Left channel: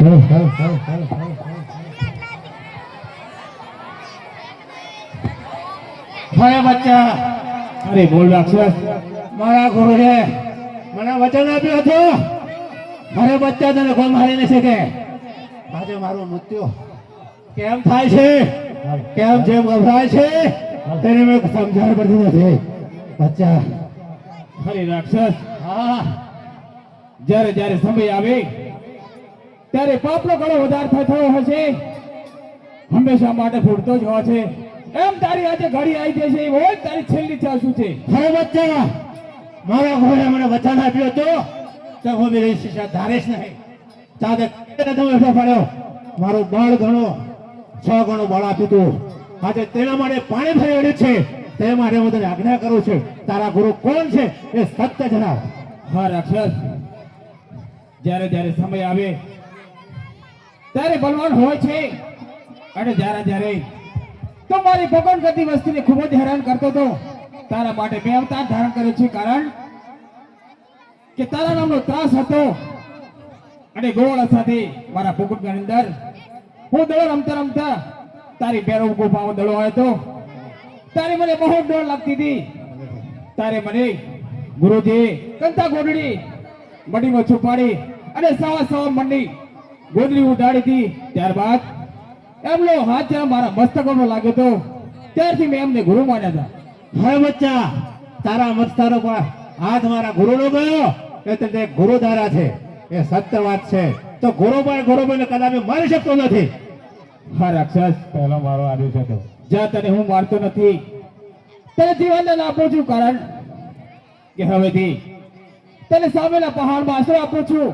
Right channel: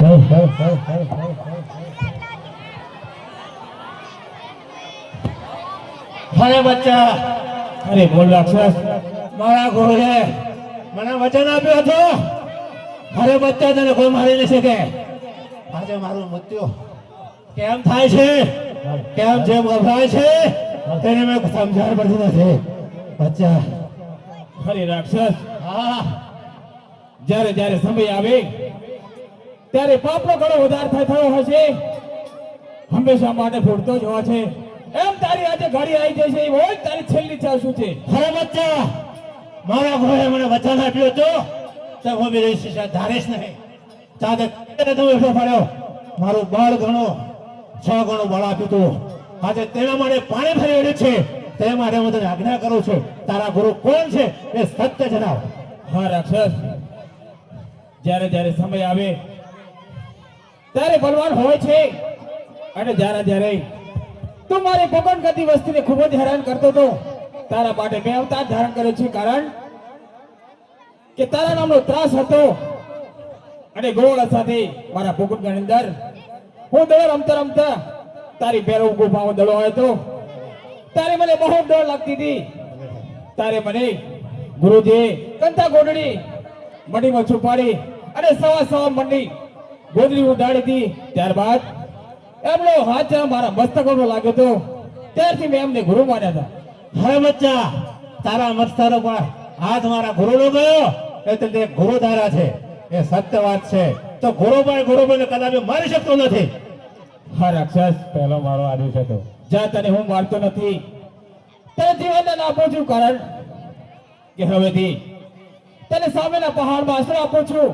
અરે બચ્ચા, અરે બોલ રાક્ષસ, મારા ઘોડે મને વચન આપ્યું હતું. અરે બચ્ચા, તને કોઈ મારી ન શકે. આજે મારું મૃત્યુ કેમ થાય છે, કેમ જેમ ગભરાય છે, તેને મેં સમજણ પડતી નથી. બચ્ચા, અરે રાક્ષસ, હા, જ્યારે જ્યારે સમય આવે ત્યારે પાપનો ઘણો વધારે થયો હશે, હંમેશા માટે ભોગતો જ હોય છે. એમ તારી આજે ઘડી આવી જાય છે, હોય તારી છેલ્લી ઈચ્છા શું છે? અરે બચ્ચા, મારા ઘરે મને વચન આપ્યું હતું તો હું બી શિક્ષા ધારીશ નહીં. ચાલે તું એટલો પડ્યો, મારું બળ ઘણો 6 ગણું બળ આપ્યું તું. આજે તેના માટે પાણી ફરી વળ્યું છે, તે માટે હું તને આજ્ઞા કરું છું. તારા ગુરુ કોણ છે એ સત્ય જણાવ. હા રાક્ષસ, જ્યારે જ્યારે સમય આવે ત્યારે બલવાન હોય છે, અને જ્યારે તું મારી ભગવાન ગતિ વસ્તીને ખૂબ જ હેરાન કરતો હતો. તારા માટે મેં અવતાર ધારણ કર્યો છે, કારણ કે તારા નામનો ત્રાસ હતો. અને ગોવાળા સાથે મારા ભગવાન અંદર હું દોડ રમતા તારી પેરો ગુફામાં દડો આવ્યો હતો. તારે મને બહુ ડર લાગતી હતી. તારે મને ગુરુજી કંતા ગોડડી મંડીમાં છુપાડી અને સવા મંડી ગોદડી ઉડાડી હતી. ત્યારબાદ એમનો હાથ મારા મસ્તકોનો લાગ્યો હતો, ત્યારથી મેં એમને ગુરુ માન્યા હતા. હે બચ્ચા, તારા મસ્તકો પર હાથ મારા ગુરુનો ગયો એટલે તે ગુરુ ધારા છે, એ સત્ય વાત છે. તો ગુરુભાઈ કદાચ મારી શકતો નથી. હા રાક્ષસ, પહેલો મારો આદેશ હતો. જ્યાં તને હું મારતો નથી, તને જીવન આપું છું, કારણ કે હવેથી તને સામેના પહાડમાં આશરો આપું છું.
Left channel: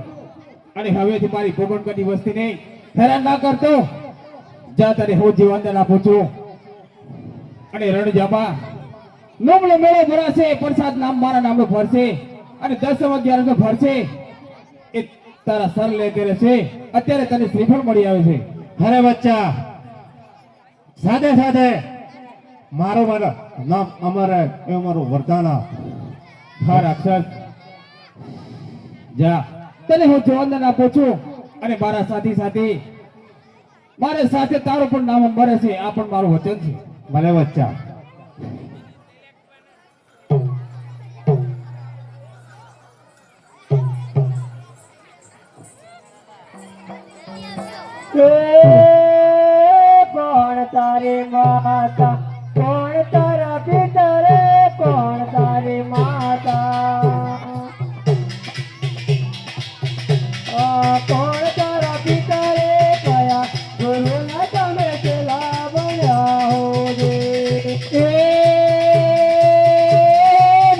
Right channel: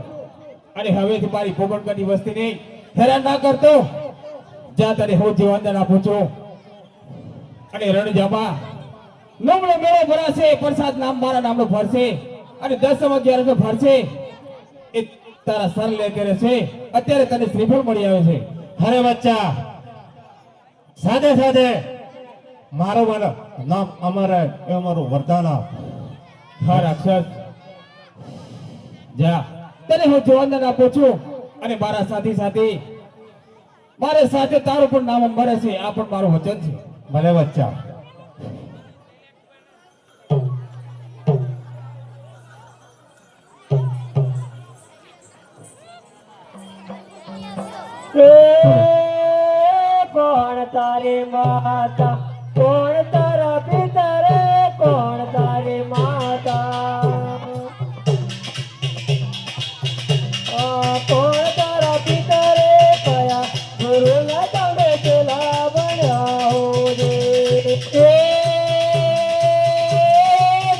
અને હવેથી મારી પોગટની વસ્તીને હેરાન ના કરતો. જ્યાં તને હું જીવન આપું છું. અને રણજામાં નમલો મેળો ભરાશે, પ્રસાદ નામ મારા નામનો ભરશે, અને 10-11 ભરશે. એ તારા સર લે રહેશે. અત્યારે તને શ્રીફળ મળી આવે છે. અરે બચ્ચા, સાથે સાથે મારું નામ અમર એવું મારું વરદાન આપ. હા રાક્ષસ, જા, તને હું જીવન આપું છું. અને મારા સાથે મારે સાથે તારું પણ નામ મળે છે. આ પણ મારું વચન છે. ભલે બચ્ચા. કોણ તારી માતા, કોણ તારા પિતા રે, કોણ તારી માતા, કોણ તારા પિતા રે, કયા ગુરુના તમે પેલા બન્યા હો રે.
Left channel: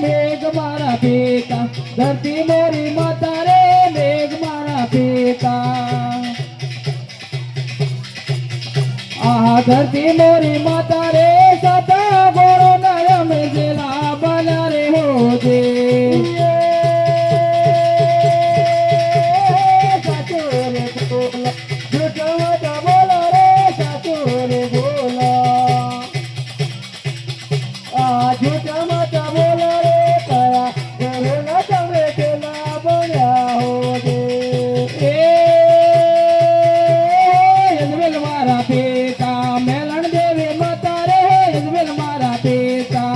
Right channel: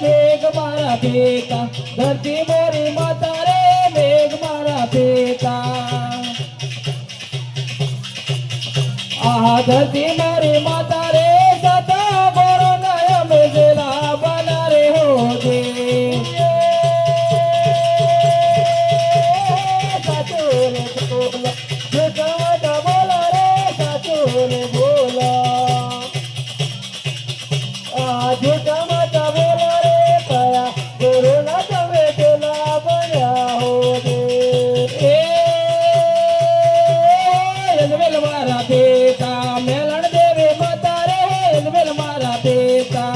મેઘ મારા પિતા, ધરતી મોરી માતા રે, મેઘ મારા પિતા, ધરતી મોરી માતા રે, સતયા ગોરો નયા મેઘલા બના રે હોજે. સાચો રે બોલો, જૂઠો મત બોલો રે, સાચો રે બોલો. જૂઠો મત બોલો રે, કયા ગુરુના તમે પેલા બન્યા હોજે. મારા પિતા મેલણ દેવી માતા રે, મારા પિતા,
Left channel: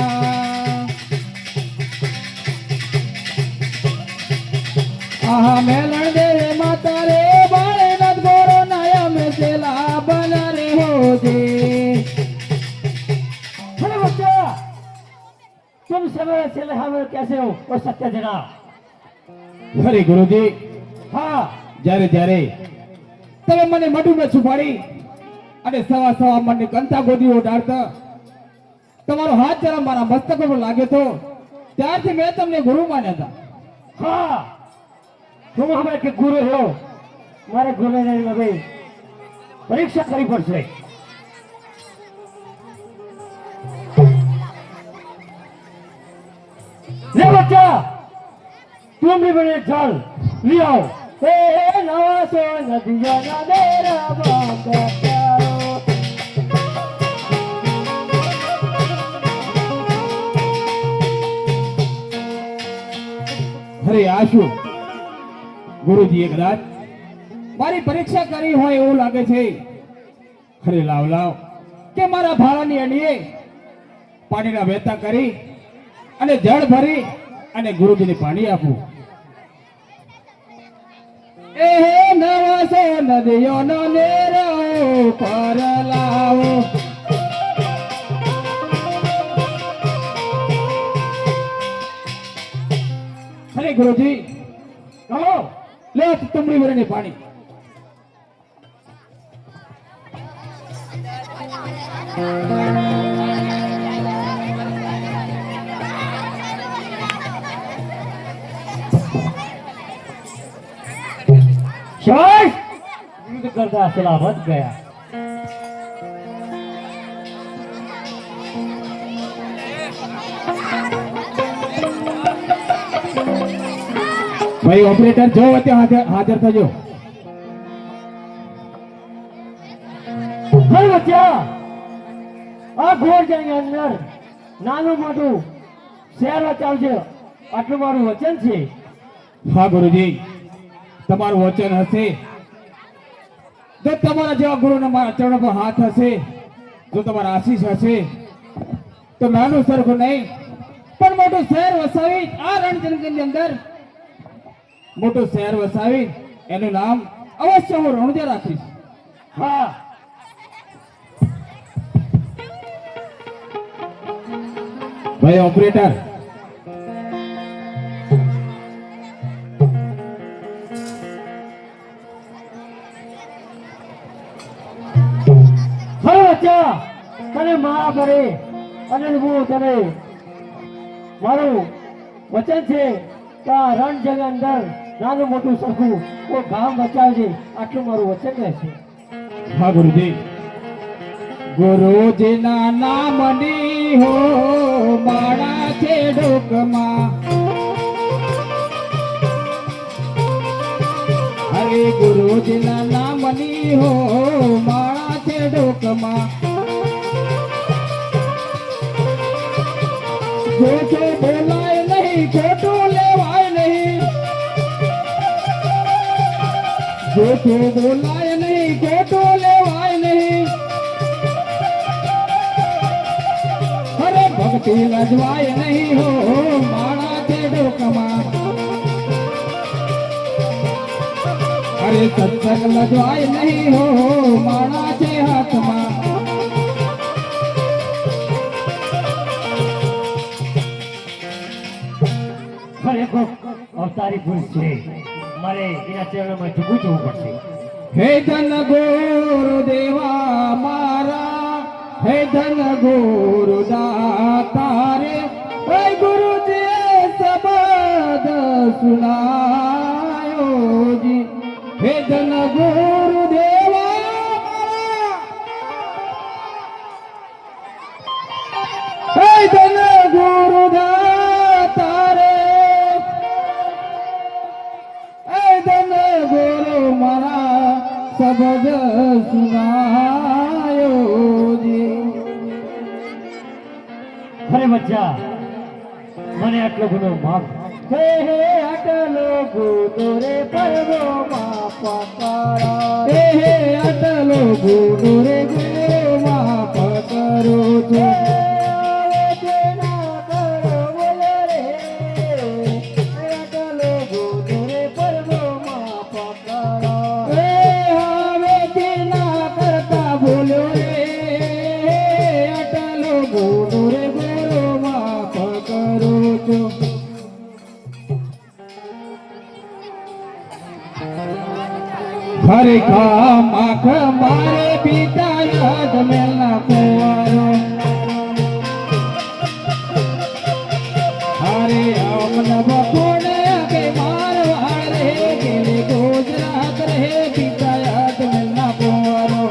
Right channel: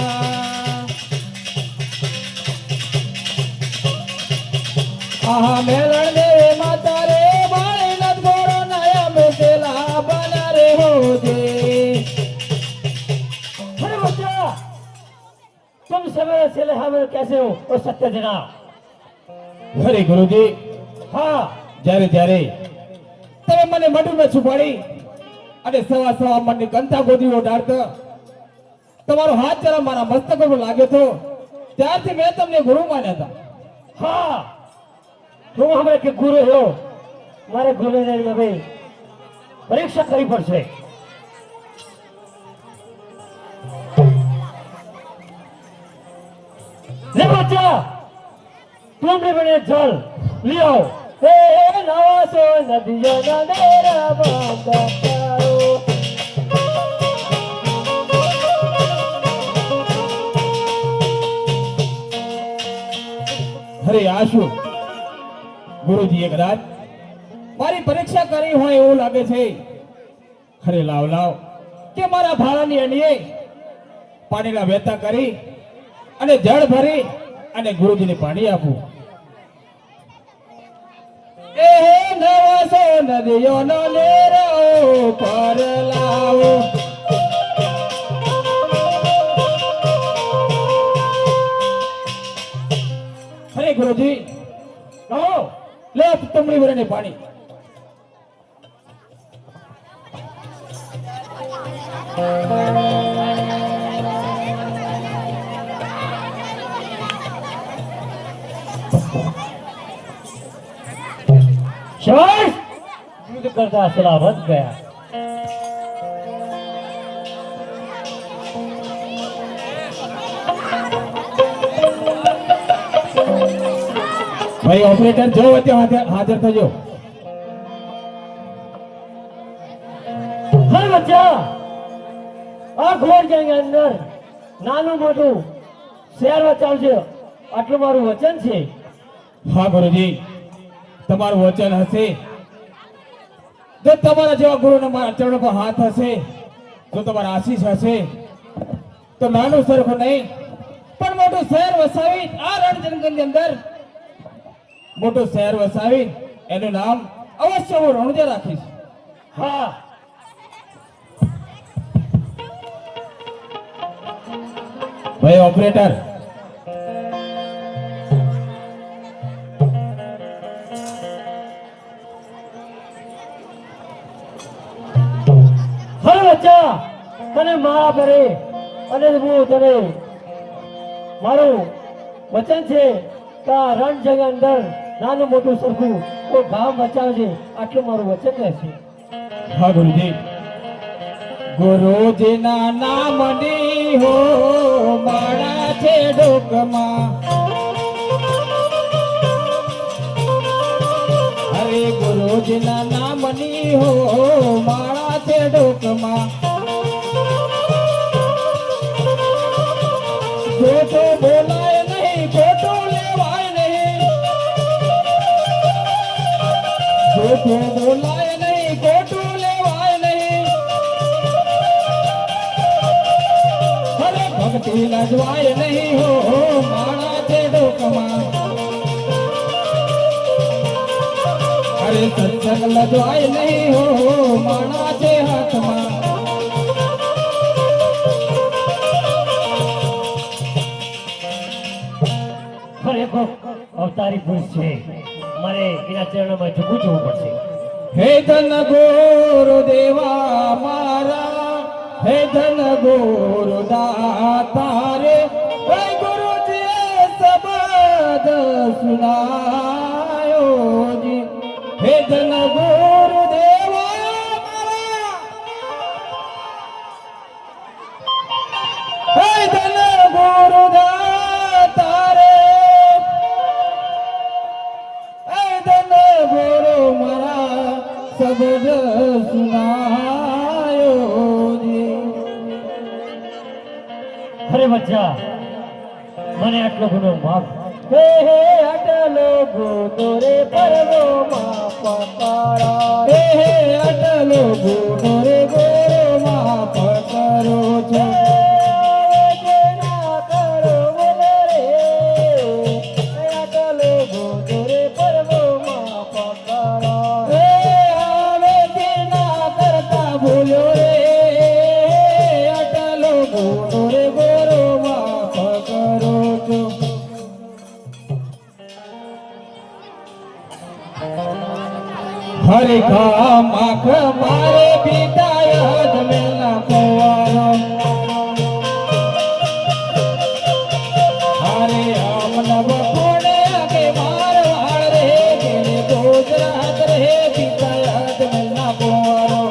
મેલણ દેવી માતા રે, બાળનાથ ગોરો નયા મેસેલા બના રે હોજે. बच्चा, तुम सवेरे से हमें कैसे हो और सत्य जना. અરે ગુરુજી, हाँ, જ્યારે તમે મને મઢુમાં છુપાડી અને સવા મને કંતા ગોદી ઓઢાડતા, તમારો હાથ જરા મારા મસ્તક પર લાગ્યો તો, ત્યારથી મેં તમને ગુરુ માન્યા હતા. हाँ, तुम हमारे के गुरु हो. मारे गुरु ने हमें परीक्षा करनी पड़શે. ले बच्चा, तुम भी बने जल लियो. हे नवा सो नदिया ना मेरा बांधतारो. અરે આ શું ગુરુજીએ કદાચ મારી પરીક્ષા કરી હોય એવું લાગે છે. અરે લાવ લાવ કે મારા ભાડાની અણીએ પાણીના વહેતા કરી અને જળ ભરી અને ગુરુજીને પાણી આપું. એ નવાસો નદીઓનો નેરો પર લાવો. અરે ગુરુજી લે તમરી ભરીને પાણી. શાબાશ યુદ્ધ કરતા સલામત ગયા. ભાઈ ઓપરેટર જો અત્યારે હાજર થજો. હે બચ્ચા આ ઘોડ જંગની અંદર નાનું મોટું શહેર ચાલશે આટલું મારું વચન છે. હા ગુરુજી તમારું વચન હશે. જો તમારા જેવા ગુરુના મારા ચરણો પર હાથ હશે, જો તમારા આશીષ હશે તો નાનું સરખું નહીં પણ મોટું શહેર વસાવી આ રણજંગલની અંદર મોટું શહેર વસાવી એનું નામ અવશ્ય હું રણુજા રાખીશ. હા ભાઈ ઓપરેટર બચ્ચા તને મારા પરે અને હું તને મારું વચન છે કે આ રણ જગ અંદર નાનું મોટું સરખું કોઈ ગામ બચાવજે આટલું મારું વચન રહેશે. હા ગુરુજી. ગુરુજીના નામની હો માળા છે ડોકમાં. હરે ગુરુજીના નામની હો માળા છે ડોકમાં. ખોટું બોલાય નહીં, ખોટું લેવાય નહીં. ખોટું બોલાય નહીં, ખોટું લેવાય નહીં. અરે ભક્તિ લજવાય નહીં હો માળા છે ડોકમાં. અરે સત્સંગ લજવાય નહીં હો માળા છે હાથમાં. ખરેખર અવતારી પુરુષ છે, મારે એના ચરણોમાં ઝૂકવું જવું પડશે. હે ધન ગુરુ દેવા મારા, હે ધન ગુરુ દાતા રે. હે ગુરુજી શબ્દ સુનાયો જી. હે ધન ગુરુ દેવા મારા, હે ધન ગુરુ દાતા રે. હે ધન ગુરુ મારા શબ્દ સુનાયો જી. અરે બચ્ચા મને આટલો ગુનો માફ. હે હે આટલો ગુનો રે પરમો માફ કરો. હે હે અટલો ગુરુ રે ગુરુ માફ કરો છો. હે હવેથી ના કરતા ભૂલો રે. અટલો ગુરુ રે ગુરુ માફ કરો છો. હરે માખ મારે પિતા યાદ મેલા કવારો. હરે અમન બપોડે કે મારવાડ રે ગેલે ગુજરાત રે પિતા યાદ મેલા કવારો.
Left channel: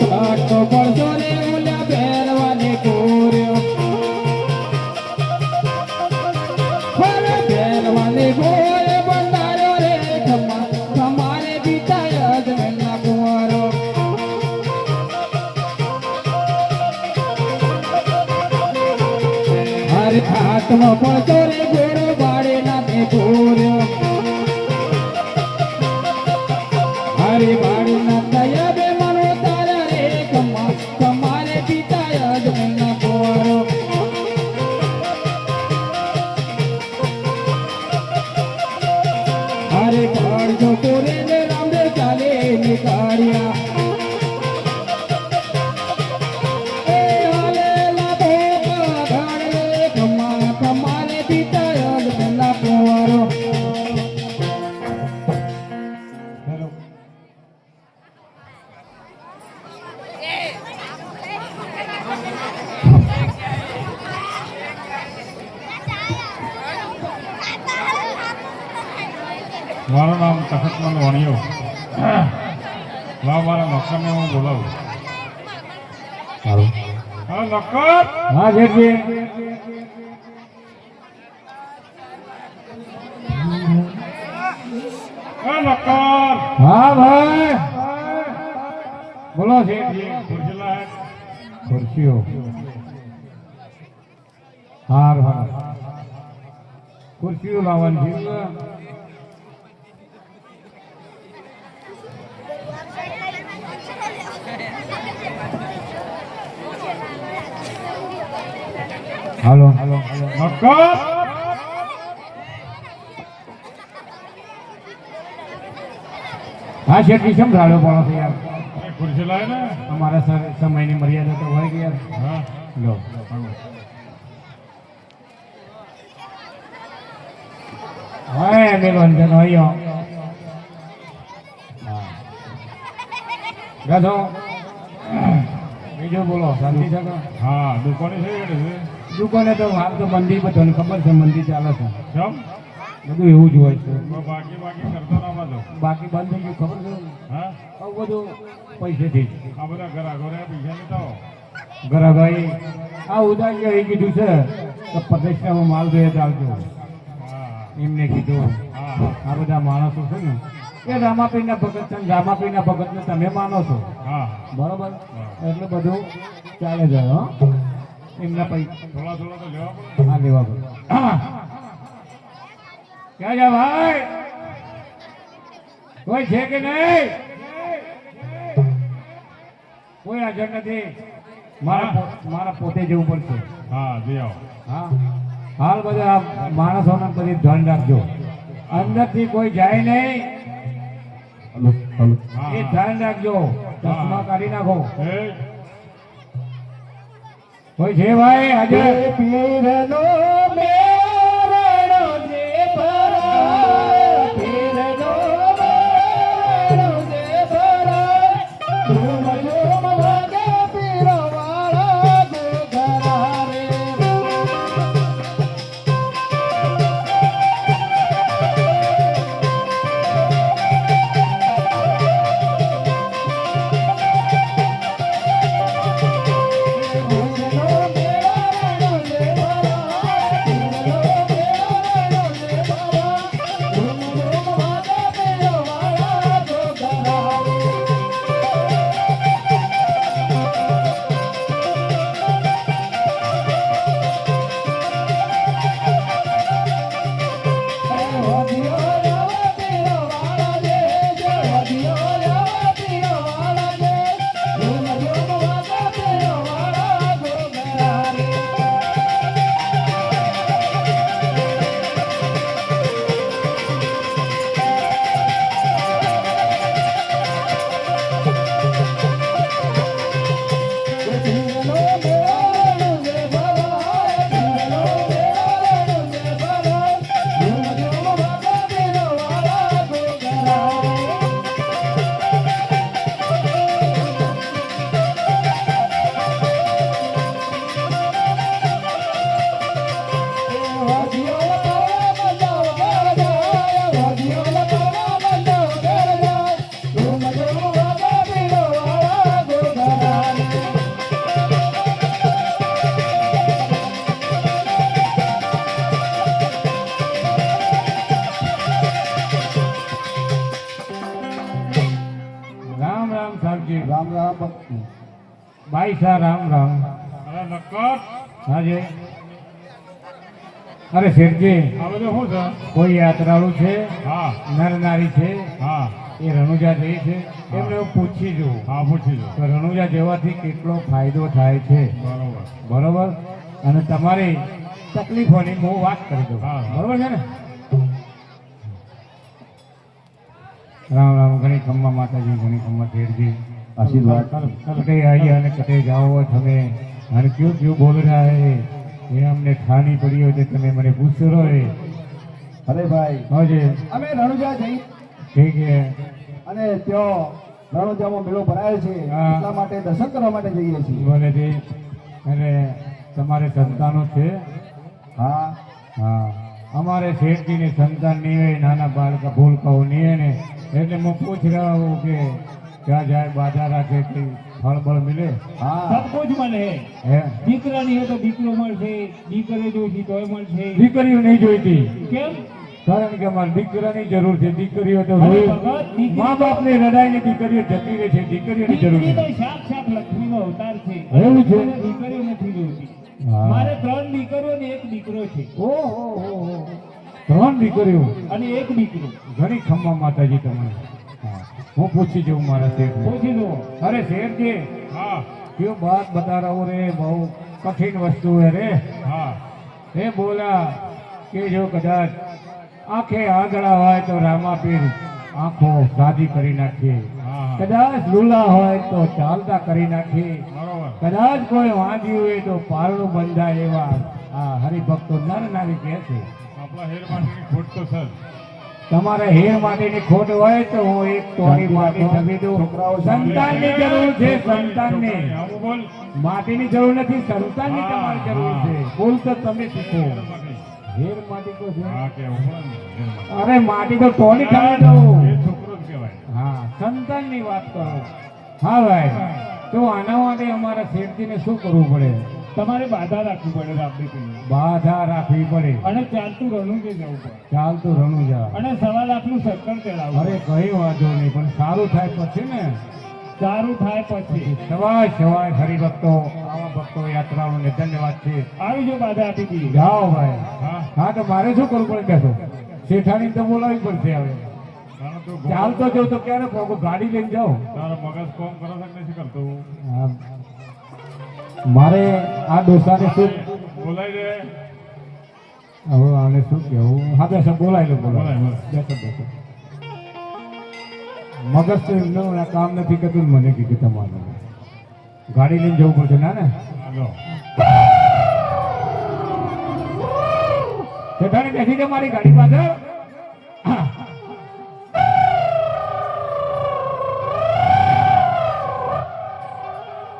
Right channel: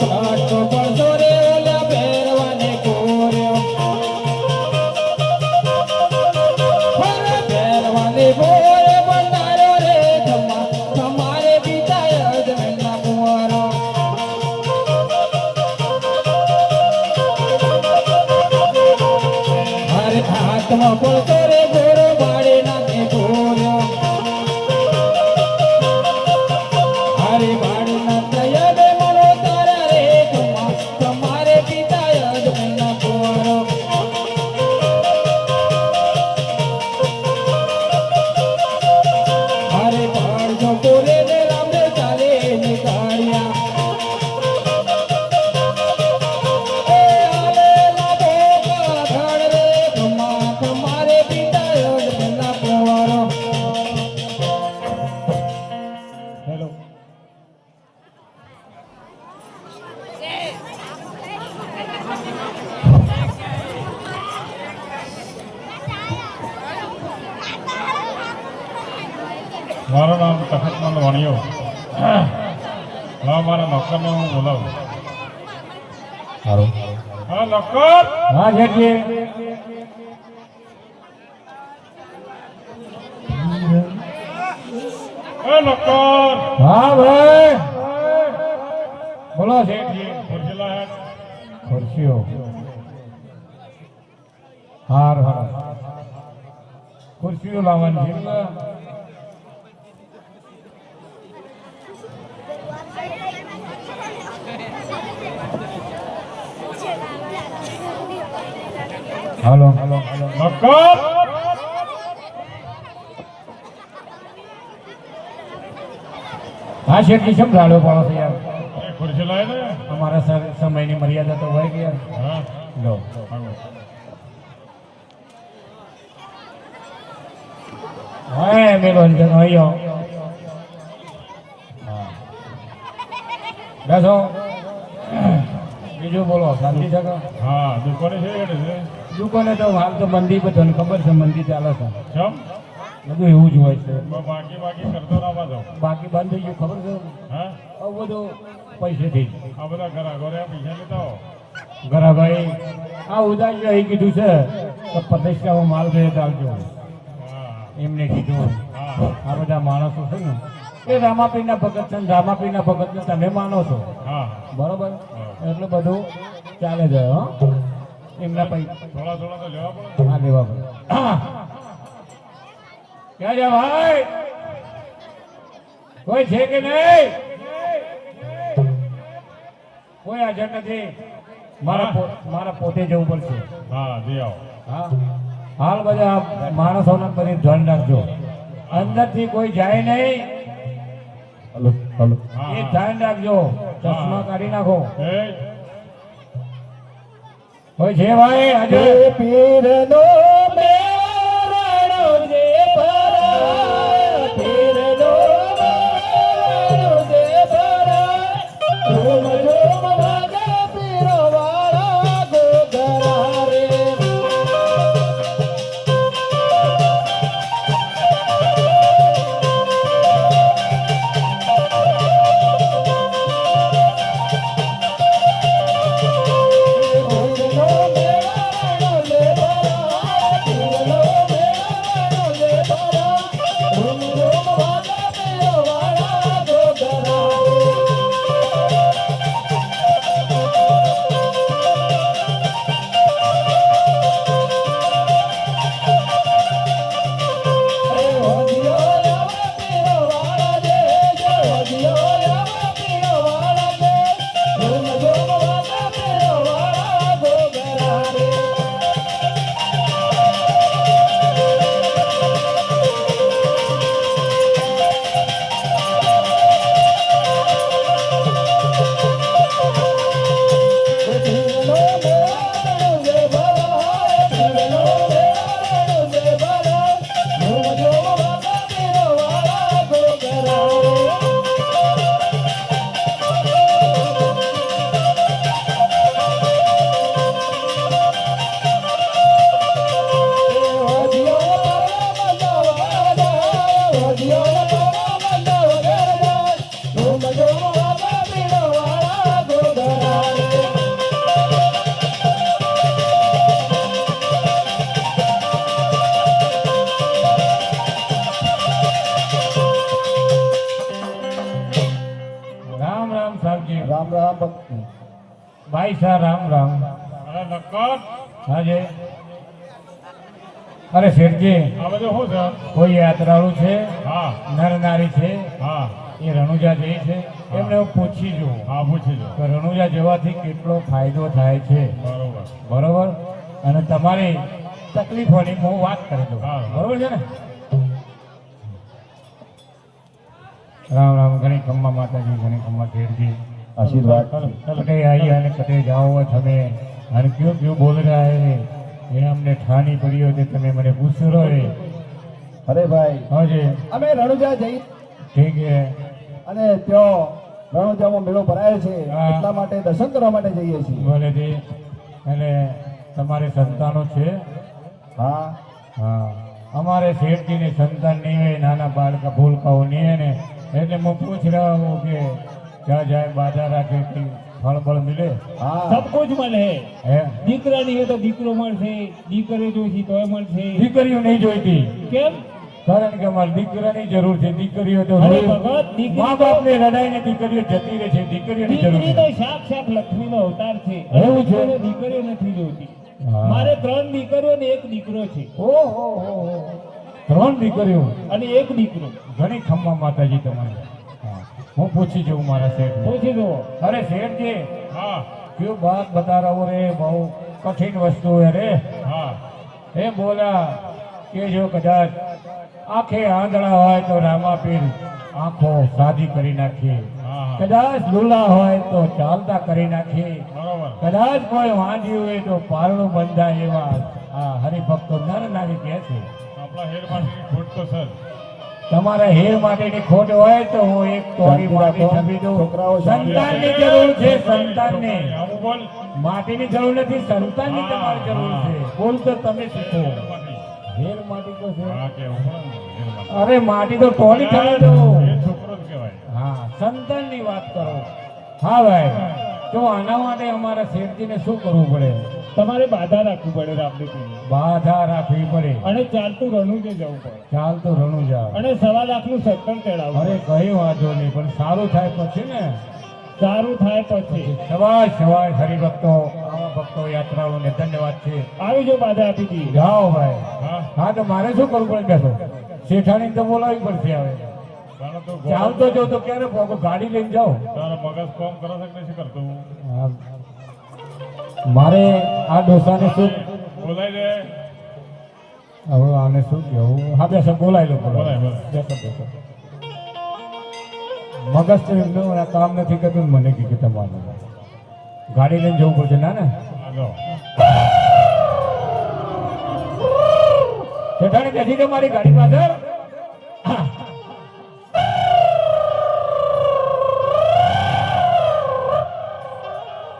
સાઠો પડતો રે ઓલા બેરવાને કોર્યો. બેરવાને બોય હાથમાં પડતો રે ઘોડો બાળે નાખે ઘોડો હારી બાળી ના તયા બે મનો તારા રે તમારે પિતા યાદ ના કોરો હારે ઘર જો કોરે ને રામદે ચાલે નીકાળ્યા મારું નામ તખતમંદ વણિયો. હા, મારા નોકરને હું બોલાવું. હા નોકર. હા જેઠી એ નોકર. હા ભાઈ બોલો ખુરશી લાય. ખુરશીઓ હાર હાર ખુરશીઓ લાવવાની છે હાલો હાલો હાલો નોકર. હા શેઠી સંભળાડો પડો છે યાર એ ખુરશી લાય ને. અમારા સમયની મર્યાદા તો હોય કે યાર હા લો હા મેલો અંજન હોય બેસો બીજું બોલો શાંતિ શકો હા દુકાને છે યાર છે. દુકાને તો હાલ તો મંદી બધાને ખબર છે મંદી ચાલે છે ચમ બધું એવું જ હોય છે બાકી બાકી કરતો ના પાછો. બાકી બંધ થઈ ગયું ખબર છે હા આવું બધું પૈસેથી જ આ બધા ઘરા ઘરે પૈસા લેતા હો. ગરાભાઈ આ ઉદાહરણ અહીં કીધું છે કે પ્રતિષ્ઠામાં માલ ભેદ આવજો હા એમને કીધું હા આ બધા માણસો છે ને એ રામાપીના ભગત છે ને રામાપીના ભગતને તમે માનો છો હા બરોબર એટલે બધું ચાલે જાય હો એમના પૈસા થોડા થોડા તો લેવા પડે. હા લેવા પડે ક્યાં જા ભાઈ કોઈ છે કે નહીં કોઈ હાજર નથી મારા પોતે જવું પડશે હા જઈ આવો. હા હાલ બધા માણસોને કરી ધ્યાન રાખજો અંદરથી કોઈ જાય નહીં હલો હલો હા, એ હા. ધ્યાન રાખજો ચશ્મા કાઢી નાખો એ કોઈ છે ભાઈ આજે પીરનો મેરણો જે ભરા પીરનો મેરણો જે ભરા ઝૂમ ઝૂમ વાગે પીરો વાળા જો ઘરા રે भाई साहब राम राम અરે નક્કર. हाँ जी અરે શેઠજી, આ બધું શું છે? કોઈ યાત્રાળુ છે, હા નર નારી છે, હા એ રણુજા જઈ છે, એમને હું પૂછી જુઓ હા પૂછી લો. કે રણુજા જવાથી કેટલો ફાયદો થાય છે. બરોબર. બરોબર, અને તમારી તકલીફોની હું વાત કરી દઉં. હા. બરોબર છે ને? રામ રામ. ઘણી ખમ્મા માતાજી, ઘણી ખમ્મા શેઠજી. આશીર્વાદ. कटे आई અને કટે જાઓ તમે અને ક્यों क्यों बोल रहा है ये हमने ठानी पड़ी हो તમે મને પૂછો રહો है અરે ભાઈ, हाँ जी અમે રણુજા જઈ ठीक है અને ત્યાં રણુજામાં મેળો ભરાયો છે, હા. એટલા માટે દર્શન કરવા માટે જઈએ છીએ. બોલે દી અને તમારે સંતાનો છે? હા, હા, અમારે શેઠજીની સંતાન નહીં હોય, નાના બાળકા ભૂલકાઓ નહીં હોય ને, એટલે હું પૂછ રહ્યા હું કે क्या जाए बाजार રાખે કે ફળ બળ મિલે? હા. सब कुछ મળે. હે, દીકરા નહીં હોય તો દીકરો મળશે, દીકરી જોઈતી તોય મળશે. દીકરીઓ નહીં જોઈતી, કેમ? કારણ કે અમારે દીકરાની જરૂર છે. દીકરીઓ તો અરે જોઈ- ભગત, દીકરી મા બાપને રડાઈને દીકરીઓ જતી રહે છે, દીકરીઓની જરૂર દીકરી તો છે. સાક્ષાત લક્ષ્મીનો અવતાર છે. એવું છે? અને દીકરીઓ નથી જોઈતી. હા. મારે 3 દીકરીઓ ને 1 દીકરો છે. ઓહો, 3 દીકરીઓ, અને 1 દીકરો. ઘણી ખમ્મા માતાજી તમે. હા, હું પૂછી જઉં મારા શેઠ. પૂછી જુઓ. અરે શેઠજી, હા क्यों बात बता रहा हूँ रे, બહુ કઠિન વસ્તુ है रे. હા એ બોલા કે જો કદાચ આંખે આંધળા હોય તો રામાપીર આંખો સાદી કરી નાખીએ, હા હા કદાચ લુલા હોય તો ચાલતા કરી નાખીએ, બરોબર. કદાચ કોઈ વાંધ્યું હોય તો પારણું બંધાય, એવા આ હરિભક્તો નર નારી કહે છે. આપણા હેર માટેની ખોટ તો સર. તમારે હેર માટેની ખોટ હોય તો હું એક તોડી માટી છબી દઉં. છોકરાઓ સંતાનની જરૂર છે, સંતાનની. આવું બોલ. માટીની જરૂર નથી, સંતાનની તમારે જરૂર છે. બોલ તો તમે શીખો. હેર માટી. હેર માટી તો છે. હા કેવું બોલ ને, હેર માટી. અરે માટી તો ટોલી ખાવા દો. એ છોકરો જ કહેવાય. હા, સંતાનની વાત કરો. હા ભાઈ, તો આના માટે અમારા શેઠજીને શું કરવું પડે? તમારે બાધા રાખવી પડે રામદેવજીની. બાધા રાખવી પડે, અને ચાલતું રણુજે જવું પડે. ચાલતું રણું જાવ. અને 1.5 લાખનું સત્તર ચડાવવું. અરે કઈ વાંધો નહીં, પણ સારું થાય પછી ને. સારું થાય પછી. સવાય સવાય હરિભક્તો, આવા ભક્તો યાત્રાઓને ધન્યવાદ છે. આવી જો બાધા આપી દઈએ. જાઓ ભાઈ. હા હા, તો મારે શું કરવું પડે? બેસો. શેઠાણી તો બોલાવી પડશે હવે. તારો તું ચાલતો જો તો ક્યારે પહોંચો? ગાડી લઈને જાઓ. તારો મગજ કોમ કરે છે કે નથી કરતું? હા. મારે આ ડોસાને શું બોલાય દે. હવે આને શું કહેવું? હા, બેસો, બોલાય લો, બોલાય, બોલાય. બોલાય. બેસો, બેસો. મગજ તો એમનું આ કામ નથી કરતું, મને કીધું તમારું. ગાડી લઈને જવું પડશે. ના ના, હાલો. જેઠાણી બેસી જાઓ મારી ગાડી પાછળ.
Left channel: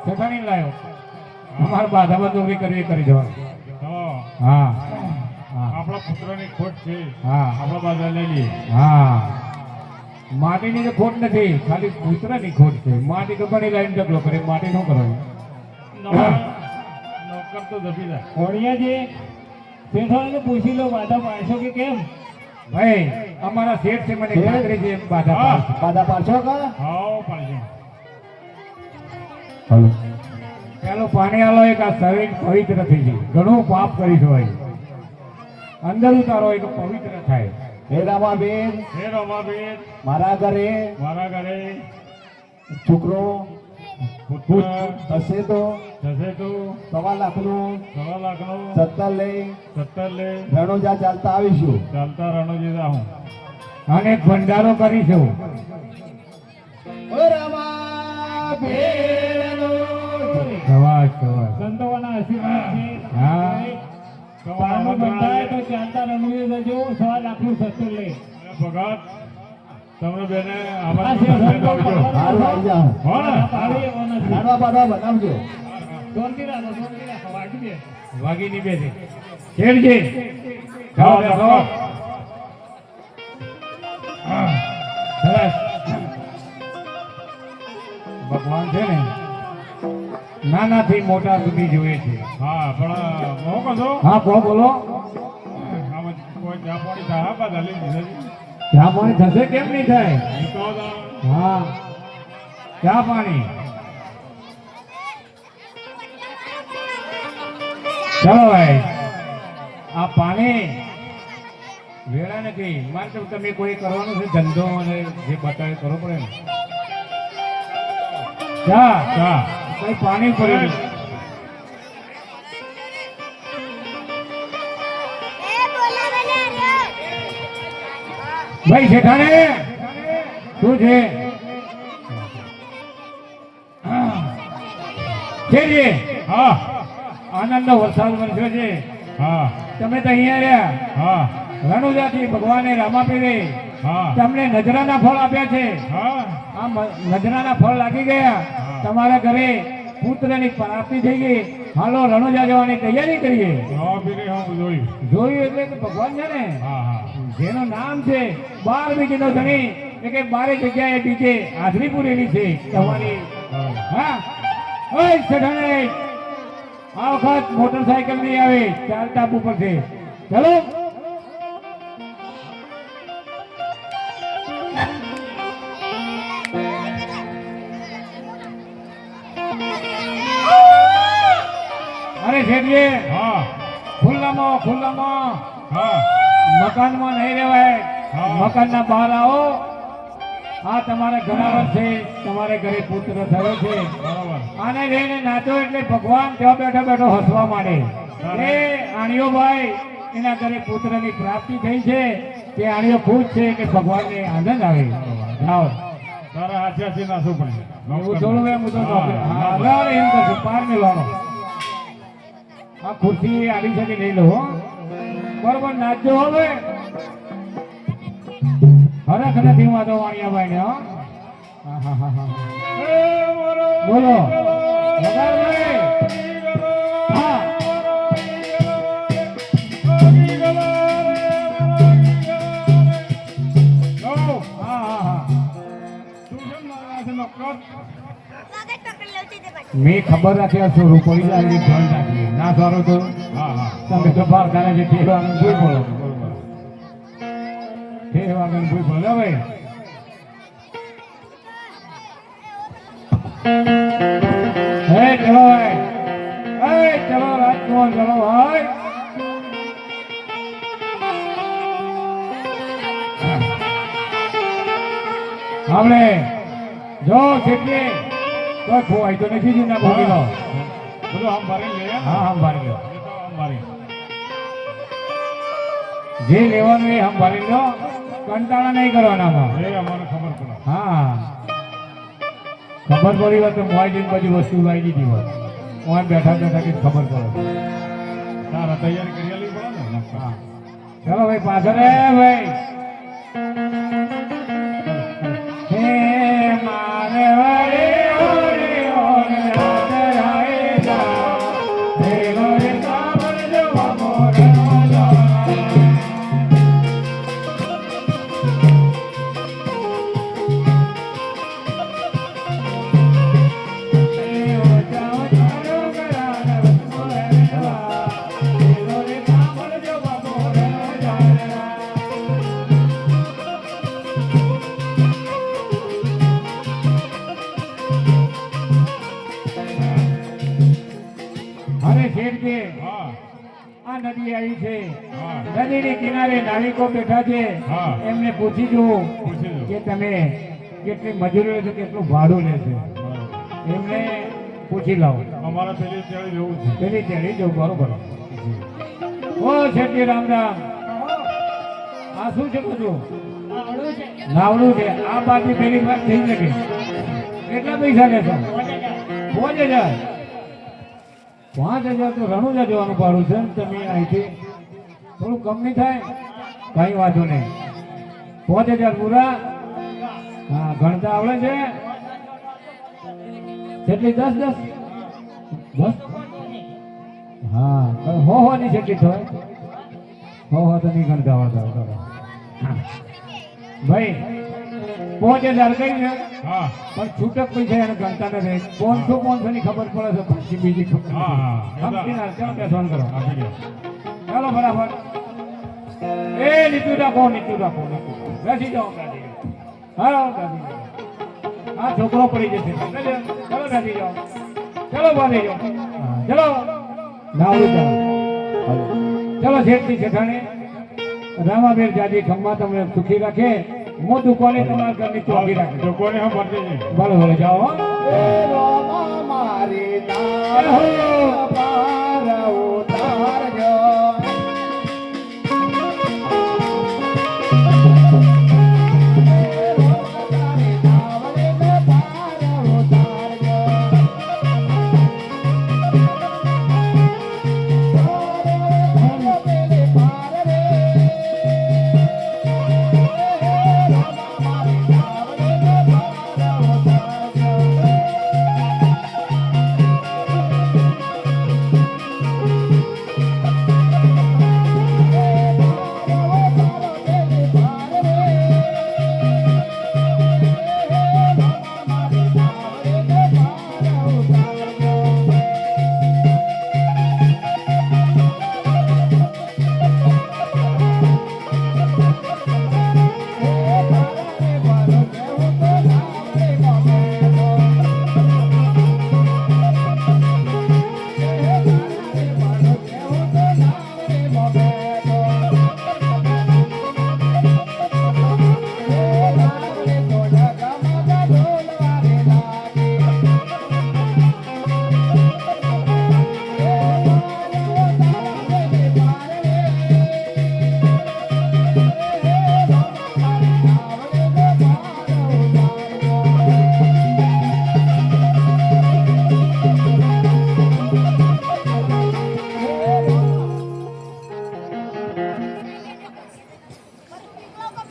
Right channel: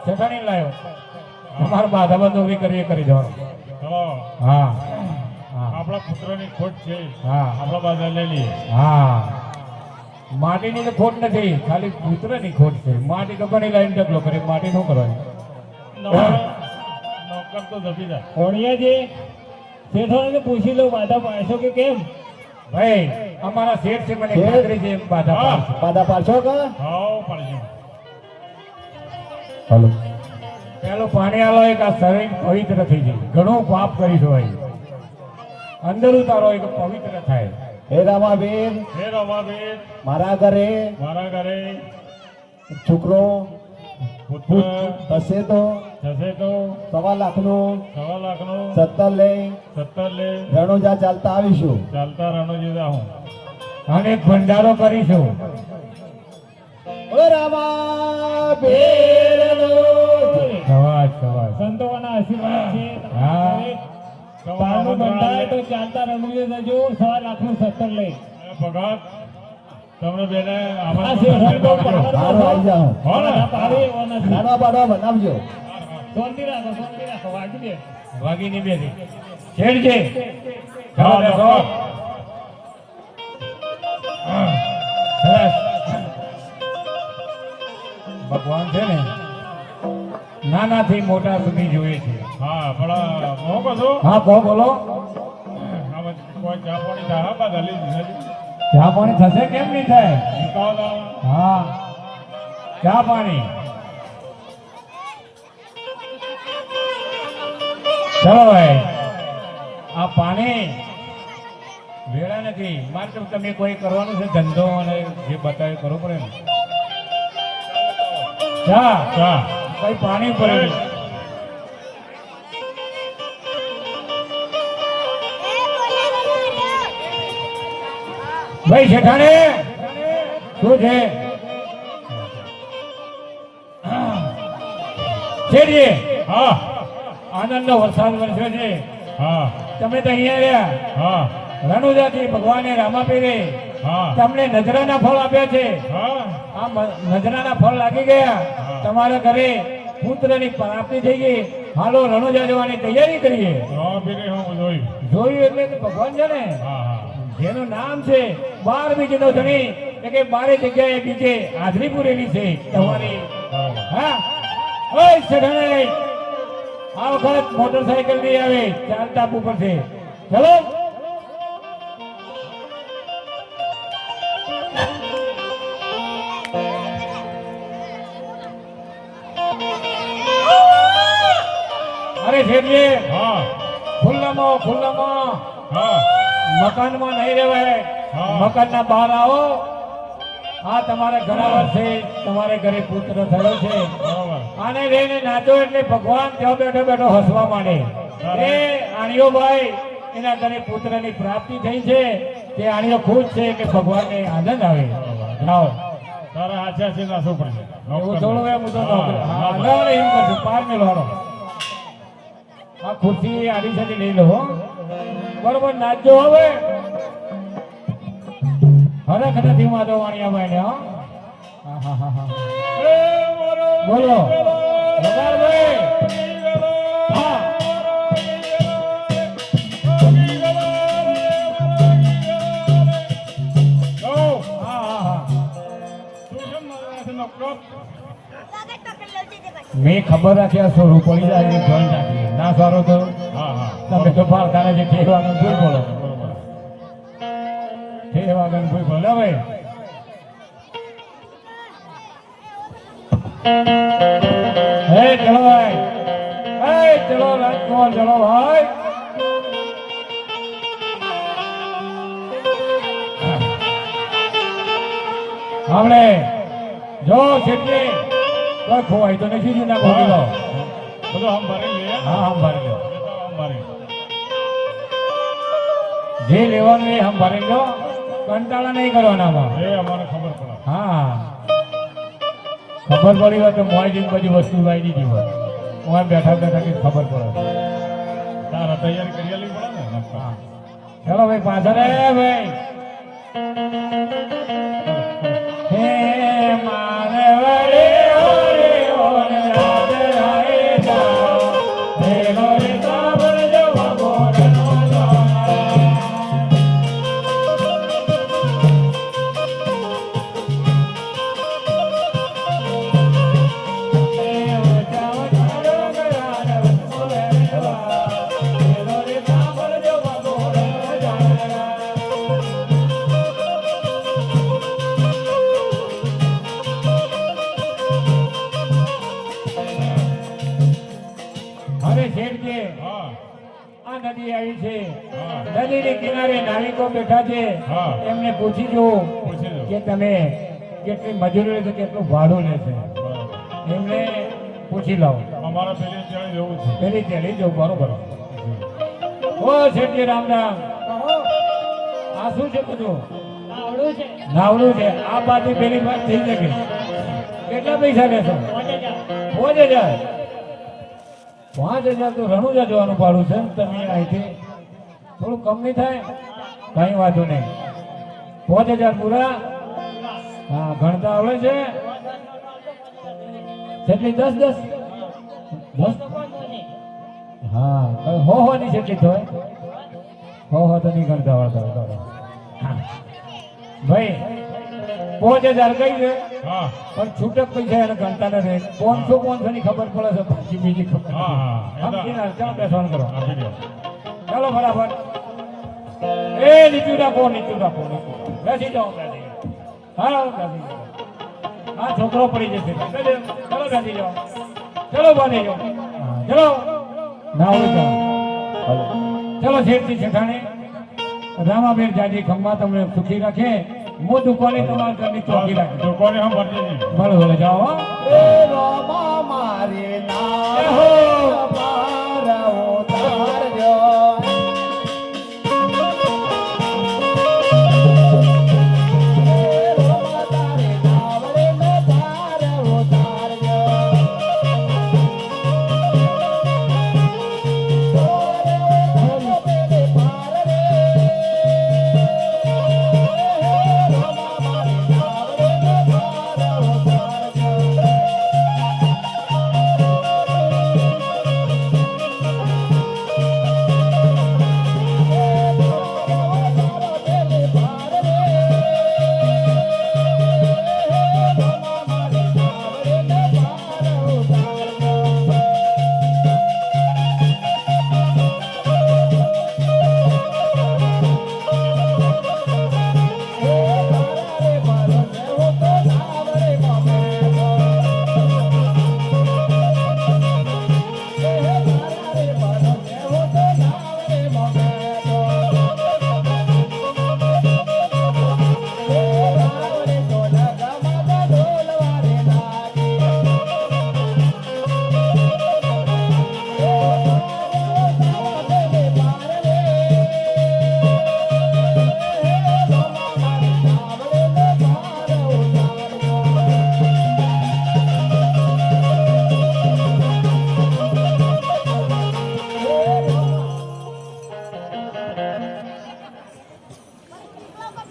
જેઠાણી લાયો. અમારે બાધામાં ચોરી કરવી એ કરી દેવાનું. ચલો. હા હા આપણા પુત્રની ખોટ છે. હા આપણા બાજા લઈ લઈએ. હા, માટીની તો ખોટ નથી, ખાલી પુત્રની ખોટ છે. માટી તો પણ લાઈન ઢગલો કરે, માટી શું કરવાનું? નોકર તો જપી જાય. ઓળિયાજી, શેઠાણીને પૂછી લો બાધા પાડશો કે કેમ? ભાઈ, અમારા શેઠ છે, મને શેઠ? ખાતરી છે એમ બાધા હા. પાડશે. બાધા પાડશો કા? હાવ પડશે. ચાલો. પેલું પાણી આલો એક આ શરીર પવિત્ર થઈ જાય. ઘણું પાપ કરીશું ભાઈ, અંદર ઉતારો એક પવિત્ર થાય. હે રામાબેન, હે રમાબેન, મારા ઘરે મારા ઘરે છોકરો પુત્ર થશે તો થશે તો 1.5 લાખનું 1.5 લાખનો 70 લઈ 70 લે. રણુજા ચાલતા આવીશું. ચાલતા રણોજી જાઉં. અને એક ભંડારો કરીશું. ઓ રામાબેન, સવાજ સવાજ. સંતોના આશીર્વાદ છે. હા. પારણું બંધાય તો ચાલતા રણુજે જજો. 1.5 લાખનું 70 લઈ. ભગત તમને બેને આ આભાર શેઠાણી તો આપજો. સારું આવી જાઓ. હો ને? તારી એવાના છે. લાડવા બાડવા બનાવજો. શાંતિ રાખો, શાંતિ રાખો. વાગી દે. વાગીની બેસી. શેઠજી, જાઓ બેસો. સરસ. ભગવાન છે ને નાનાથી મોટા સુધી જોઈએ છે. હા પણ હું કહું છું હા, બોલો. આમાં કોઈ ચા પાણી થાય બધા લઈ દીધા. ચા પાણી થશે કેમ નહીં થાય? નીકળો હા, ચા પાણી. ચલો ભાઈ, આ પાણી વેળા નથી મારે તો તમે કોઈ કરવાનું છે ધંધો અને જે બતાવે કરવો પડે ને ચા ચા કોઈ પાણી પડે ભાઈ શેઠાણે શું છે શેઠજી હા આનંદનો વરસાદ વરસ્યો છે હા તમે તો અહીંયા રહ્યા હા રણુજાથી ભગવાને રામાપીરે તમને નજરાના ફળ આપ્યા છે આ નજરાના ફળ લાગી ગયા તમારા ઘરે પુત્રની પ્રાપ્તિ થઈ ગઈ હાલો રણુજા જવાની તૈયારી કરીએ જોયું એટલે કે ભગવાન છે ને જેનું નામ છે 12 બીજનો ધણી એટલે કે 12 જગ્યાએ બીજે હાજરી પૂરેલી છે તમારી હા ઓય શેઠાણે આ વખત મોટરસાયકલ નહીં આવે ચાલતા ઉપર છે ચલો અરે શેઠજી ખુલ્લામાં મકાનમાં નહીં રહેવાય મકાનના બહાર આવો આ તમારા ઘણા વર્ષે તમારે ઘરે પુત્ર થયો છે આને લઈને નાચો એટલે ભગવાન ત્યાં બેઠો બેઠો હસવા માંડે એ આણીઓ ભાઈ એના ઘરે પુત્રની પ્રાપ્તિ થઈ છે તે આણીઓ ખુશ છે કે ભગવાનને આનંદ આવે લાવો તારા આચાથી નાચવું પડશે હું થોડું એમ તો એમ કરશું પાર ને લાડો આ ખુરશી આડીસાની લઈ લો બરોબર નાચજો હવે હરખ નથી વાંધો વાણિયાભાઈ ને બોલો ભગવાનભાઈ હા મેં ખબર રાખી આ સોરું પડી જાય ધ્યાન રાખી ના સારું તો તમે તો ભારતાને જે કહેવાનું ભૂલ બોલો કહેવાનું ભૂલ બોલો ભાઈ હે ચલો ભાઈ હે ચલો રાજકોટ ચલો ભાઈ આપણે જો શેઠજી કોઈ ખોવાય તો નથી જ ના ખોવી લો બધું હમ ભરી લે હા હમ ભરી લો જે લેવાનું એ હમ ભરી લો કંટાળા નહીં કરવાના એ અમારે ખબર પડે હા ખબર પડી હોય તો મોય બધી વસ્તુ લાવી દીધી હોય મોય બેઠા બેઠા કે ખબર પડે તારા તૈયારી કરી લેવી પડે ને ચલો ભાઈ પાછળ ભાઈ હે મારે વડે નદીની કિનારે નાવિકો બેઠા છે એમને પૂછી જો કે તમે કેટલી મજૂરી લેશે કેટલું ભાડું લેશે એમને પૂછી લો અમારા પેલી ચડી જવું છે પેલી ચડી જવું બરોબર ઓ શેઠજી રામ રામ આ શું છે બધું નાવડું છે આ બાજુ પેલી વાત થઈ શકે કેટલા પૈસા લેશો 5000 5000 તો રણુજા જવાનું ભાડું છે તમે અહીંથી થોડું કમ નહીં થાય કઈ વાંધો નહીં 5000 પૂરા હા ગણતા આવડે છે કેટલી 10 બસ હા હો ની કેટલી થાય હો તો નહીં ગણતા આવડતા ભાઈ 5000 કઈ છે પણ છૂટક પૈસા એને ગણતા નથી 500 ની ખબર પડે છે પછી બીજી ખબર કરો ચાલો બરાબર એ નીચું રાખો બેસી જાઓ હા આ છોકરો પડી જશે ચલો બેસી જાઓ ચલો બાંધી જાઓ ચલો નાવું જાઓ ચલો શેઠથી શેઠાણી રામાબેન જાજી ખંભા તમને સુખી રાખે હું દુકાને તમારા ઘરની ચોકી રાખે દુકાને હું ભરતી નહીં. ભલે ભલે જાઓ હો. એ રામા મારી નામ પાર ઉતારજો.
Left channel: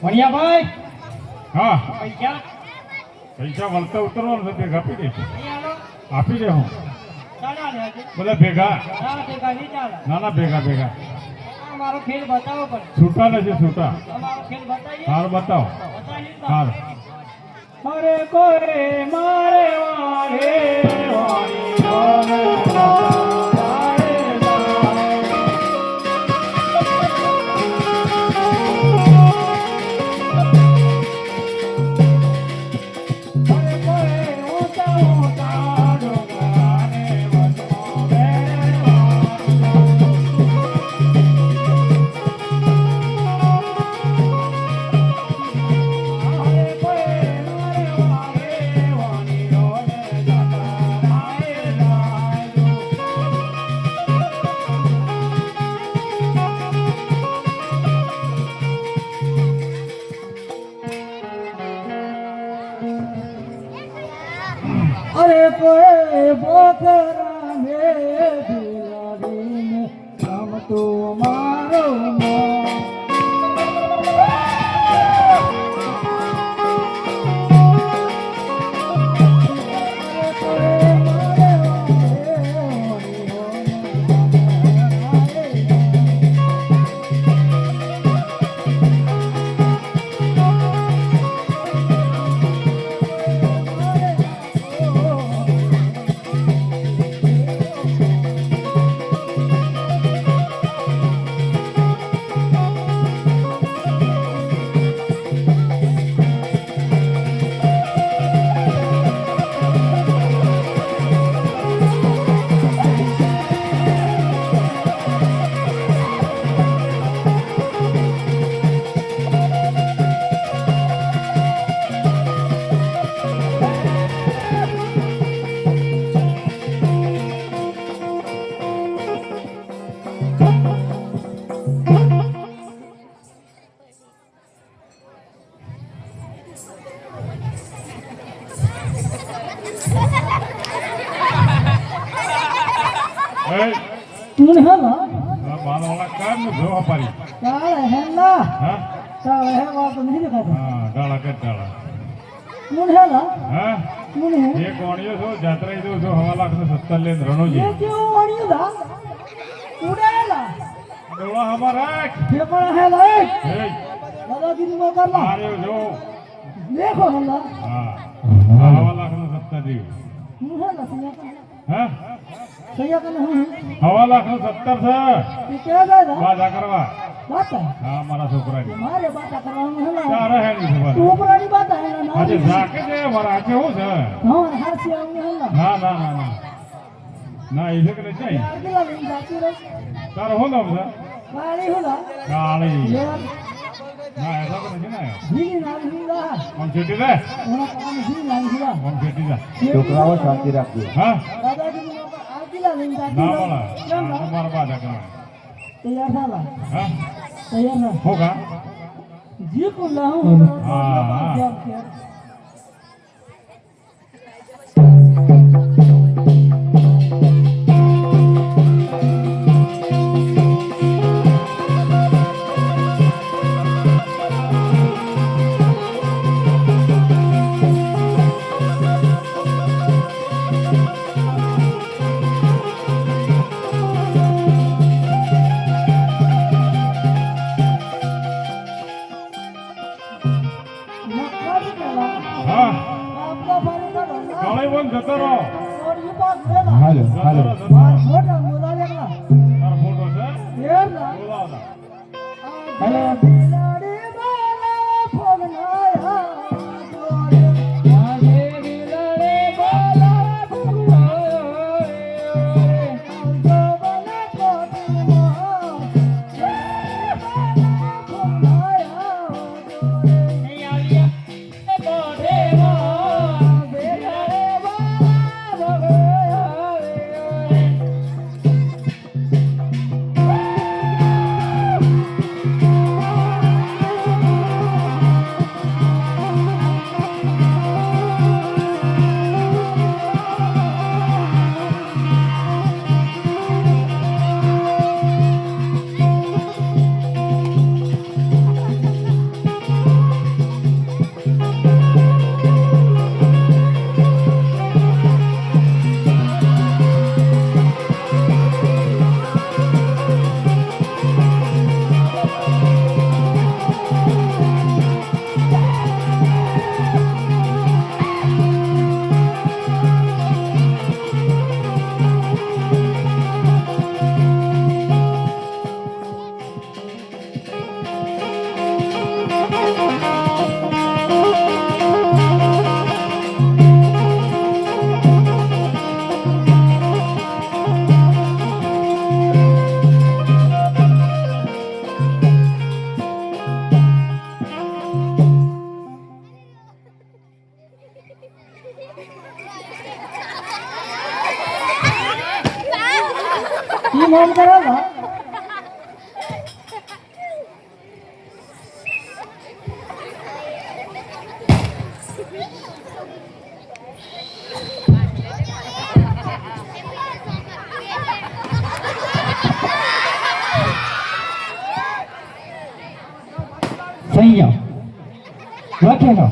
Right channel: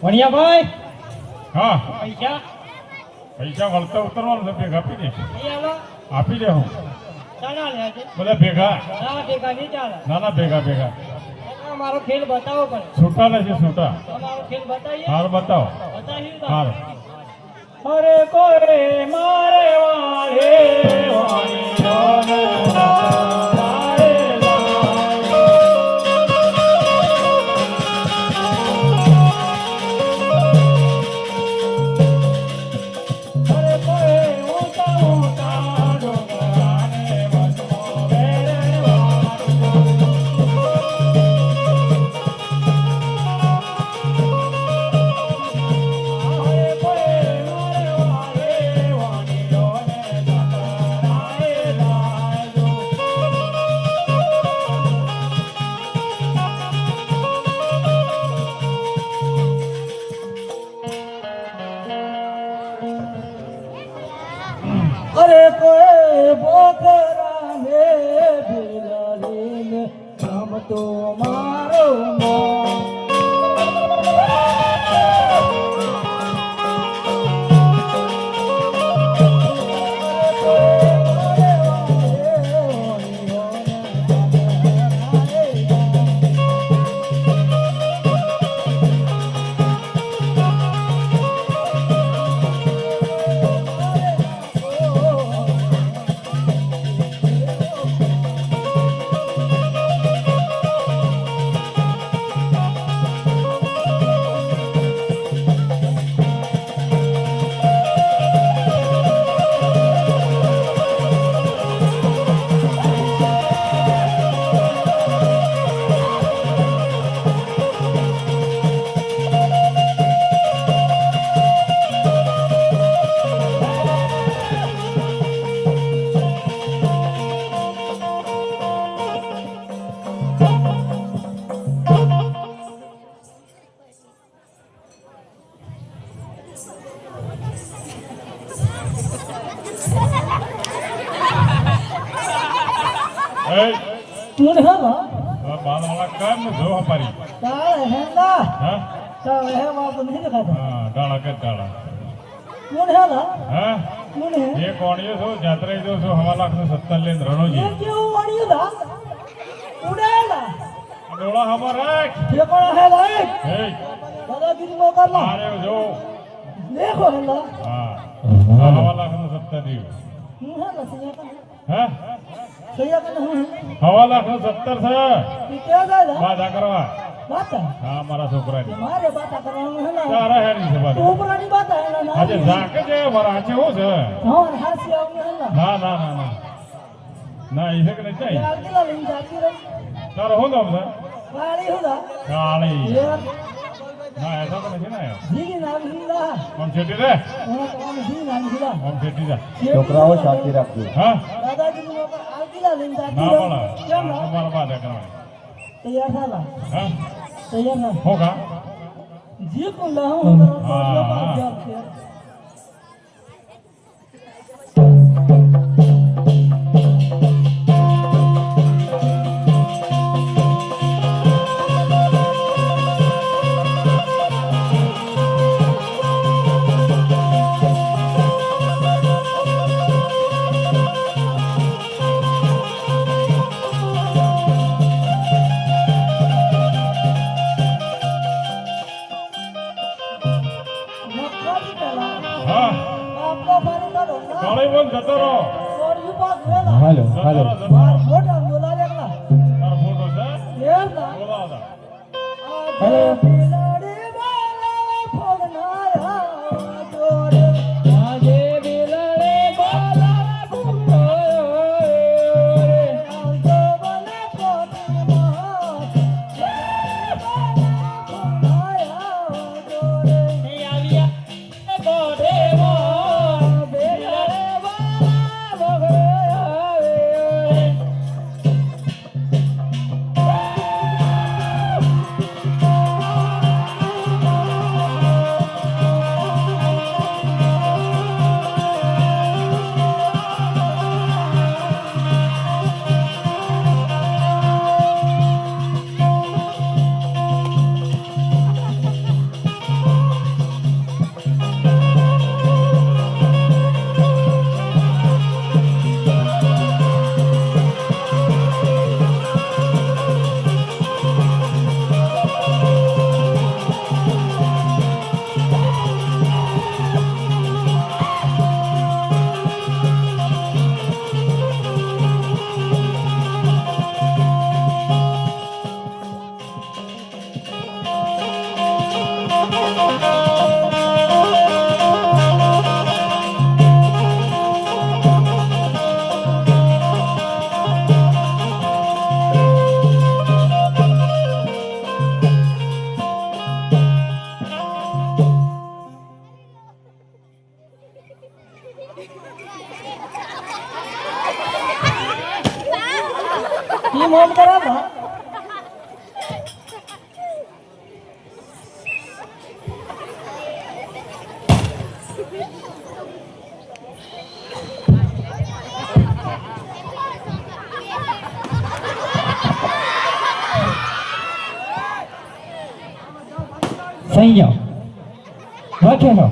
વણિયાભાઈ હા પૈસા પૈસા વળતા ઉતરવાનું છે ભેગા આપી દેશે અહીં આલો આપી દે હું ચાલા લે છે બધા ભેગા ના ભેગા નહીં ચાલે નાના ભેગા ભેગા મારો ખેલ બતાવો પડે છૂટા લેશે છૂટા તમારો ખેલ બતાવીએ હાર બતાવો બતાવીએ તો. હાર અરે કોરે મારે વારે અરે કોઈ બોકરા ને બિલાડીને રમતો મારો તું ને હેલા બાળવાળા કામ ને જો અમારી તારે હેલા હા તારે હેલા તો નથી દેખાતા હા ગાળા કે ગાળા તું ને હેલા હા તું ને એ કોણીઓ છો જાત્રા જો છો 1,70,000 લેન રણોજી એ જો આણ્યો દા તું ને હેલા ડોળા હમારા ये कौन है भाई હે दादा की तुम कर लो મારે જો देखो हेला હા 1,70,000 દીવ है ना सैया का હે सैया का नहीं है 1,70,000 છે ये क्या दादा બાધા કરવા बात है હા મારા છોકરાની हमारे बात करना है ना તારા હેડી છે तू બાધા पुरानी बात है ना આજે ઝાકે છે મારા આજે હું છે हां हर से आऊंगा है ना ના ના ના ના ના એ છે કે નહીં यार के लिए नहीं जाती रही તારો હું નામ છે કાળી होला કાળી યાર ના એસા તો નથી ને જીની નામ લીધા આમ છેટી રે હું કામ જીની નામ લીધા આમ છેટી જા છોકરાઓ શાંતિ રાખજો હા દાદાજી નું પર આવતીલા લઈને ના જાતી બોલા કેમ ના તમારા બાદ કરે તૈયાર થાલા હા તૈયાર ના હોગા જે કુલા હું હા. મક્કાની પેલા હા આપનો પાણીનો ધંધા કાળી બોલ જતો રહો ઓડિયું પાસ વેલા હાલો હાલો માર મોટા બોલાવેલા તારો ફોટો છે યાર ના બોલાવતા હેલો બિલાડી મારા ફોગનાયા જોડે આજે બિલાડી મારા ફોગનાયા આવજો મને પોતીમાં ફોગનાયા જોડે આવ્યા પોતીમાં બિલાડી મારા ये मोन करा था સંયમ લખેલો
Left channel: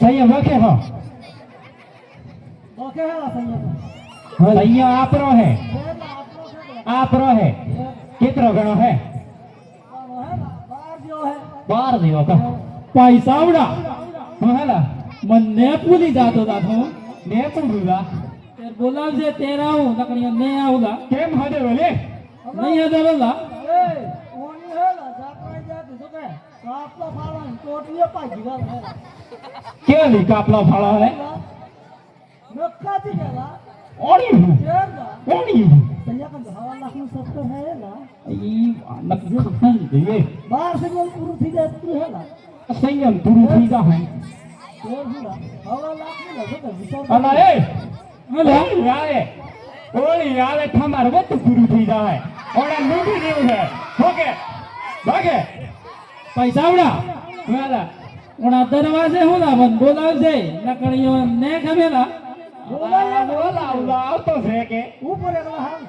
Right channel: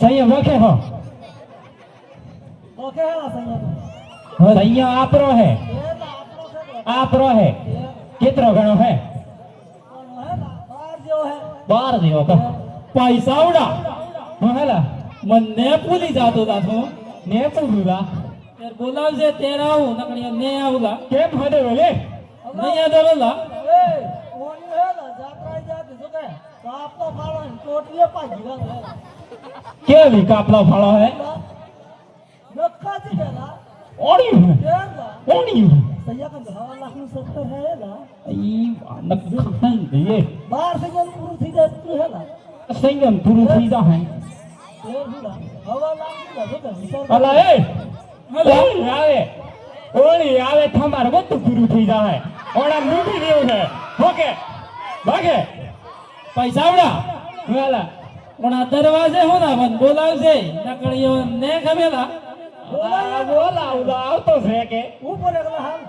સંયમ લખેલો ओके है ना सही है સંયમ આપરો હે ये तो आपनो से આપરો હે કેટલો ગણો હે है ना बाहर जो है 12 જેવો કહો પૈસાવડા હું હેલા મને ભૂલી જાતો તા તું ને પૂરુલા તે બોલાવજે તેરા હું નકણીઓ ને આવલા કેમ હદે વેલે નહીં યાદ આવેલા ए कौन है ना जात्रा जाती तो क्या आपको फाड़ा कोटिया पाजी का है કેવી કાપલો ફાળો હે नक्का जी का ઓડી यार ना ઓડી सैया का हवा लाख में सब है ना ઈ નકન દે बाहर से जल पूरी थी जाती है ना સંયમ પૂરું થઈ જા ये बुला हवा लाख में लगे तो विचार અલા એ ઓલી આવે ઓલી આવે તમારે બધું પૂરું થઈ જાય ઓલા લૂટી દેવું છે ઓકે ભાગે પૈસા આવડા વાલા પણ આ દરવાજે હું ના મન બોલાવજે નકણીઓ ને ખબેલા બોલાવડા આવતો છે કે ऊपर एक हाथ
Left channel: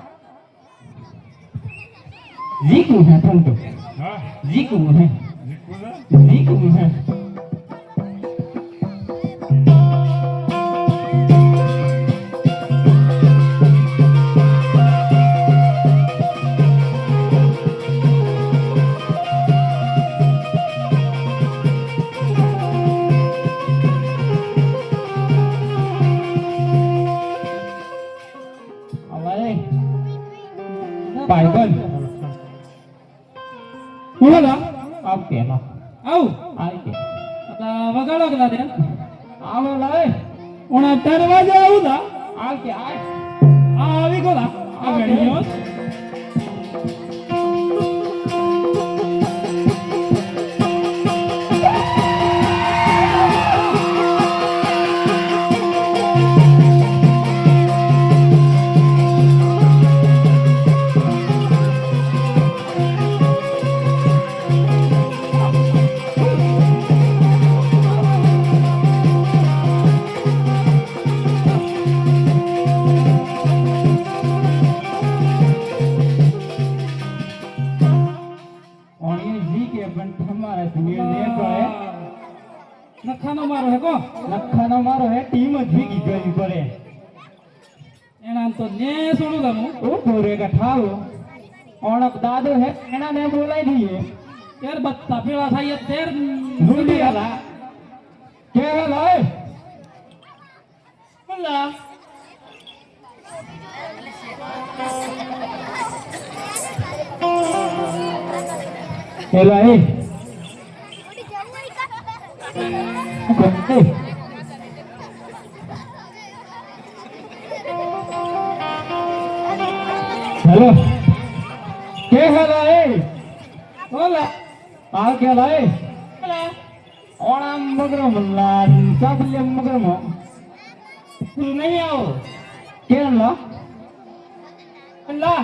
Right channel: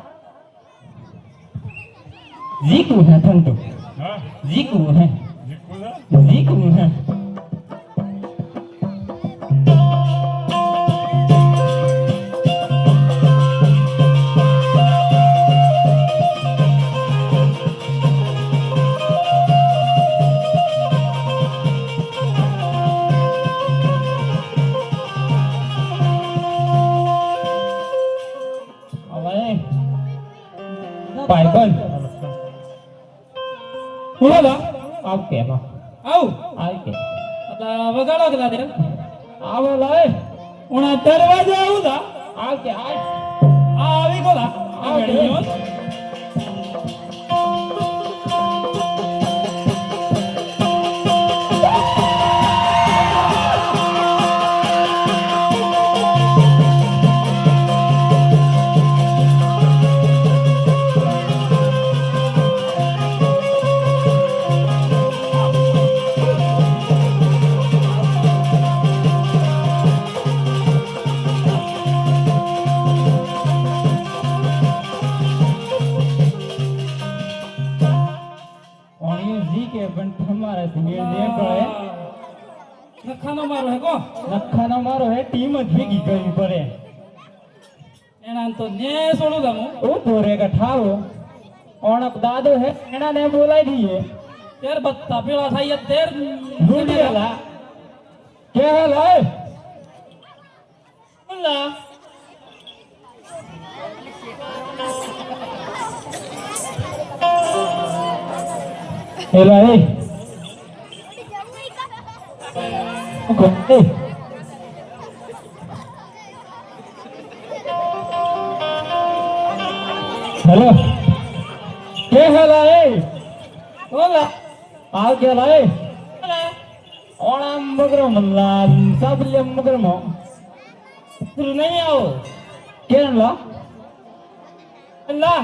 જીકું હે ઠંડુ હા જીકું હે જીકુ ને જીકું હે ભાઈબંધ બોલા આવ કે માં આવ આવ કે વગાડો કે લાદે આવો લાય ઓના દરવાજે આવલા આવ કે આવી ગોલા આ બેડી લખાનો મારો હે ટીમ જ ભેગી કરવી પડે એના તો ને છોડું તમે ઉભો રે કઠાવો ઓણક દાદો હે એના ને બોલાવી દઈએ તેર બત્તા પેલા થાય તેર ભૂંડિયાલા કે હાલ હે બોલા એલા એ ગોતે હેલો કે હેલા એ બોલા આ કેલા એ બોલા ઓણામ મગરમ લા સાબલ્યમ મગરમ તું નહીં આવો કેલા બોલા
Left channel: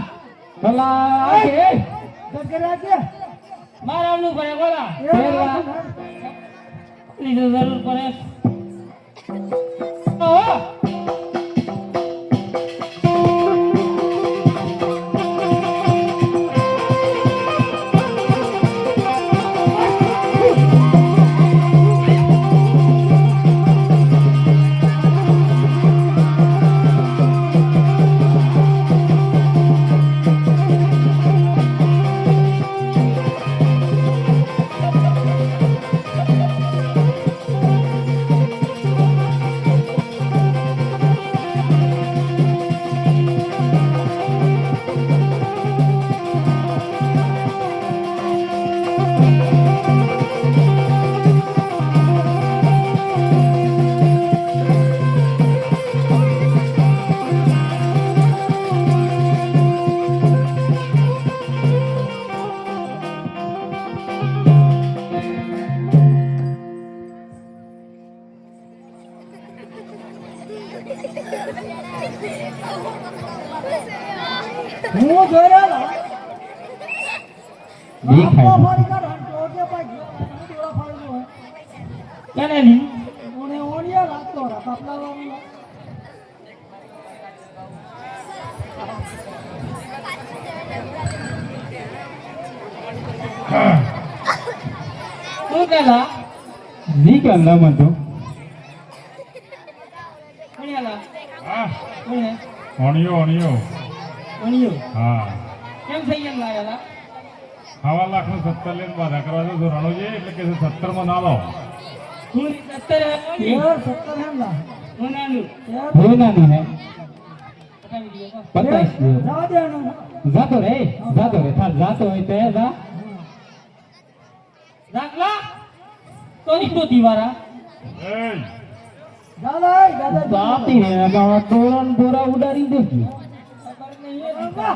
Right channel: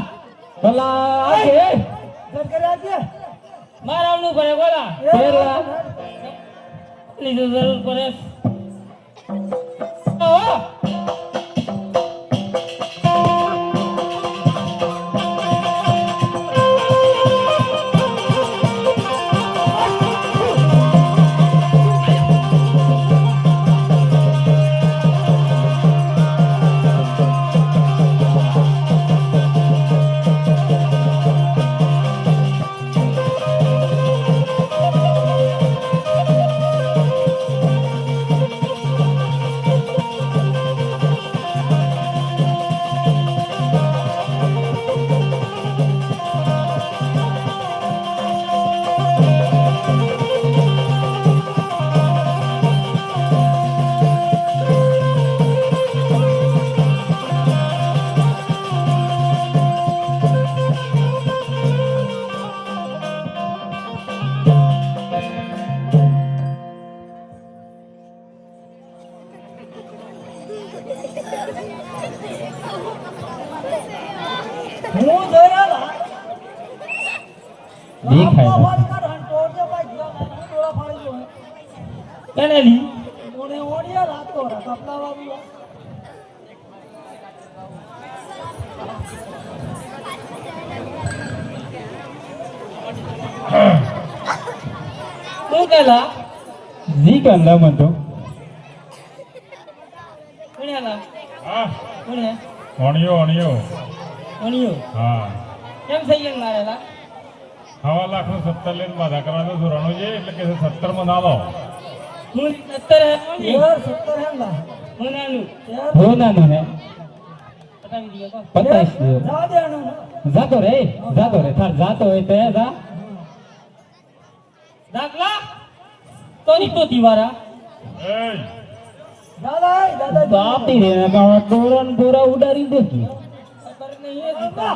ભલા આ કે મારા આવડું પડે બોલા કેલા લીધું જરૂર પડે હું જોયેલા દેખાય કેનેલી તું કેલા જી કંદા મન તો કોણેલા હા કોણે અણિયો અણિયો હા કેમ થઈ ગયા લાયેલા 1,70,000 લઈને બાધા કરવા દો રણુજી એટલે કે 70 માં ના લો હું 70 હે મને આલું હો ના ના હે બતાવી દીધો પતાઈશ જાતો રે થાર જાતો હોય તે જા દાખલા તો તો દીવારા એય દાતી રે ગાવા તોરણ દોરા ઉડાડી દેખી ખબર નહીં બાબા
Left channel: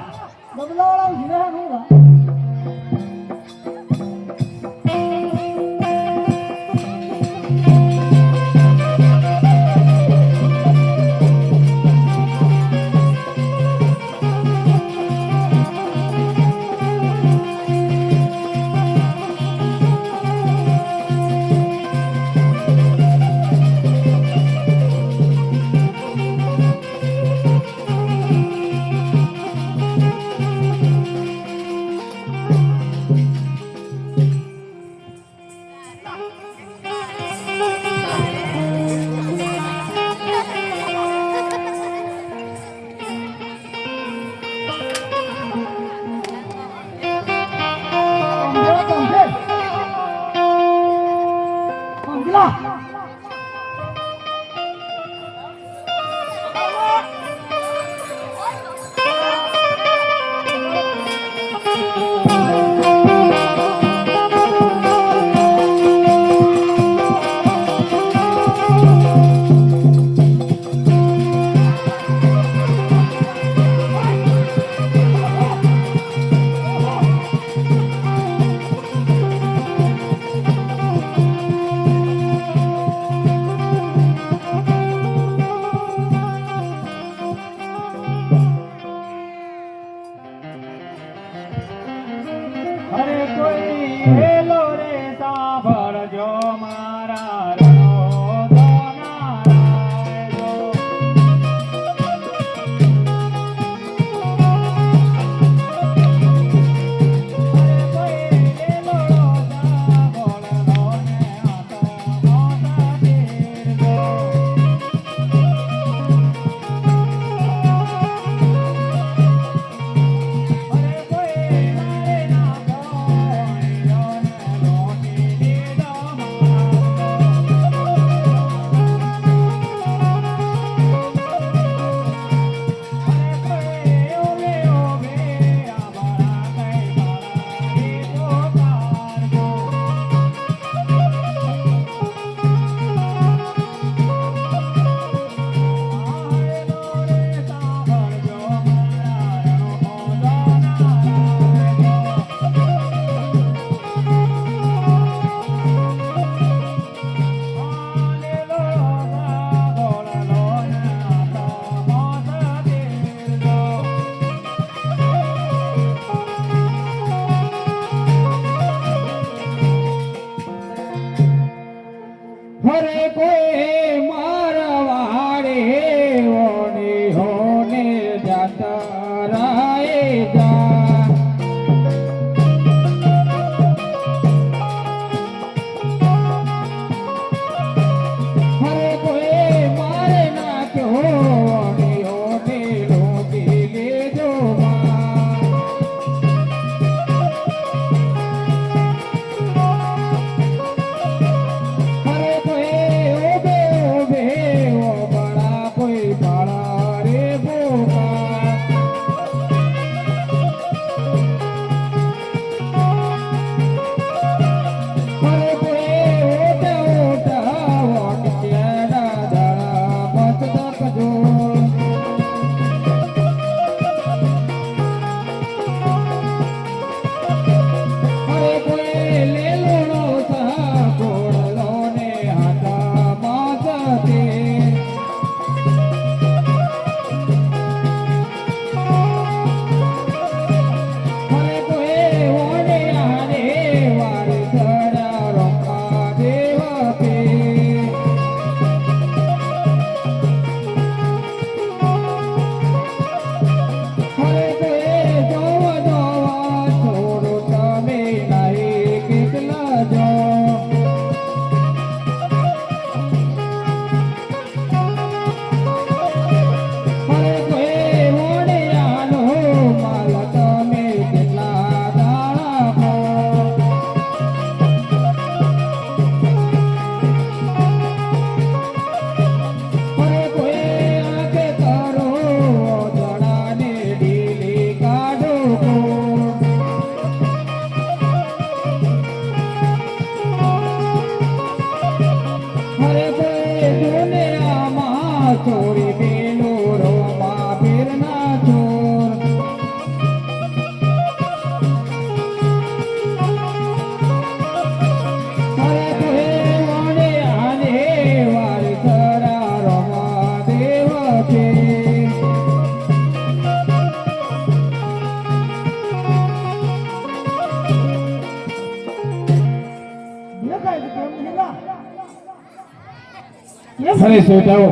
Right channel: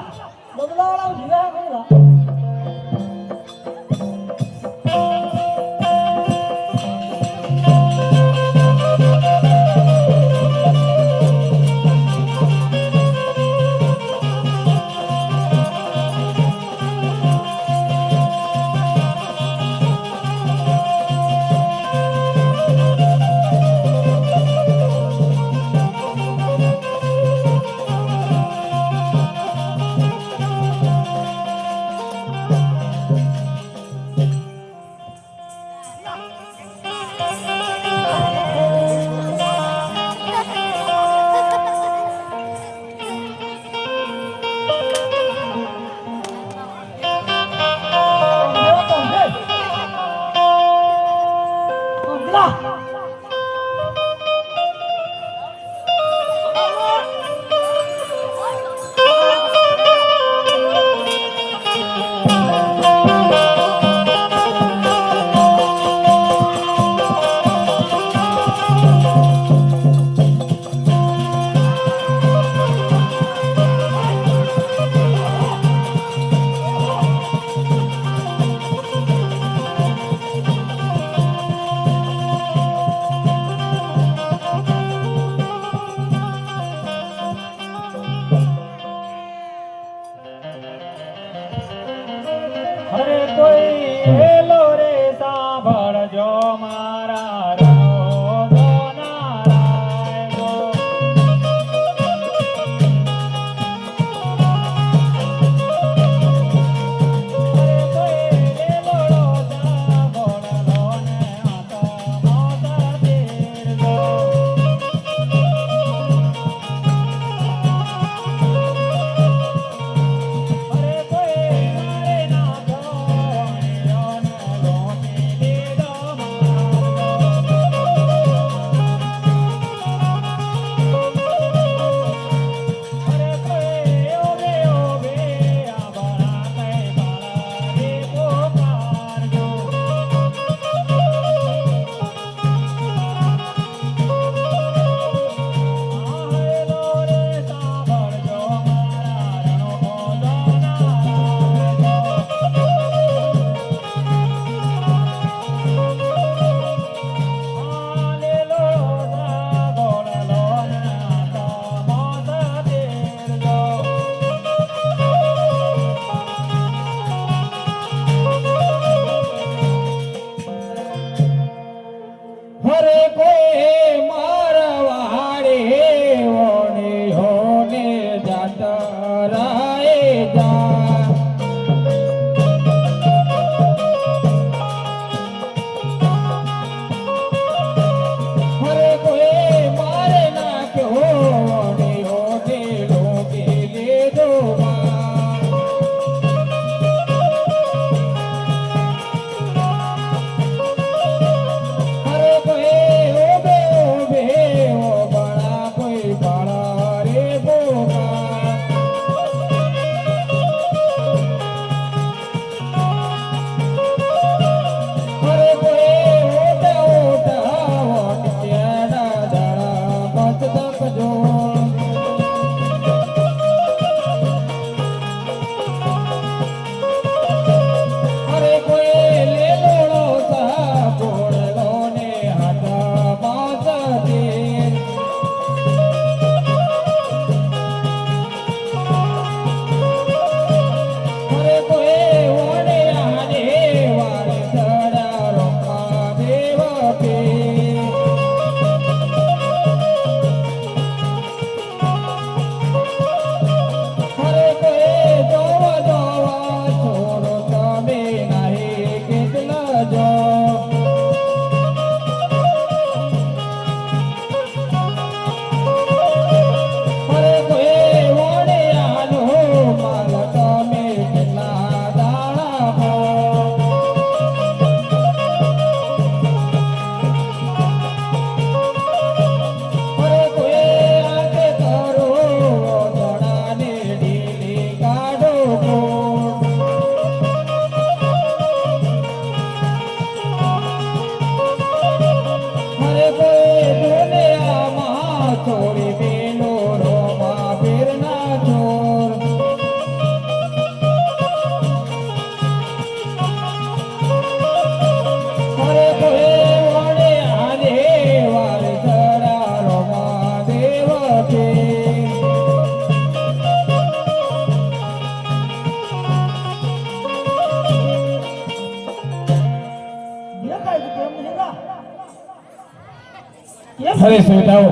અરે શ્રોતાઓ,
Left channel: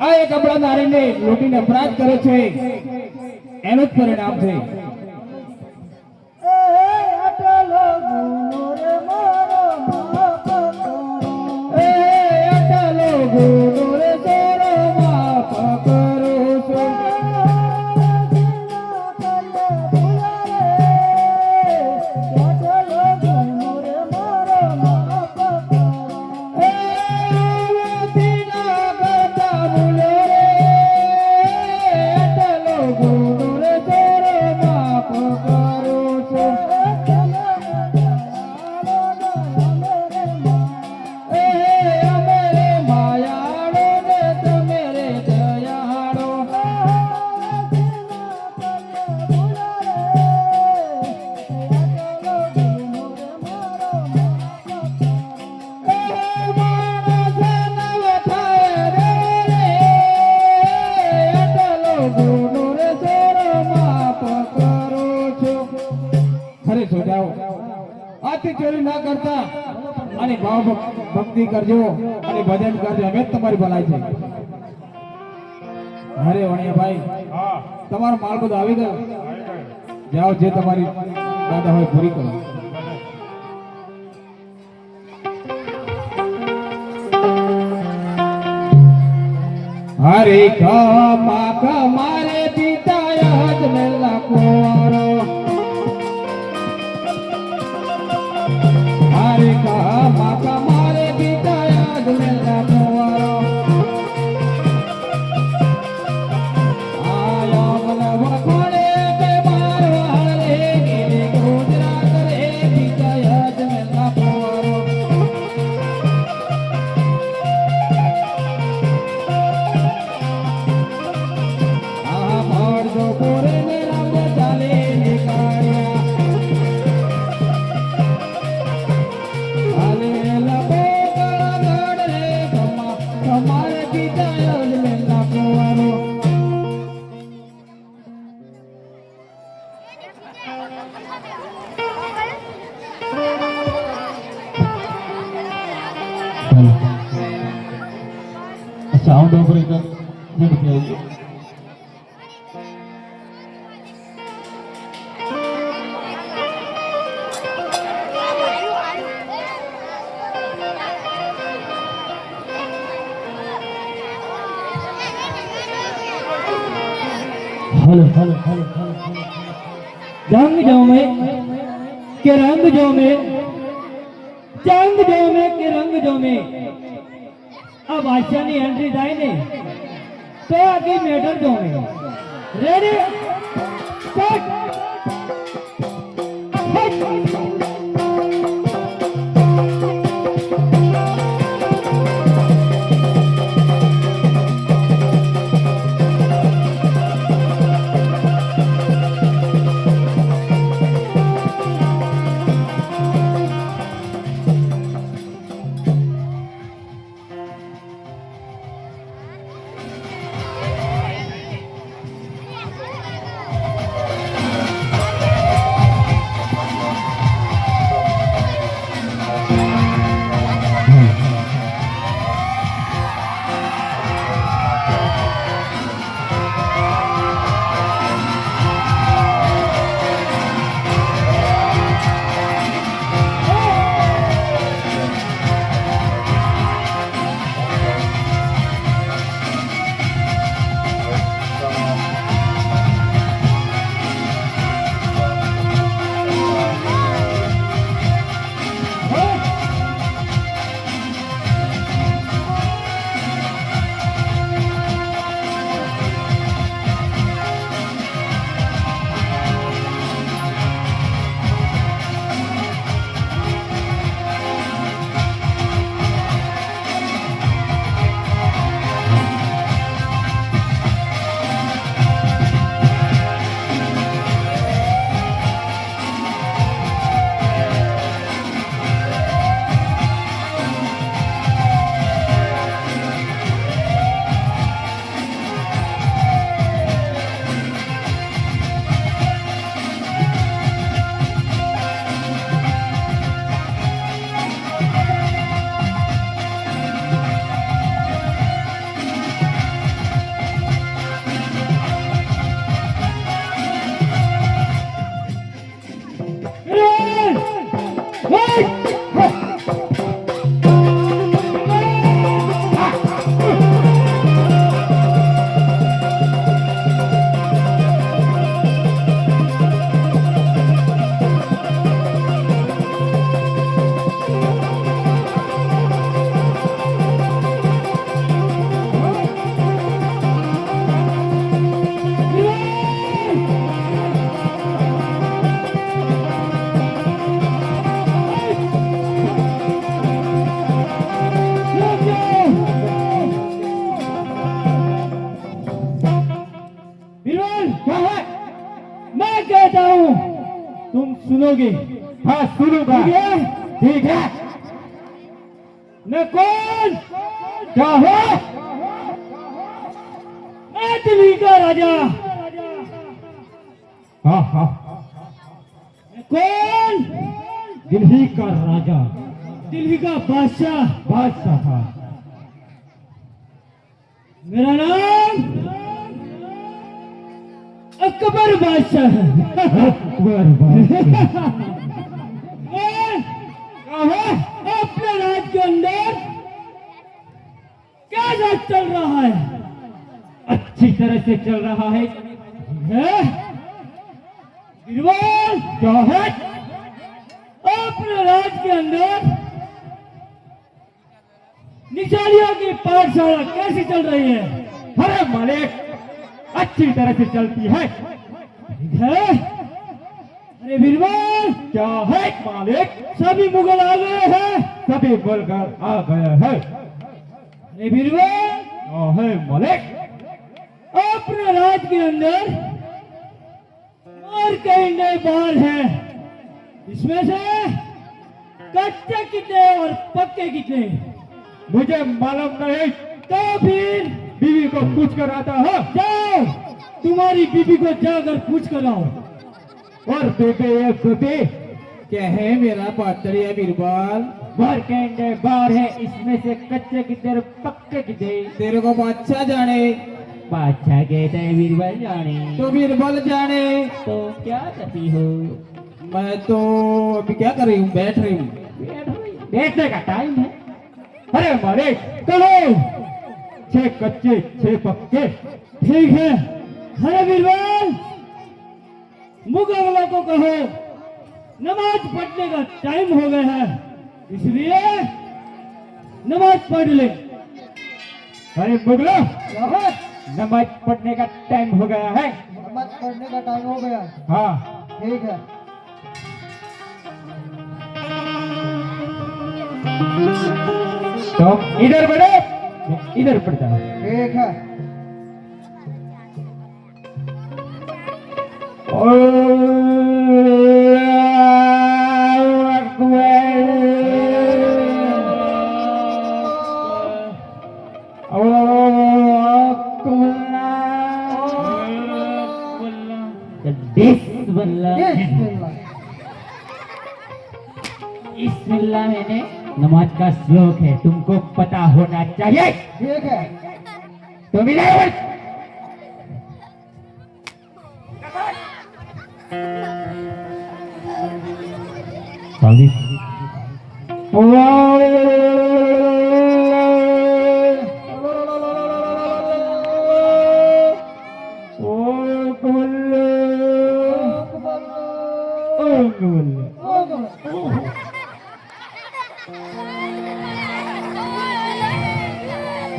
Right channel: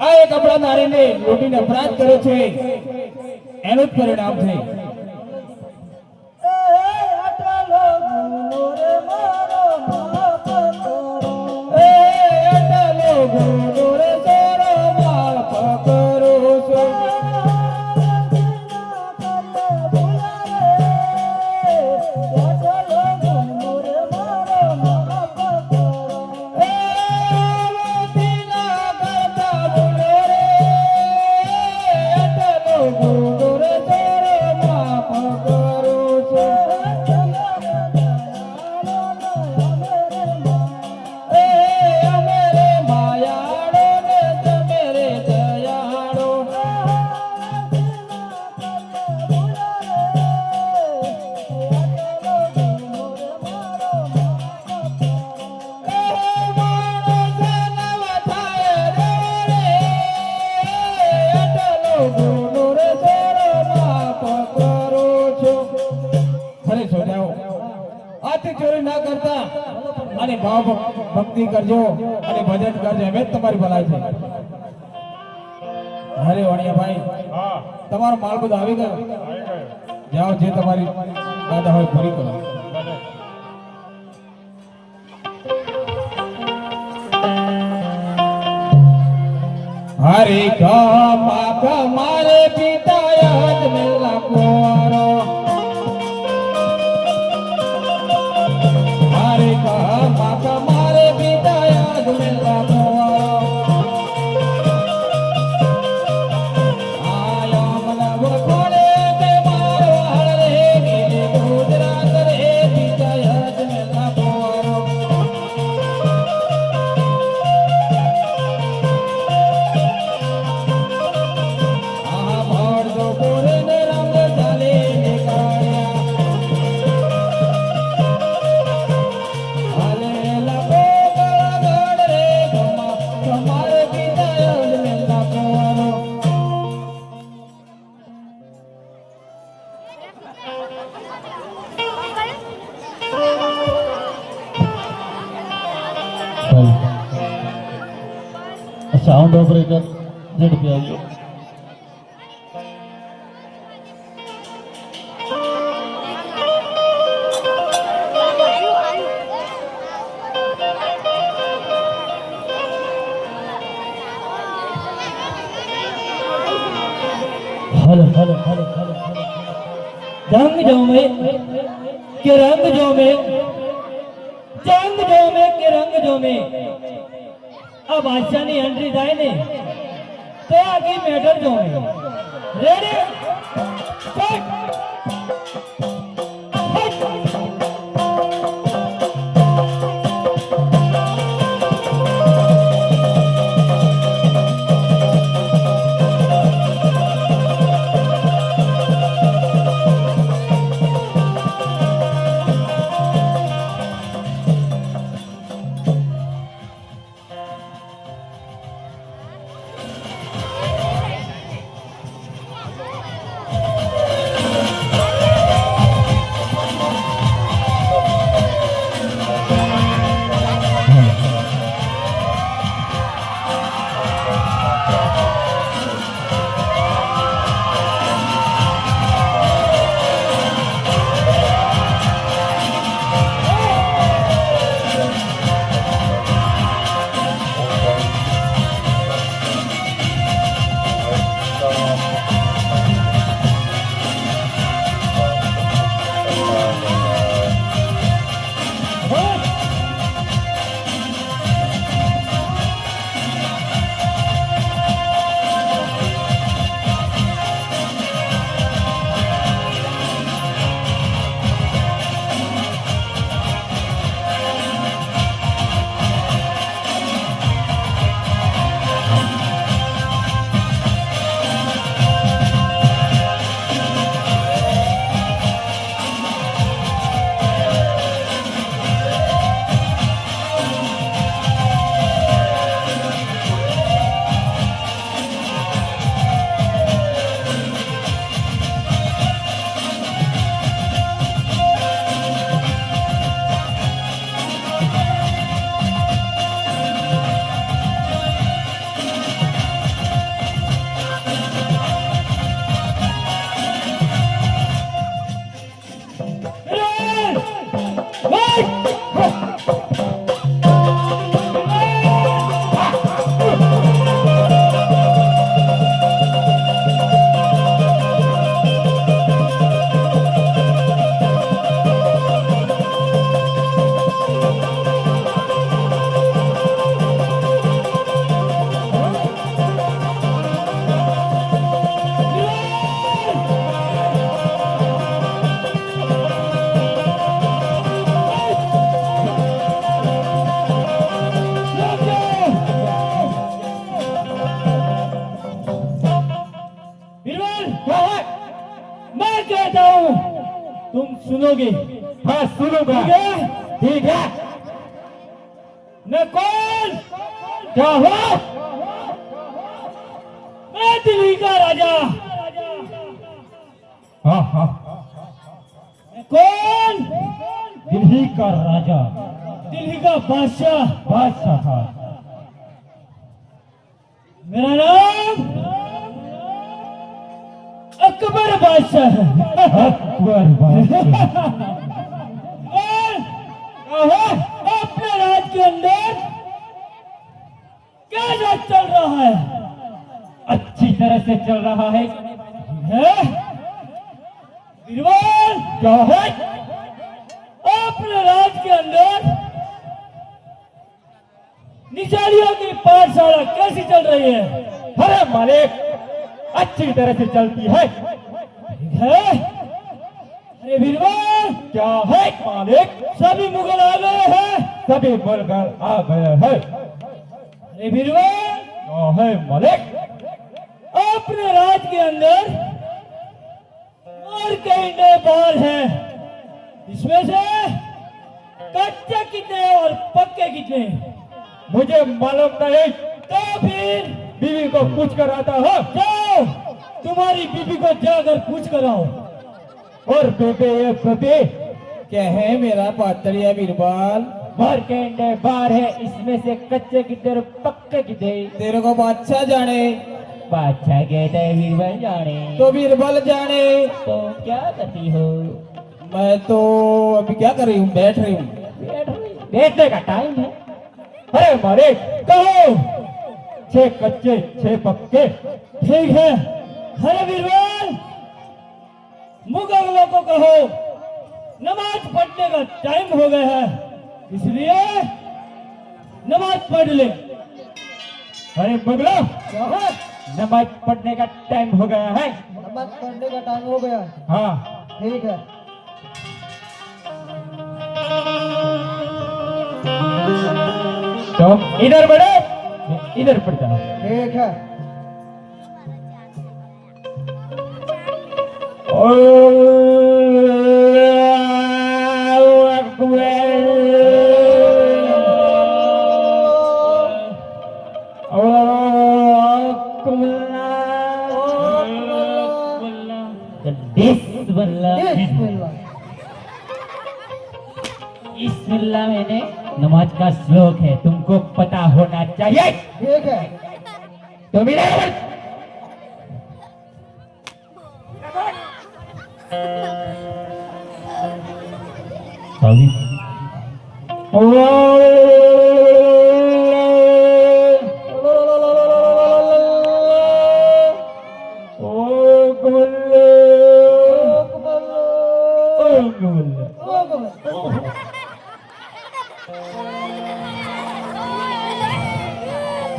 આ એક આપણા નારીને લૂંટીને અપરાધ કરે છે એનું જ પરિણામ છે. આથી ચોરી ના કરતા અને ભાવ ભક્તિ કરજો અને ભજન કરજો, અમે જ તમારી ભલાઈ છે. અરે વણિયાભાઈ, તમારો માલ બધો આવી ગયો. જાઓ, જે તમારી દાદા હોય પૂરી કરો. હરે કા મારે પિતા યાદ મેલા કોરો. હરે કા મારે પિતા યાદ મેલા કોરો. આયા મલવર કોલે કે મારવા રે કે ગુજરાત રે પિતા યાદ મેલા કોરો. સાઉન્ડ ઓપરેટર ઝડપી આવીએ. हेलो हेलो हेलो रंग जो में के रंग जो में चंग जो में के रंग जो में अब बादशाह ની એન્ટ્રી થાય ને તો આખી મેટર જો में રેડી સેટ तुम सुनोगे। हाँ सुनूंगा। ठीक है? ठीक है। नकुल, क्या हो? मैं दिल्ली का राजा। हाँ हाँ। कौन? दिल्ली का राजा। दिल्ली का बादशाह। बादशाह। मेरा नाम अकबर बादशाह है। अकबर बादशाह। कौन? अपने राज के अंदर क्या राज चल रहा है? अच्छी तरह से चल रहा है। बीरबल, क्या है? अपने राज के अंदर निशानियों की पाठशाला कैसी चल रही है? अरे मालिक, अच्छी तरह से चलती है। अरे बीरबल, क्या है मालिक? सभी मुगल आ गए हैं। सभी मुगल आ गए हैं। अरे बीरबल, क्या है मालिक? अपने राज के अंदर और कई नए बाल हैं। इसमें से कच्चे कितने और पक्के कितने? मुझे मालूम नहीं। तो फिर बीवी को पूछ कर आता हो। जाओ, तुम्हारी बीबी को जाकर पूछ कर आओ। और बेबे ये बेबे क्या है मेरा पातरिया बीरबल? घर के अंदर बार है, इसमें से कच्चे कितने और पक्के कितने? तेरे को बादशाह जाने बादशाह कहता है बीरबल जाने। तो बीरबल जाने। तो क्या करती हो? मैं तो अभी क्या कर रही हूँ? बैठ रही हूँ। बैठने का टाइम है। अरे मालिक, कहो 6 कच्चे 6 पक्के। ठीक है। अरे बीरबल, मुगलों को कहो नमाज पढ़ने का टाइम हो गया है, इसलिए नमाज पढ़ ले। अरे मुगलों, नमाज पढ़ने का टाइम हो गया है। नमाज पढ़ने का टाइम हो गया। हाँ ठीक है। तो इधर बढ़ो, इधर पड़ता है। ठीक है। बिस्मिल्लाह मैंने नमाज का श्लोक है, तुमको पता होना चाहिए। ठीक है। तो मेरे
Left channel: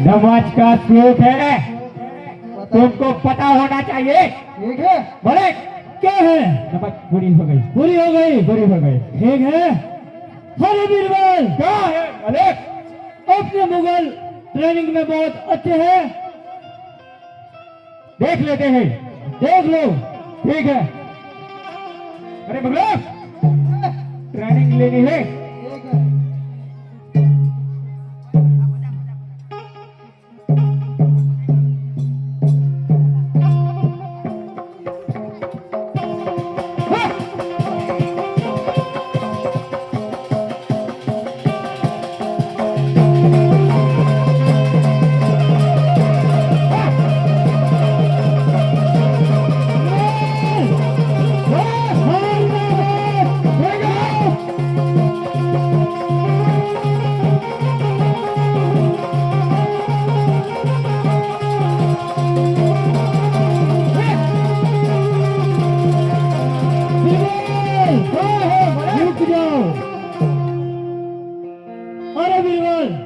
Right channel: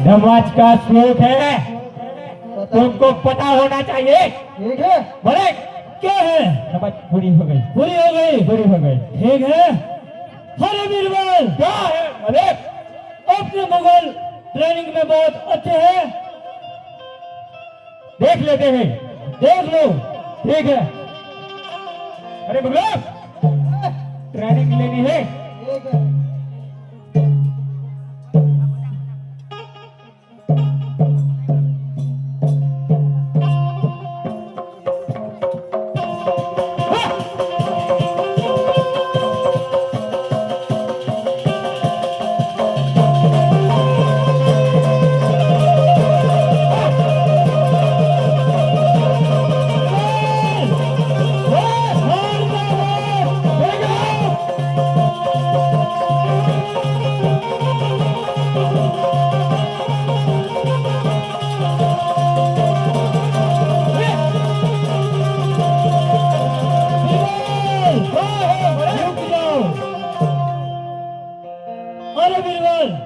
नमाज का श्लोक है, तुमको पता होना चाहिए। ठीक है। बोले क्या है? नमाज पूरी हो गई। पूरी हो गई। पूरी हो गई। ठीक है। अरे बीरबल, क्या है मालिक? अपने मुगल ट्रेनिंग में बहुत अच्छे हैं, देख लेते हैं। देख लो। ठीक है। अरे मुगलों, ट्रेनिंग लेनी है। ठीक है।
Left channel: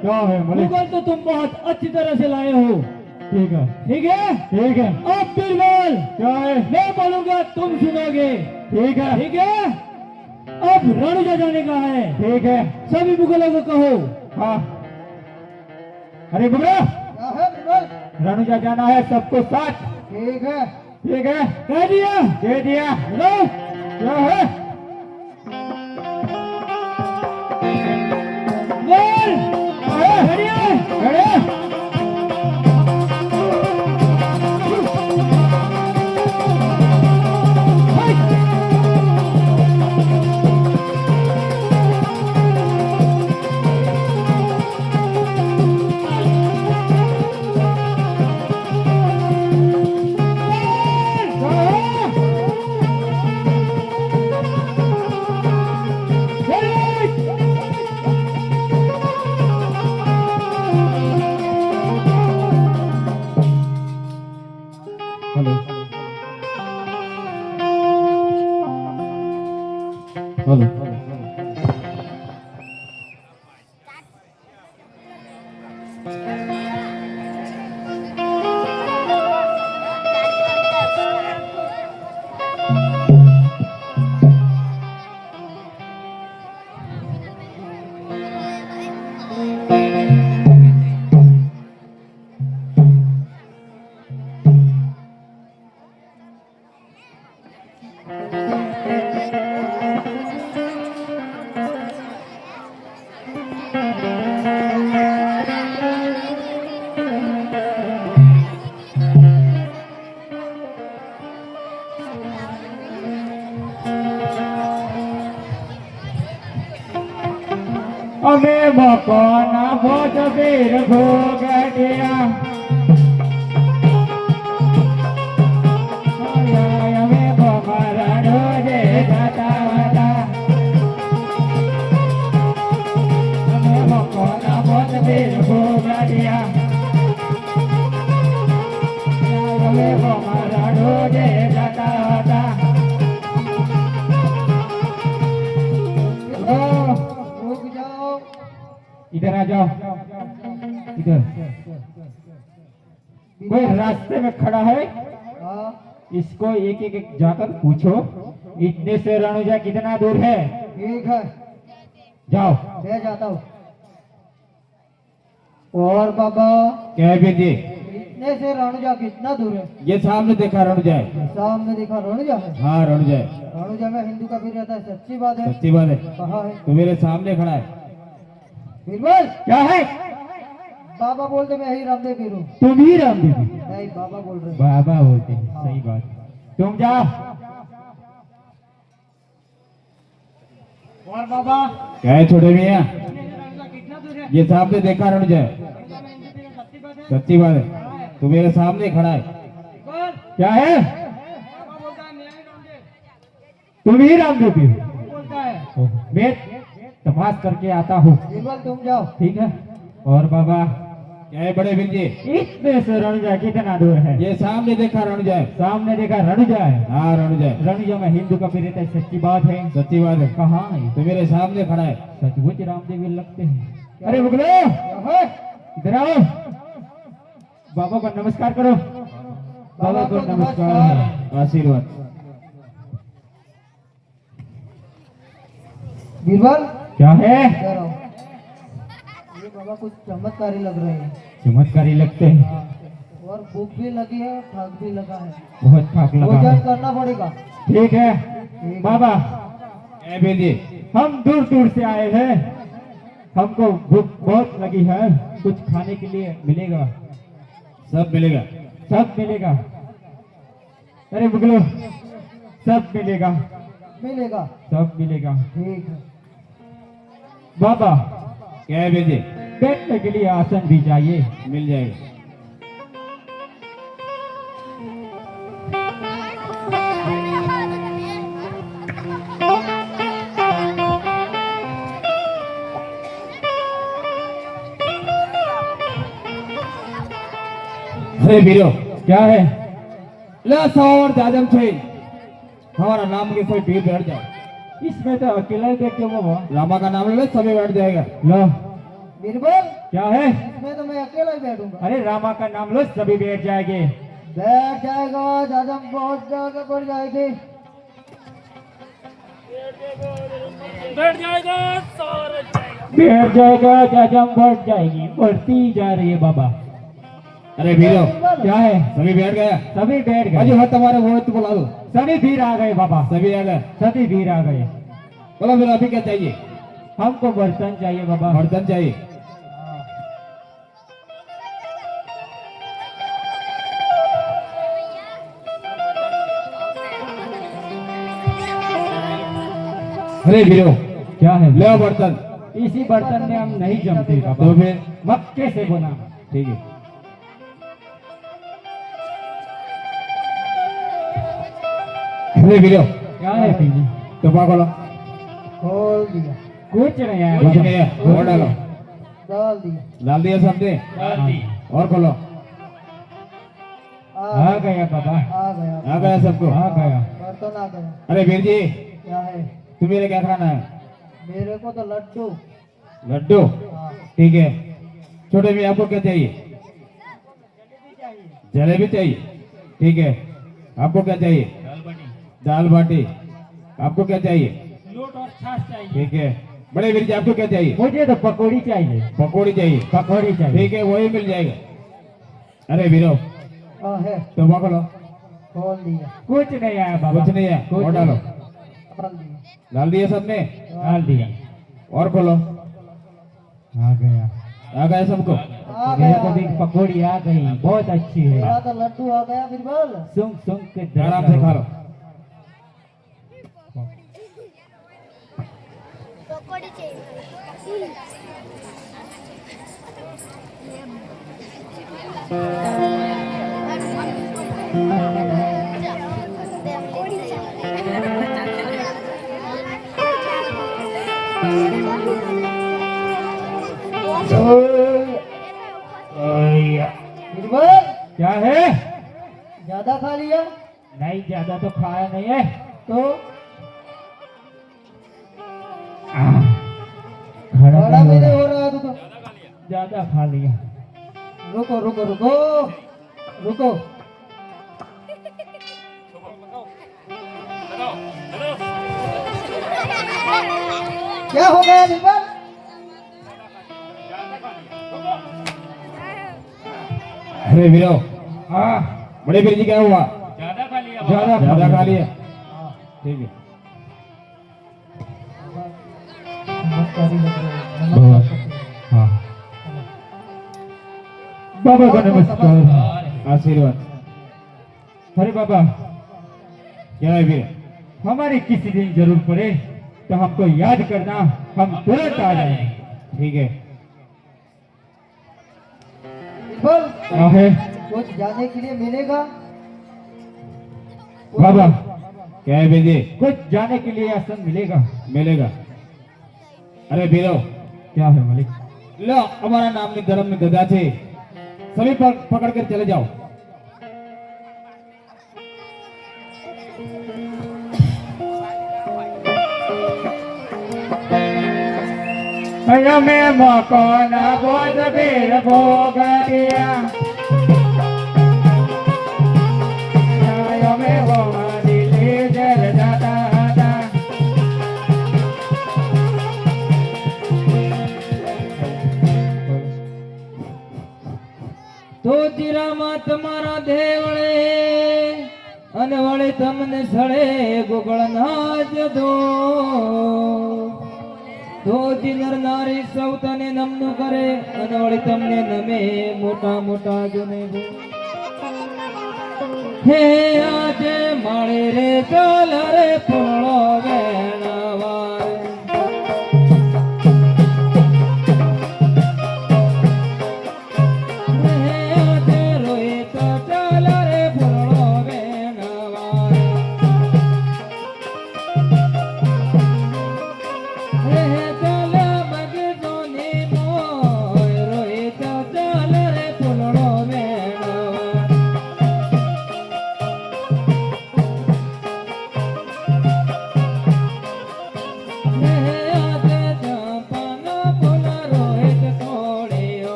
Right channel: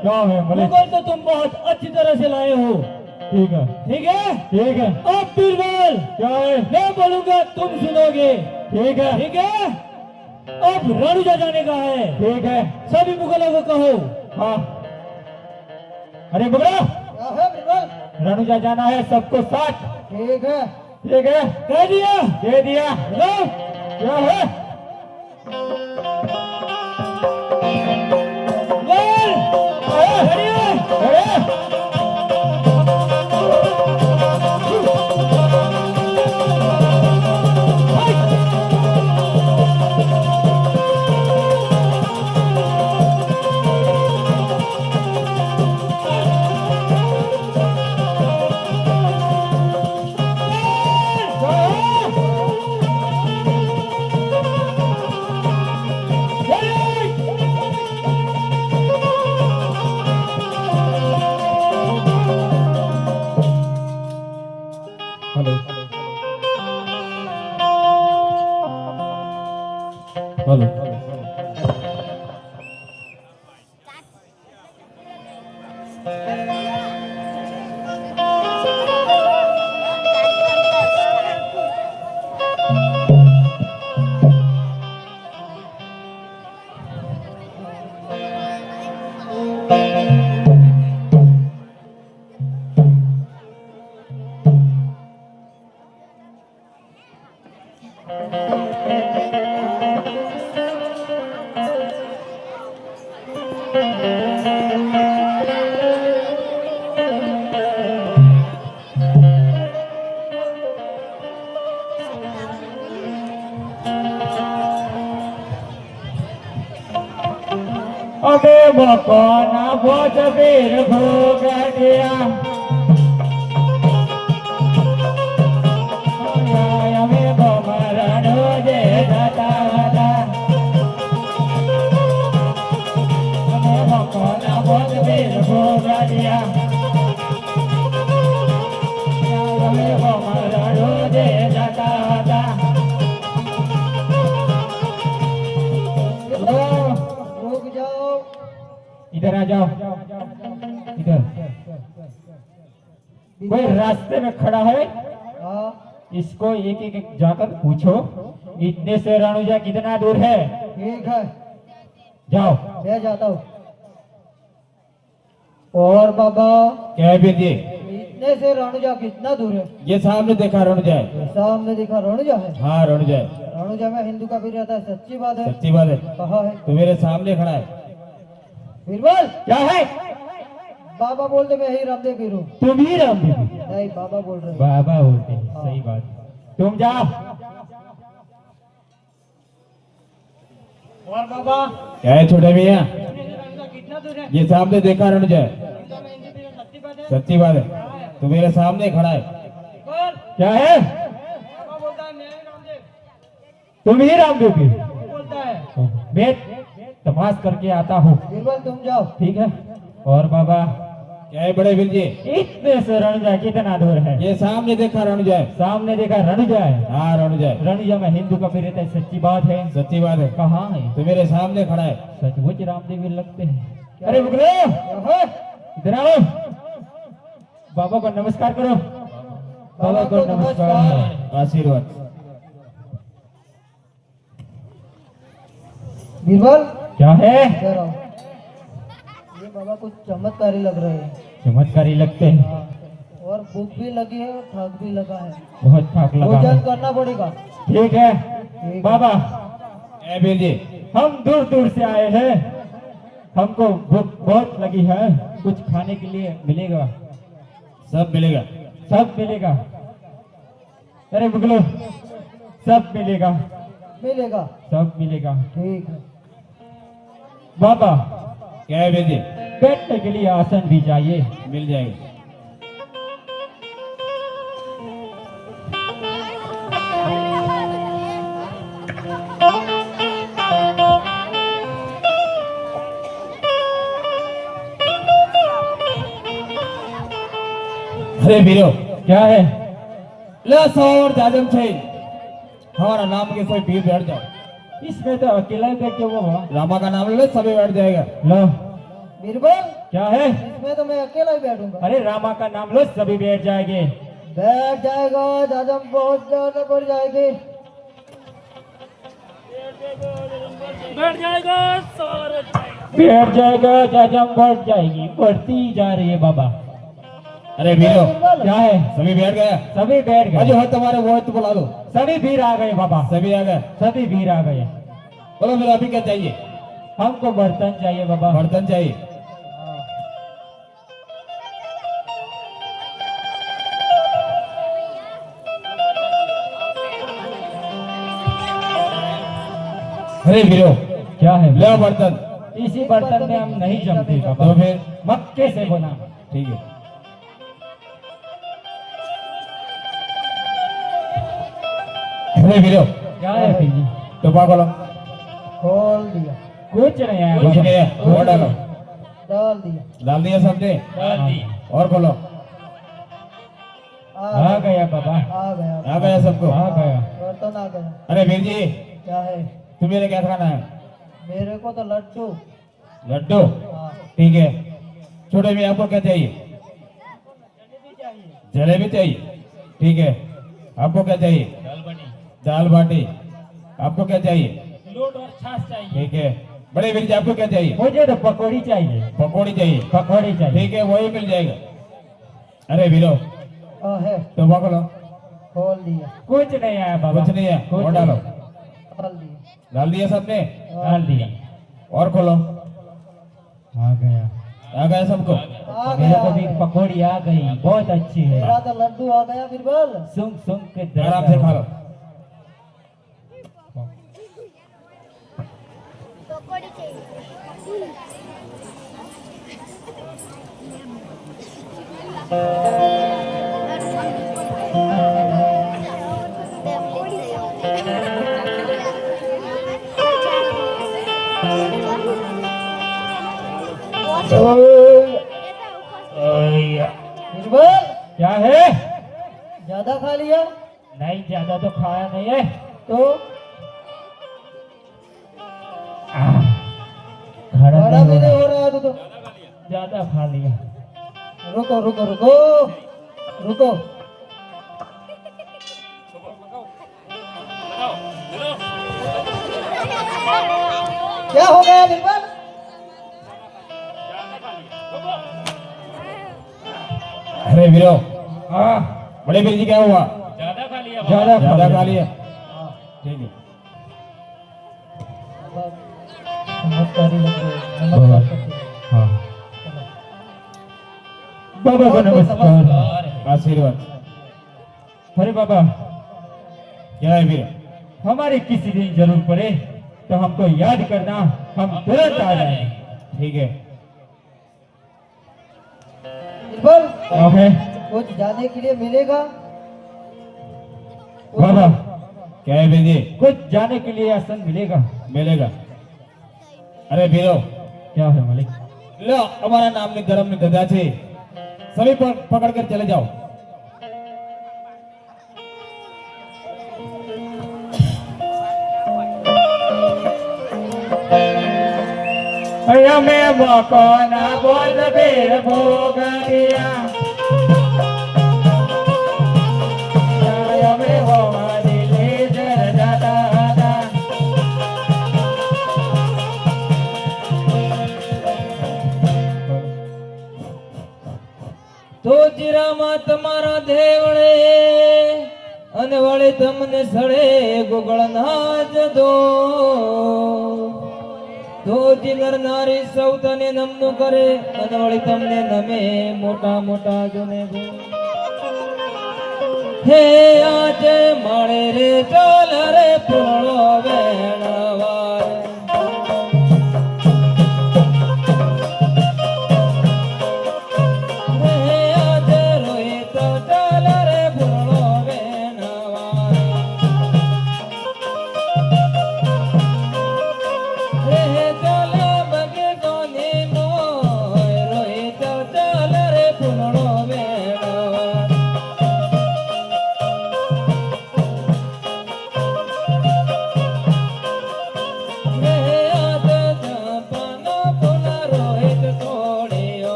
क्या है मालिक? मुगल तो तुम बहुत अच्छी तरह से लाए हो। ठीक है। ठीक है। ठीक है। अब बीरबल, क्या है? मैं बोलूंगा तुम सुनोगे। ठीक है। ठीक है। अब रणुजा जाने का है। ठीक है। सभी मुगलों को कहो। हाँ। अरे मुगलों, रणुजा जाना है सबको साथ। ठीक है। ठीक है। कह दिया। दे दिया। हेलो, क्या है? बोलो अबे बकोना भोज वीर भोग दिया अबे बमरा रोजे दादा अबे बकोना भोज वीर भोग दिया अबे बमरा रोजे दादा रुक जाओ। इधर आ जाओ इधर कोई रास्ते में खड़ा है हाँ इसको एक एक जाकर पूछो इतने से रणुजा कितना दूर है ठीक है, जाओ ले जाता हूँ। और बाबा क्या है जी इतने से रणुजा कितना दूर है? ये सामने देखा रणुजा है सामने दिखा रणुजा है। हाँ रणुजा है रणुजा में हिंदू का भी रहता है, सच्ची बात है। सच्ची बात है कहाँ है तो मेरे सामने खड़ा है बीरबल? क्या है बाबा बोलते मैं ही रामदेव पीर हूँ। तुम ही राम दीदी नहीं बाबा बोल रहे हैं। बाबा बोलते हैं सही बात तुम जाओ और बाबा क्या है छोटे भैया कितना दूर है? ये सामने देखा रणुजा है सच्ची बात है। सच्ची बात है तो मेरे सामने खड़ा है क्या है बाबा बोलता है मैं ही रामदेव तुम ही राम दीदी बोलता है। मैं तमाश करके आता हूँ बीरबल तुम जाओ। ठीक है और बाबा क्या है बड़े वीर जी इतने से रणुजा कितना दूर है ये सामने देखा रणुजा है सामने देखा रणुजा है हाँ रणुजा है रणुजा में हिंदू का भी रहता है सच्ची बात है सच्ची बात है कहाँ है तो मेरे सामने खड़ा है सचमुच रामदेव लगते हैं अरे मुगलो है? इधर आओ बाबा को नमस्कार करो बाबा को नमस्कार आशीर्वाद बीरबल क्या है इधर आओ। ये बाबा कुछ चमत्कारी लग रहे हैं। चमत्कारी लगते हैं हाँ। और भूख भी लगी है, थक भी लगा है। बहुत थाक लगा भोजन है करना पड़ेगा। ठीक है ठीक। बाबा क्या है वीर जी हम दूर दूर से आए हैं हमको भूख बहुत लगी है कुछ खाने के लिए मिलेगा सब मिलेगा सब मिलेगा अरे मुगलो सब मिलेगा मिलेगा। सब मिलेगा ठीक है। बाबा क्या है वीर जी बैठने के लिए आसन भी चाहिए मिल जाएगा अरे वीरो क्या है ला सवार जाजम छे हमारा नाम के सब वीर बैठ जाओ इसमें तो अकेला ही बैठ जाओ बाबा रामा का नाम ले समय बैठ जाएगा लो बीरबल क्या है इसमें तो मैं अकेला ही बैठूंगा। अरे रामा का नाम लो सभी बैठ जाएंगे बैठ जाएगा दादा, बहुत ज्यादा बढ़ जाएगी। बैठ जाएगा जाजम बढ़ जाएगी बढ़ती जा रही है बाबा अरे वीरो क्या है सभी बैठ गया सभी बैठ अजो गए है तुम्हारे वो तो बुला लो सभी भीड़ आ गए बाबा सभी आ गए सभी भीड़ आ गए बोलो फिर अभी क्या चाहिए हमको बर्तन चाहिए बाबा बर्तन चाहिए अरे वीरो क्या है ले आओ बर्तन इसी बर्तन में हम नहीं जमते तो बाबा फिर मक्के से बना ठीक है अरे वीरो क्या है फिर जी? टोपा खोलो खोल दिया, कुछ नहीं है कुछ बाबा। नहीं है और डालो डाल दिया। डाल दिया सबने और खोलो आ गया बाबा आ गया। आ गया सबको आ गया बर्तन आ गया। अरे वीर जी क्या है? तुम्हें क्या खाना है? मेरे को तो लड्डू। लड्डू, हाँ। ठीक है। छोटे भी आपको क्या चाहिए? जलेबी चाहिए, ठीक है। आपको क्या चाहिए? दाल बाटी। आपको क्या चाहिए? लोट और छाछ चाहिए। ठीक है। बड़े वीर जी आपको क्या चाहिए? मुझे तो पकौड़ी चाहिए। पकौड़ी चाहिए, पकौड़ी चाहिए। ठीक है, वही मिल जाएगा। अरे वीरो, हाँ है। तो खोलो। खोल दिया। कुछ नहीं आया बाबा, कुछ नहीं है, कुछ और डालो। डाल दिया। डाल दिया सबने? डाल दिया। और खोलो। आ गया, आ गया सबको? आ मेरे को भी गया। पकौड़ी आ गई, बहुत अच्छी है। मेरा तो लड्डू आ गया बिरबल। सुन सुन के आराम से खा लो। पकौड़ी चाहिए। पकौड़ी बिरबल क्या है? ज्यादा खा लिया नहीं, ज्यादा तो खाया नहीं है। तो खड़ा बड़ा नहीं मेरे हो हो रहा है तो। ज्यादा खा लिया। रुको रुको रुको रुको। क्या हो गया बिरबल? अरे वीरो, हाँ, बड़े वीर जी क्या हुआ? ज्यादा खा लिया बाबा। ज्यादा खा लिया, ठीक है। नमस्कारी लग रहे हैं, नमस्कार करते हैं। हाँ, बाबा का नमस्कार। आशीर्वाद। अरे बाबा, क्या है वीर? हमारी किसी दिन जरूर पड़े तो हमको याद करना, हम तुरंत आ जाएंगे। ठीक है। बिरबल हाँ है कुछ जाने के लिए मिलेगा? बाबा, क्या है वीर जी? कुछ जाने के लिए आसन मिलेगा। मिलेगा। अरे वीरो, क्या है मालिक? लो हमारा नाम ने धर्म में गदा छे, सभी पकड़ कर चले जाओ। में मकान बोध बेर भोगरिया में हो दिले जर दादा दादा। તો ચિરામાં તમારા દેવળે અને વળે તમને સળે ગોગળના જદો ધોતી નર નારી સૌ તને નમનું કરે અને વળે તમને નમે મોટા મોટા ગુને હે આજે માળે રે ચાલ રે પૂર્ણો વેણવારે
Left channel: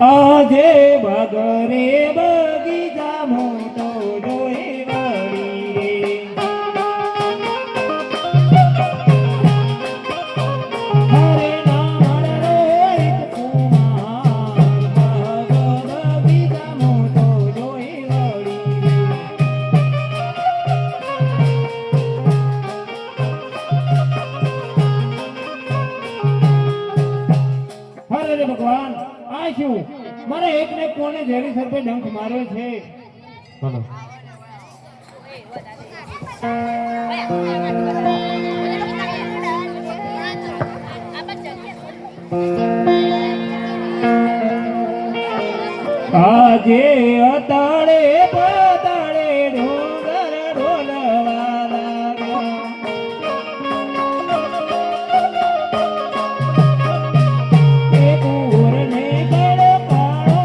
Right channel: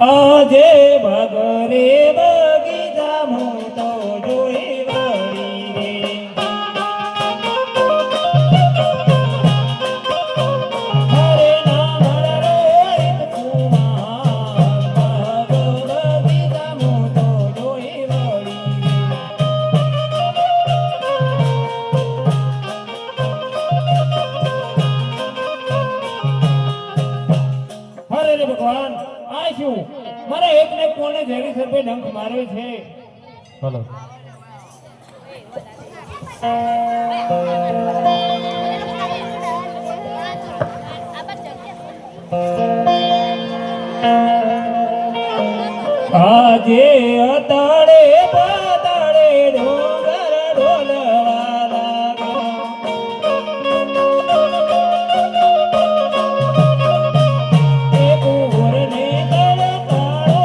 આજે બગરે બગીચામાં તો જોઈ વળી રે હરે નામ રોહિત કુમાર બગીચામાં તો જોઈ વળી રે હરે રે ભગવાન આ શું મારા એકને કોને ઝેરી સરપે ડંખ માર્યો છે બોલો આજે અતાળે પાતાળે ડોંગર ઢોલવા લાગા એક ઉરને તડકાળો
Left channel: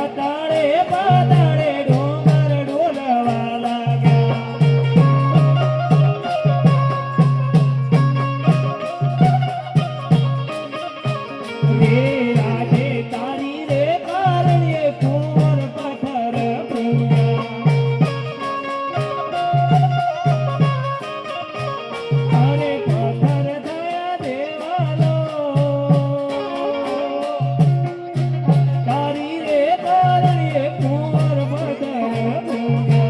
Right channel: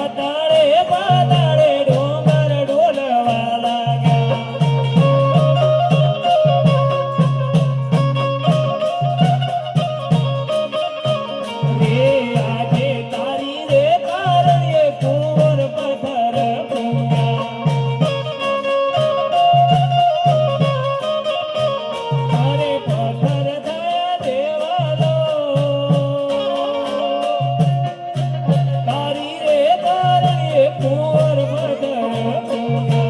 અતાળે પાતાળે ડોંગર ઢોલવા લાગા રે આજે તારી રે કારણે કુંવર પથ્થર પૂંગા અરે પથ્થર થયા દેવાલો તારી રે કારણે કુંવર પથ્થર પૂંગા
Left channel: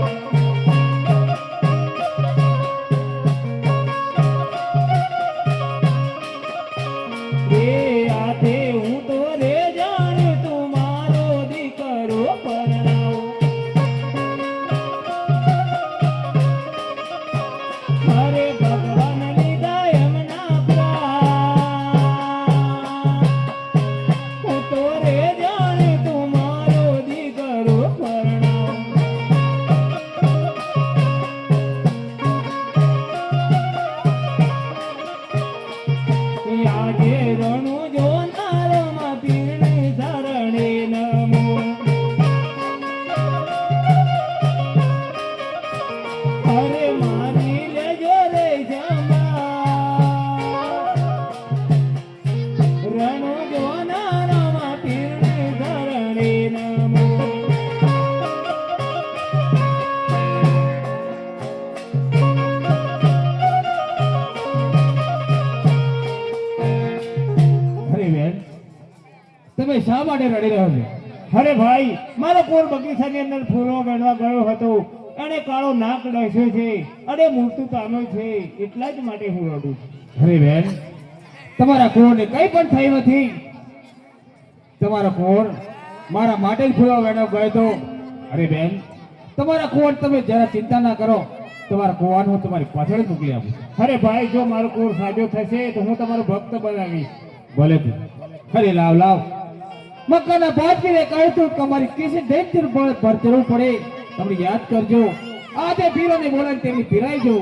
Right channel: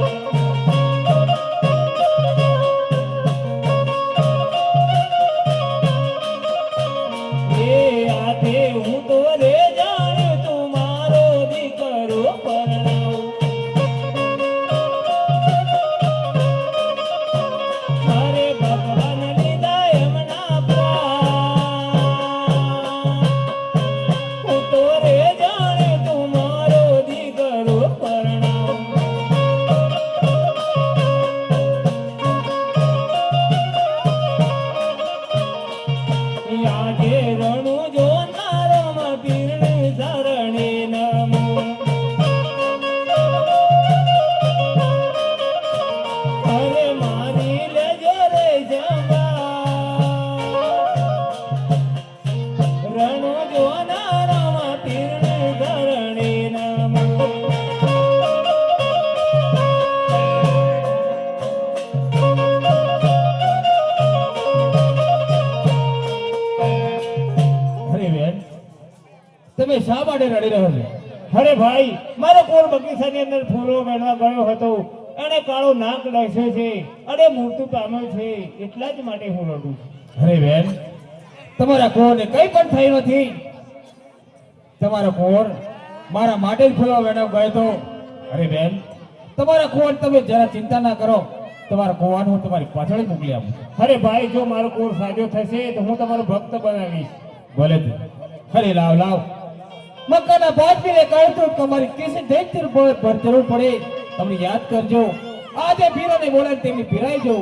રે આજે હું તો રે જાણું તું મારો દીકરો પરણાવ અરે ભગવાન લીધા એમના પ્રાણ હું તો રે જાણું તું મારો દીકરો પરણાવ આજે રણુ જોનારોમાં પીરને શરણે નમો અરે મારી લેજો રે જમા રણુ જોનારોમાં પીરને શરણે નમો અરે બેન તમે શા માટે રડી રહ્યો છો અરે ભાઈ મારો કોર બગીચાની અંદર ફૂલો વેણવા ગયો હતો અને કાળો નાક લસ્યો છે અને મૃત્યુ પામ્યો છે એટલા જ માટે હું રડું છું અરે બેન તમારા કોરને કંઈ પણ થયું નથી તમારો કોર મારા માટે જ ફૂલો વેણવા ગયો હતો અરે બેન તમારા કોર તમે જરા ચિંતા ના કરો તમારા કોવાને હું તમારી પાછળ જ મોકલી આપું અરે ભાઈ જો મારો કોર સાજો થશે તો હું તમારો ભક્ત બનાવીશ ભલે તું અરે લાવ લાવ મક્કાના બાદને કહ્યું તું કે અમારી કિસી દેખતી પર જરૂર પડે તમે યાદ કરજો આજે પીરોને બોલાવીને તેમની પીરાઈજો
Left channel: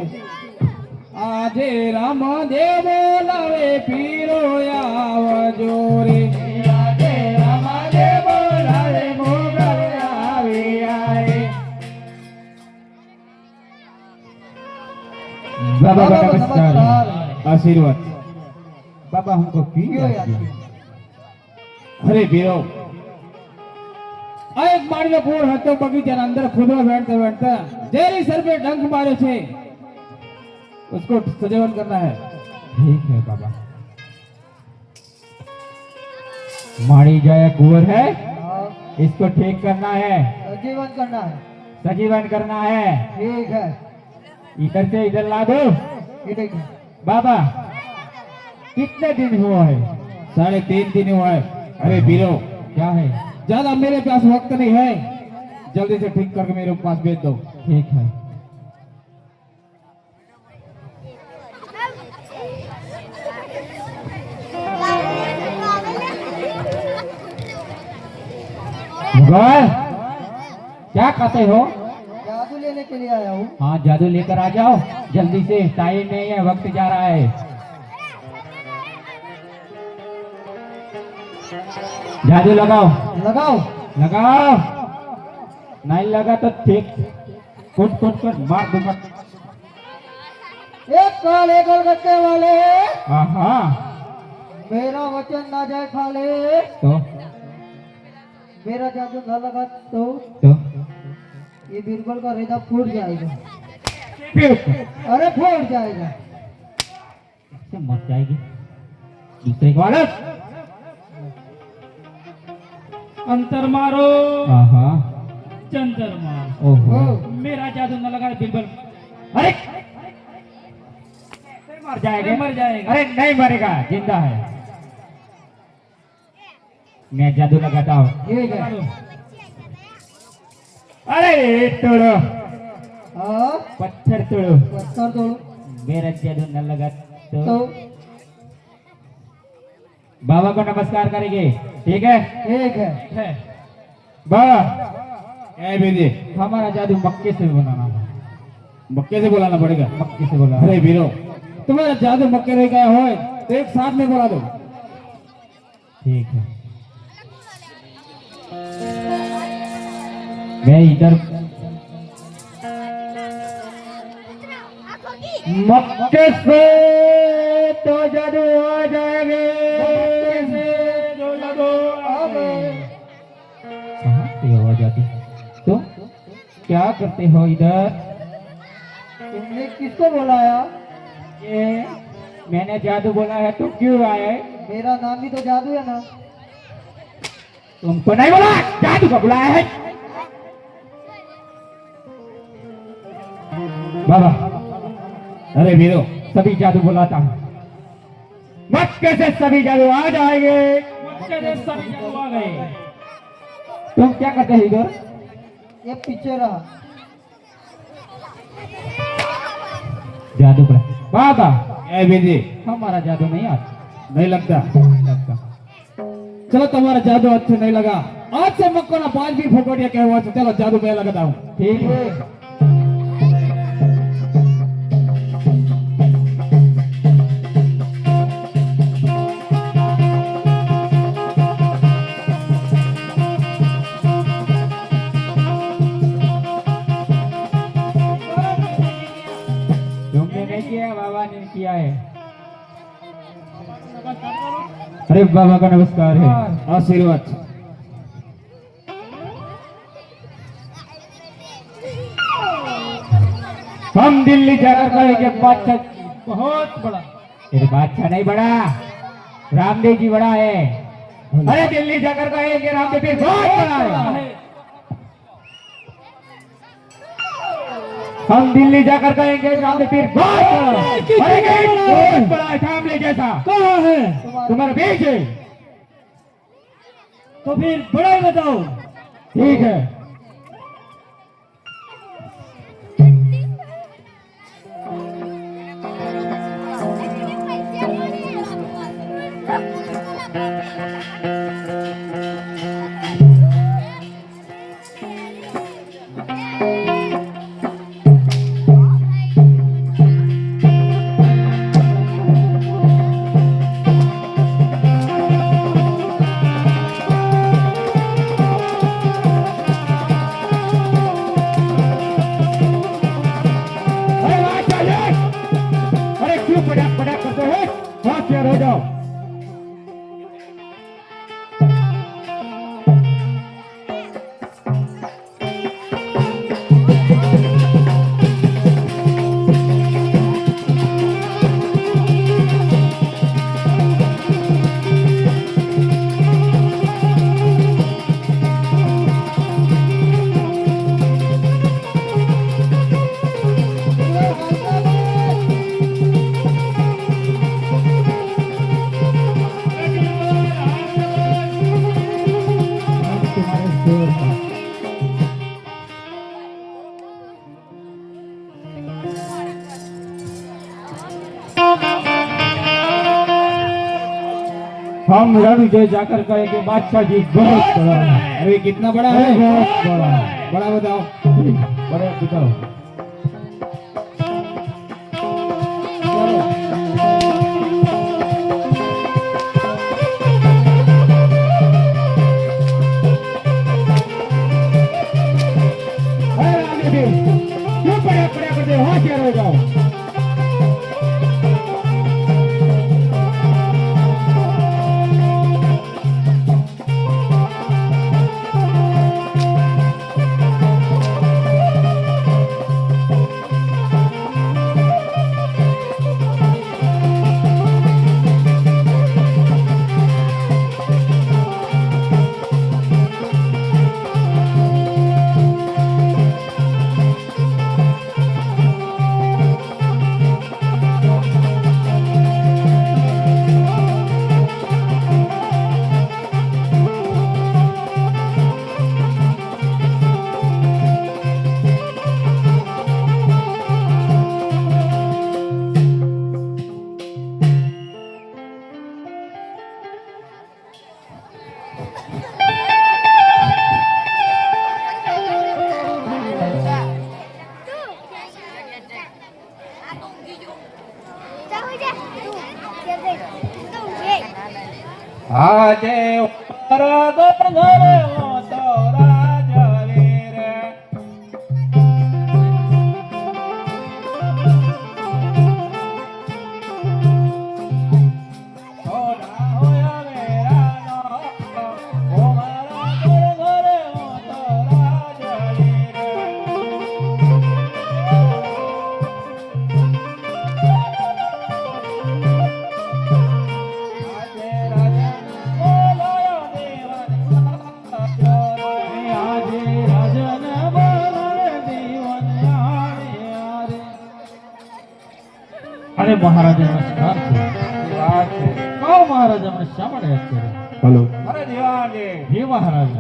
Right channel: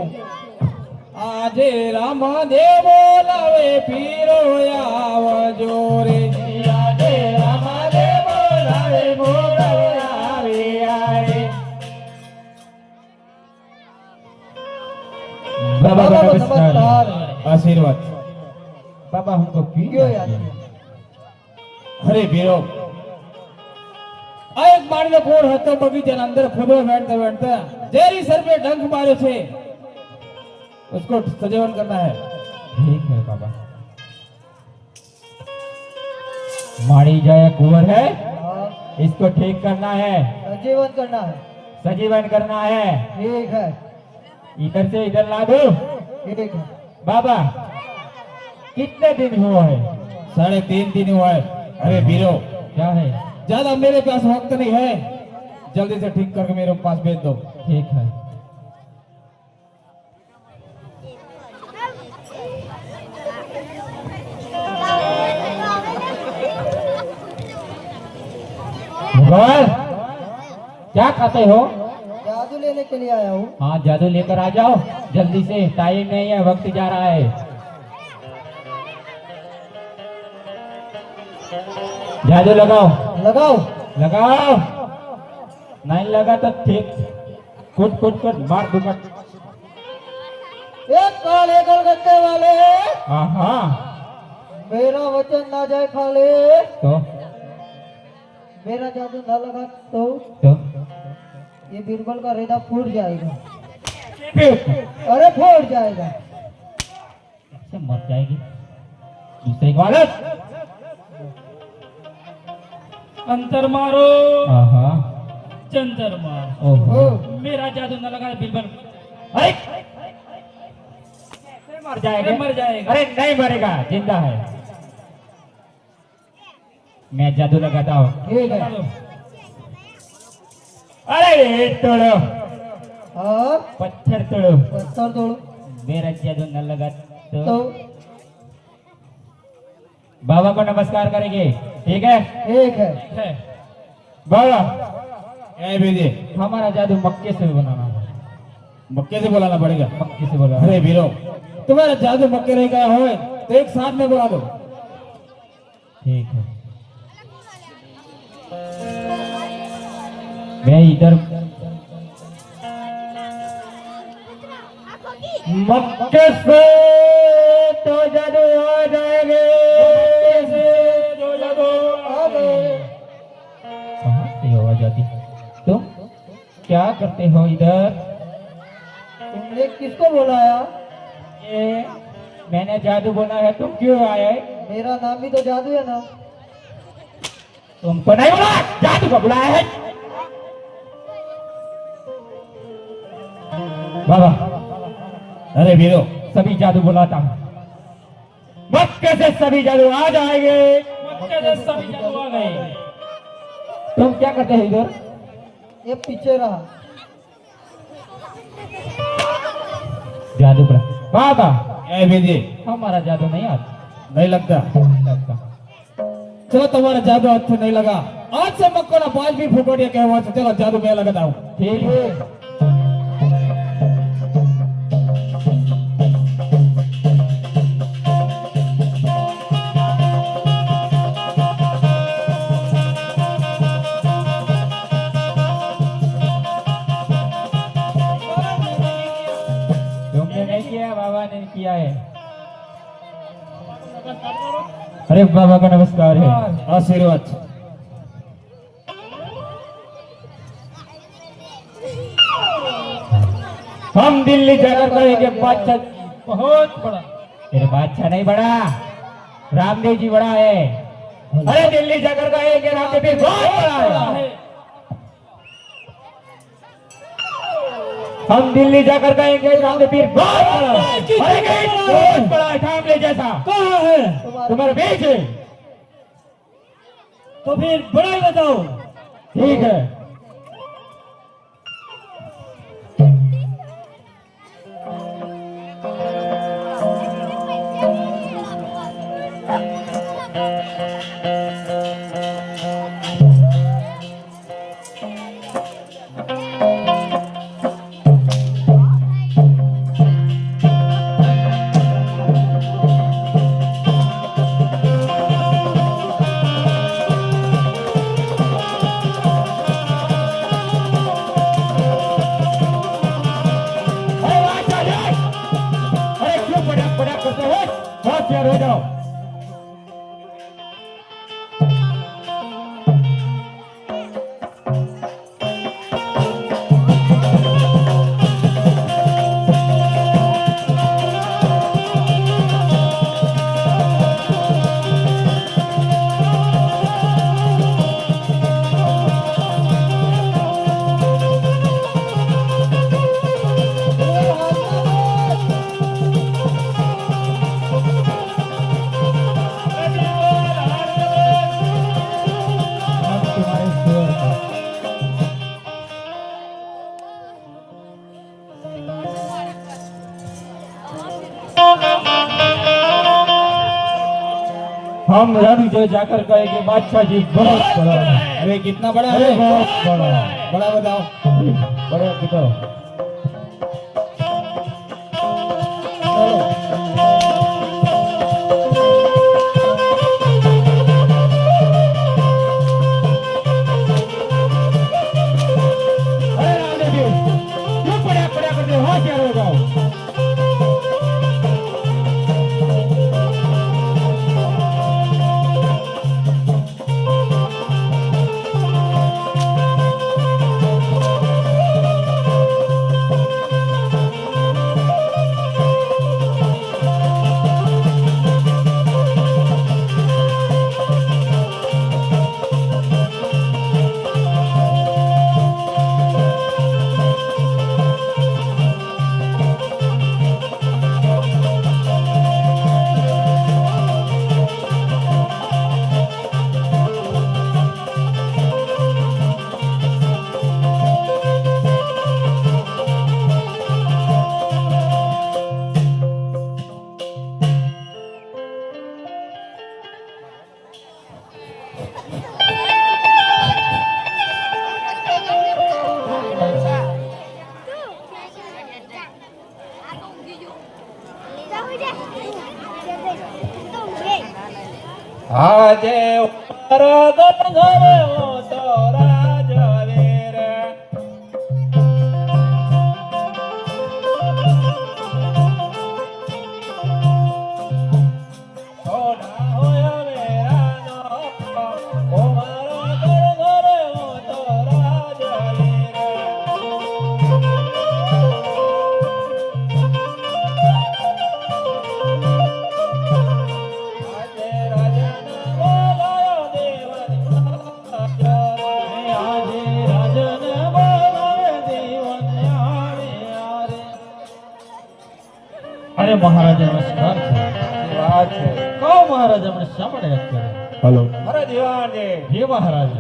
આજે રામ દેવો લાવે પીરો આવજો રે આજે રામ દેવો લાવે મોગલ આવે આરે बाबा का नमस्कार आशीर्वाद बाबा हमको पी अरे बीरो आ एक बार में कोर હતો બગીચાના અંદર ખુદવા બેઠતા બેઠતા જેરી સર पे डंक मारे छे उसको सजीवन करना है ठीक है बाबा माड़ी जाया कुंवर है इसको ठीक करना है સજીવન करना है सजीवन करना है ठीक है इधर से इधर ला दो ठीक है बाबा कितने दिन हुआ है 3.5 दिन हुआ है अरे बीरो क्या है ज्यादा मेरे पास वक्त नहीं है जल्दी से ठीक करके मेरे पास भेज दो ठीक है भगवान क्या खाते हो जादू लेने के लिए आया हूँ हाँ जादू लेकर आ जाओ जल्दी से टाइम नहीं है वक्त जा रहा है जादू लगाओ लगाओ लगाओ नहीं लगा तो ठीक कुट कुट कर मार दूंगा एक काले कलकत्ते वाले हाँ हाँ मेरा वचन ना जाए खाले, तो मेरा जादू ना लगा तो तो ये बीरबल का रेदा फूट जाएगा। फिर अरे फूट जाएगा। ऐसे मर जाएगी दूसरे को आदत। अंतर मारो हाँ जंतर मारो। ओहो मेरा जादू न लगा बिल्कुल अरे मर जाएगा मर जाएगा। अरे नहीं मरेगा जिंदा है मैं जादू लगाता हूँ ठीक है। अरे तोड़ो हाँ पत्थर तोड़ो पत्थर तोड़ो मेरा जादू न लगा तो तो बाबा को नमस्कार करेंगे ठीक है ठीक है। है बाबा ए वीर जी हमारा जादू मक्के से बनाना है मक्के से बुलाना पड़ेगा। मक्के से बोला अरे वीरो तुम्हारा जादू मक्के नहीं गया हो तो एक साथ में बुला दो। ठीक है मैं इधर आंखों की मक्के से तो जादू आ जाएंगे कहाँ से आवाज आती तो क्या करते हो इधर तुमने किसको बुलाया? ये मैंने जादू बोला है तुम क्यों आए मेरा नाम भी तो जादू है ना। तुमको नहीं बोला जादू को बुलाया है बाबा अरे वीरो सभी जादू बुलाता हूँ मक्के से सभी जादू आ जाएंगे मक्के से सभी जादू आ गए। तुम क्या करते हो इधर ये पीछे रहा। जादू बुला बाबा ए वीर जी हमारा जादू नहीं आता नहीं लगता। लगता चलो तुम्हारा जादू अच्छे नहीं लगा आज से मक्को ना पांच भी फुकड़िया कहवा से चलो जादू मैं लगाता हूँ। ठीक है तुमने नहीं किया बाबा ने किया है अरे बाबा का नमस्कार है आशीर्वाद। हम दिल्ली जाकर कहेंगे बादशाह बहुत बड़ा तेरे बादशाह नहीं बड़ा रामदेव जी बड़ा है अरे दिल्ली जाकर कहेंगे रामदेव जी बहुत बड़ा है हम दिल्ली जाकर कहेंगे रामदेव पीर बहुत बड़ा है अरे गेट बहुत बड़ा है थामले जैसा कहाँ है? तुम्हारे बीच है तो फिर बड़ा ही बताओ। ठीक है अरे क्यों पटाख पटाख करते हैं बहुत याद हो जाओ हम रणजय जाकर कहेंगे बादशाह जी बहुत बड़ा है अरे कितना बड़ा है? बहुत बड़ा है बड़ा बताओ। बड़े बताओ अरे रामदेव जी क्यों पटाख पटाख करते हो होशियार हो जाओ જાઓ જા તું લે આજે ઉપર ઘરે તો રાજવીર સોના હોય વેરાનો ઓ મારા ઘરે તો રાજવીર આજે રાજન બોલાયો દેવાન આજે રાજન બોલાયો દેવાન અરે મહારાજા નમસ્કાર છે વાત છે કહો મહારાજા મને શા માટે યાદ કર્યો હલો અરે દિવાનજી જી મહારાજ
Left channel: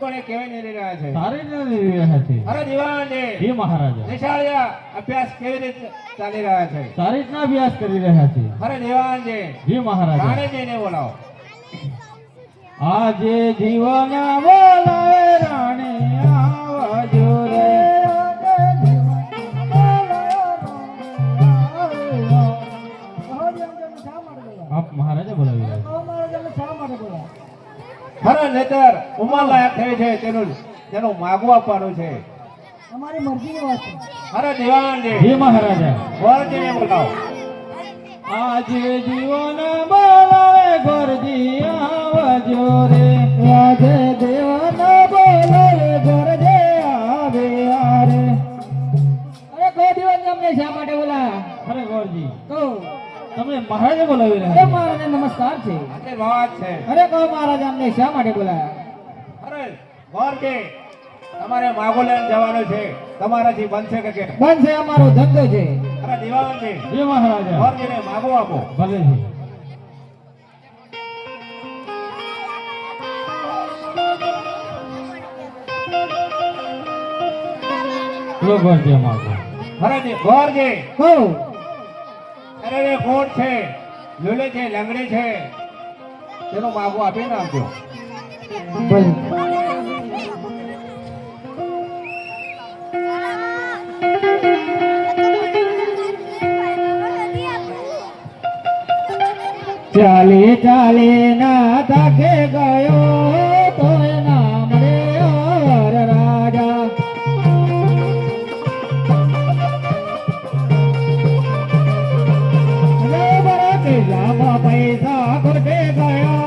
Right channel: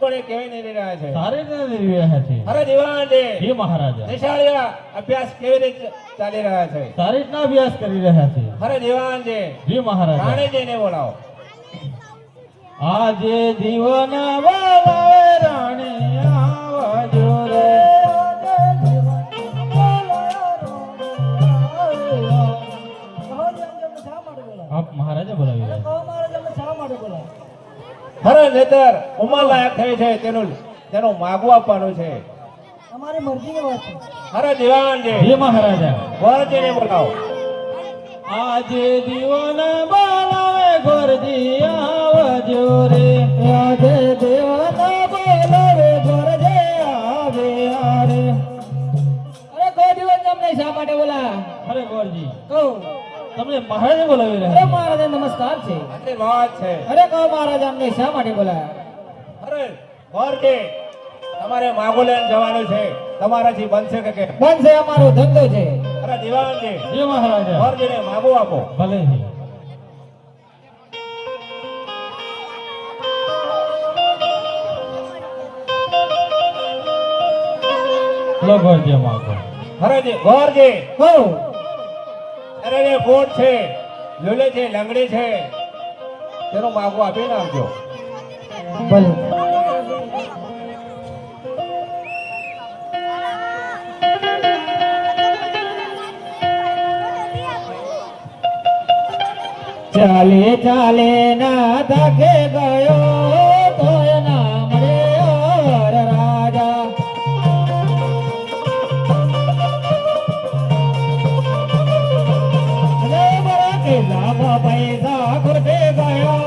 કોણે કેવી નહીં રહ્યા છે સારી રીતે રહ્યા છે અરે દિવાનજી જી મહારાજા નિશાળિયા અભ્યાસ કેવી રીતે ચાલી રહ્યા છે સારી રીતના અભ્યાસ કરી રહ્યા છે અરે દિવાનજી જી મહારાજા રાણીજીને બોલાવો આજે જીવન બોલાવે રાણી આવજો રે આપ મહારાજા બોલાવી રહ્યા અરે નેતર ઉમર લાયક થઈ છે તેનું માગું આપવાનું છે અમારી મરજીની વાત છે અરે દિવાનજી જી મહારાજા ગોરજીને બોલાવો આજે જીવન બોલાવે ગોરજી આવજો રે આજે જીવન બોલાવે ગોરજી આવે આરે અરે ગો જીવન તમને શા માટે બોલા અરે ગોરજી કહો તમને મહારાજા બોલાવી રહ્યા અરે મહારાજા નમસ્કાર છે આટલી વાત છે અરે કહો મહારાજા અમને શા માટે બોલા અરે ગોરજી તમારે માગું લઈને જવાનું છે તમારાથી બનશે કે કેમ? બનશે અમારો ધંધો છે અરે દિવાનજી જી મહારાજા ગોરજીને માગું આપો ભલે છે લો ગોરજી અમારો અરે ગોરજી કહો અરે એ કોટ છે લુલે છે લંગડી છે તેનું માગું આપી નાખજો ભલે ચાલે ચાલે ના થકે ગયો તો નામ રે ઓર રાજા અરે બરા કે લાખો પૈસા ખોટે ગયો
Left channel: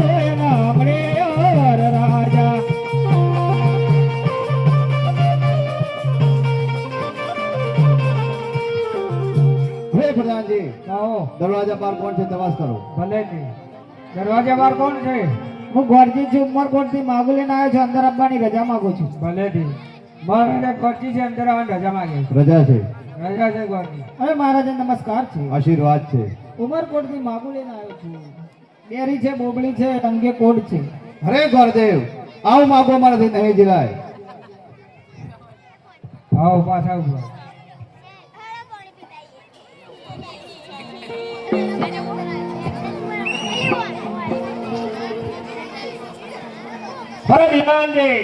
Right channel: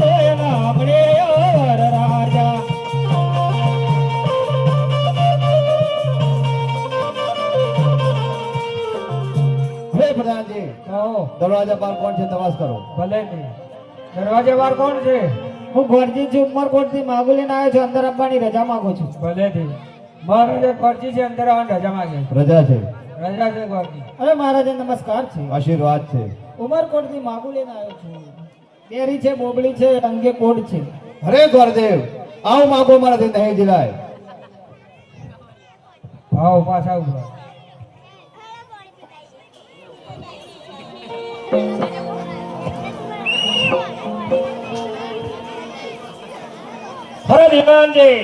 તો નામ રે ઓર રાજા હે પ્રધાનજી કહો દરવાજા પર કોણ છે તપાસ કરો ભલે નહીં દરવાજા બાર કોણ છે હું ગોરજી છું ઉમરકોટ થી માગું લઈને આવ્યો છું અંદર આપવાની રજા માંગુ છું ભલે નહીં મહારાજા ગોરજી છે અંદર આવવાની રજા માંગે રજા છે રજા છે ગોરજી અરે મહારાજા નમસ્કાર છે આશીર્વાદ છે ઉમરકોટ થી માગું લઈને આવ્યો છું કેરી છે બોબડી છે અંગે કોડ છે અરે ગોરદેવ આવ માગો મારાથી નહીં દિલાય આવો પાછા ઉભા અરે દિવાનજી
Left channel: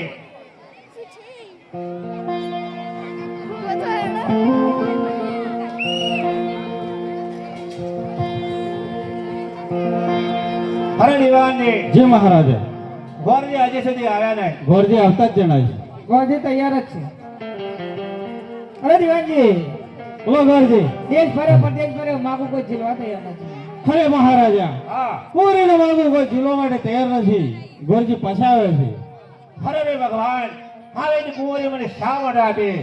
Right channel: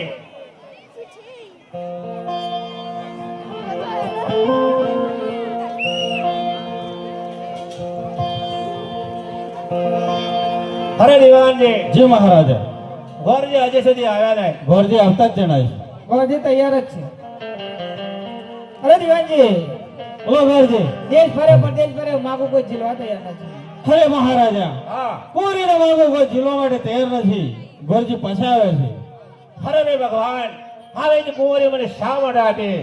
અરે દિવાનજી જી મહારાજા ગોરજી હજી સુધી આવ્યા નહીં ગોરજી આવતા જ જણાય ગોરજી તૈયાર જ છે અરે દિવાનજી બોલો ગોરજી દેશ ફરે પરદેશ ફરે માગુ કોઈ જીલવા તૈયાર નથી અરે મહારાજા હા પૂરીનો માગુ કોઈ જીલવા માટે તૈયાર નથી ગોરજી પાછા આવે છે અરે રે ભગવાન હવે જ કુંવરી મને શા માટે આપી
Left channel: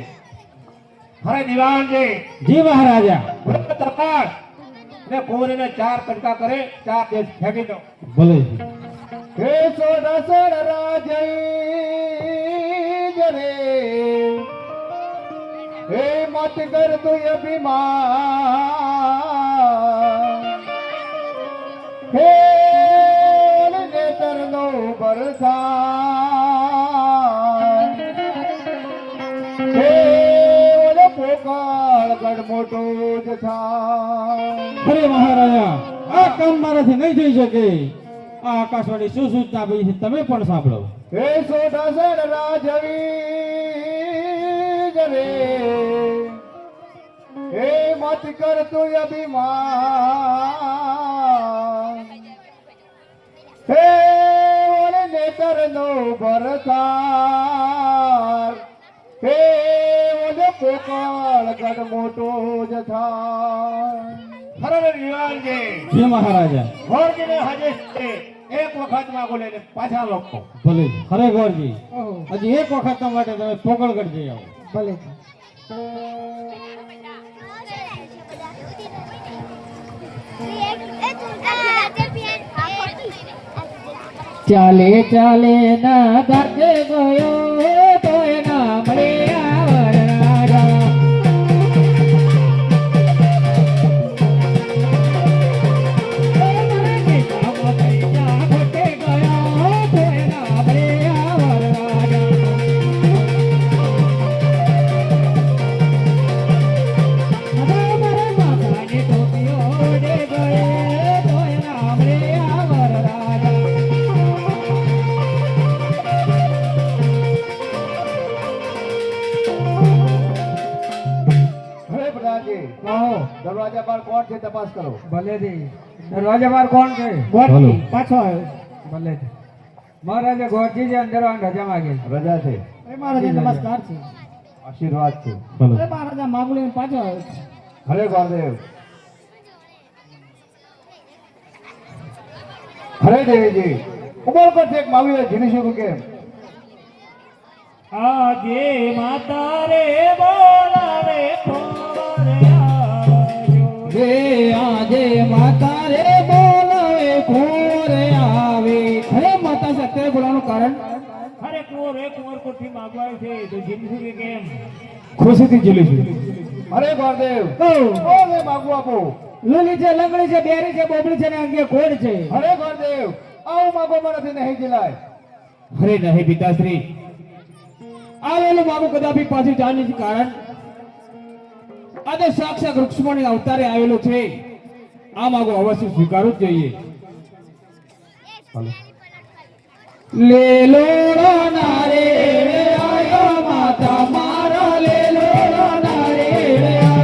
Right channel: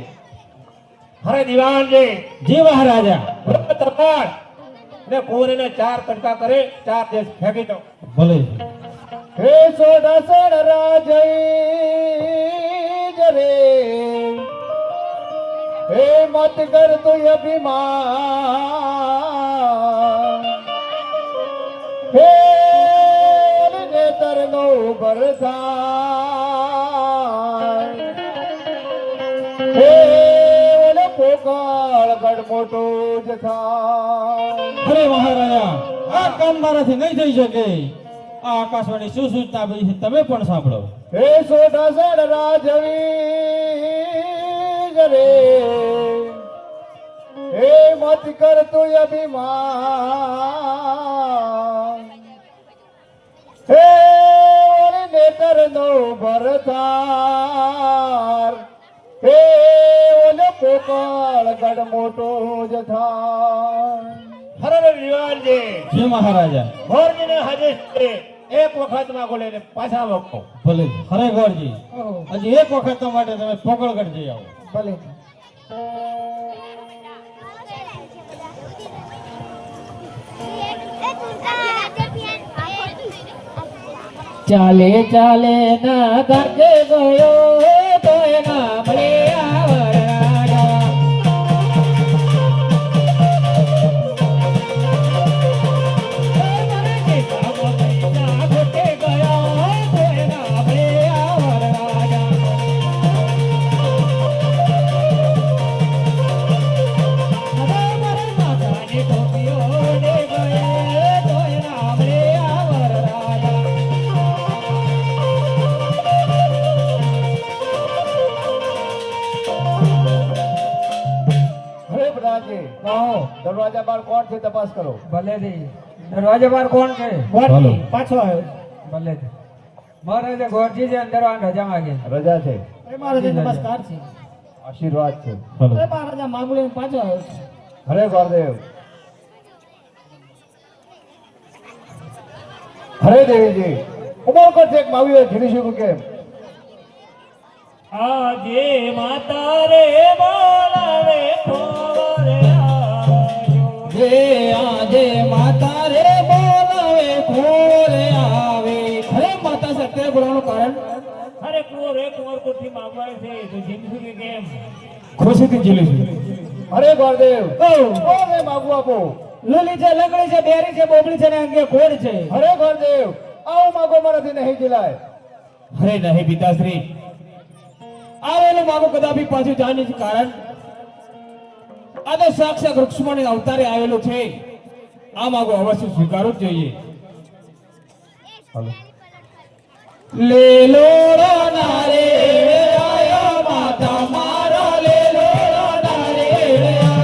અરે દિવાનજી જી મહારાજા તપાસ ને કુંવરીને 4 પટકા કરે 4 દેશ ફેંકી દો ભલે હે સોડા સોડા રાજય જરે હે મત કર તુ અભિમાન હે નેતર નો બરસાન હે ઓલે પોકાળ ગઢ મોટો જ થાય અરે મહારાજા આ કામ મારાથી નહીં થઈ શકે આ આકાશવાણી શું સૂચના આપી છે તમે પણ સાંભળો હે સોડા સોડા રાજવી જરે હે મત કર તું અભિમાન હે ઓરે નેતર નો ભરતાર હે ઓલે પોકળ ગઢ મોટો જ થાય હરે વિવાનજી જય મહારાજા ભોરજીને હાજર છે એક વખત માં બોલે ને પાછા લોકો ભલે ખરેખરજી હજી એક વખત માટે તમે પોકળગઢ જઈ આવો ભલે ચાલે ચાલે ના તાકે ગયો તોય ના મળે આવરાયો. ખોટે ગયો તોય ના મળે આવરાયો. માતાની ટોપીઓ ડે ગયે તોય ના મળે આવરાયો. હરે પ્રધાનજી કહો દરવાજા બાર કોણ છે તપાસ કરો ભલે જી દરવાજા બાર કોણ છે ગોરજી પાછો આવ્યો. ભલે જી મહારાજા ગોરજી જે અંદર રજા માંગે રજા છે એ મહારાજે નમસ્કાર છે. આશીર્વાદ છે એ મહારાજા મામૂલી પાછો આવ્યો છે. હરે ગોરદેવ હરે દેવીજી ઉમર પર એક માવી જીરીશું કેમ આજે માતા રે બોલાવે કોરે આવ્યો. જે આજે માતા રે બોલાવે કોરે આવે. અરે માતા છે અત્યારે બોલાવવાનું કારણ અરે કોરે કોર કોઠી માગવાય છે તો જીતશું કે કેમ? ખુશીથી જીલીશું હરે ગોરદેવ કોને માગવું આપો લીલી છે, લંગડી છે, બેરી છે, બોબડી છે ને અંગે ખોડ છે. હરે ગોરદેવ આવો માગો મારાથી નહીં જીલાય અરે નહીં પિતાશ્રી આવેલું માગું કદાપી પાછું જાણી છે કારણ આ તો સાક્ષાત રૂક્ષ્મણી અવતારે આવેલું છે આ માગું અવશ્ય સ્વીકારવું જ જોઈએ લેલો નારે આયો માતા મારો લેલો નારે આયો.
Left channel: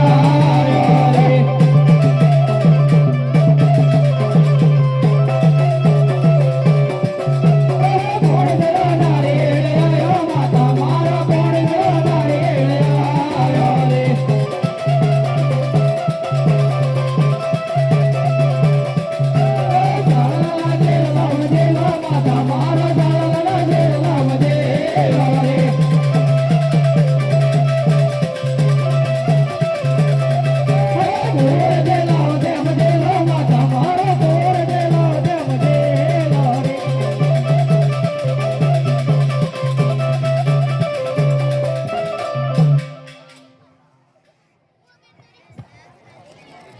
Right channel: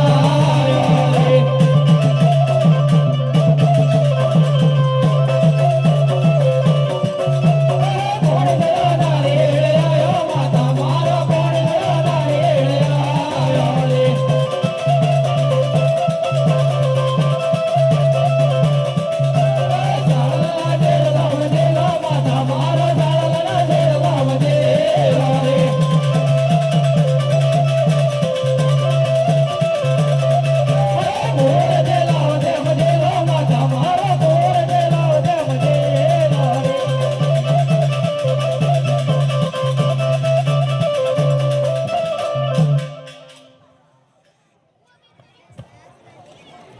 કોણ દે નારે આયો માતા મારો કોણ દે નારે આયો.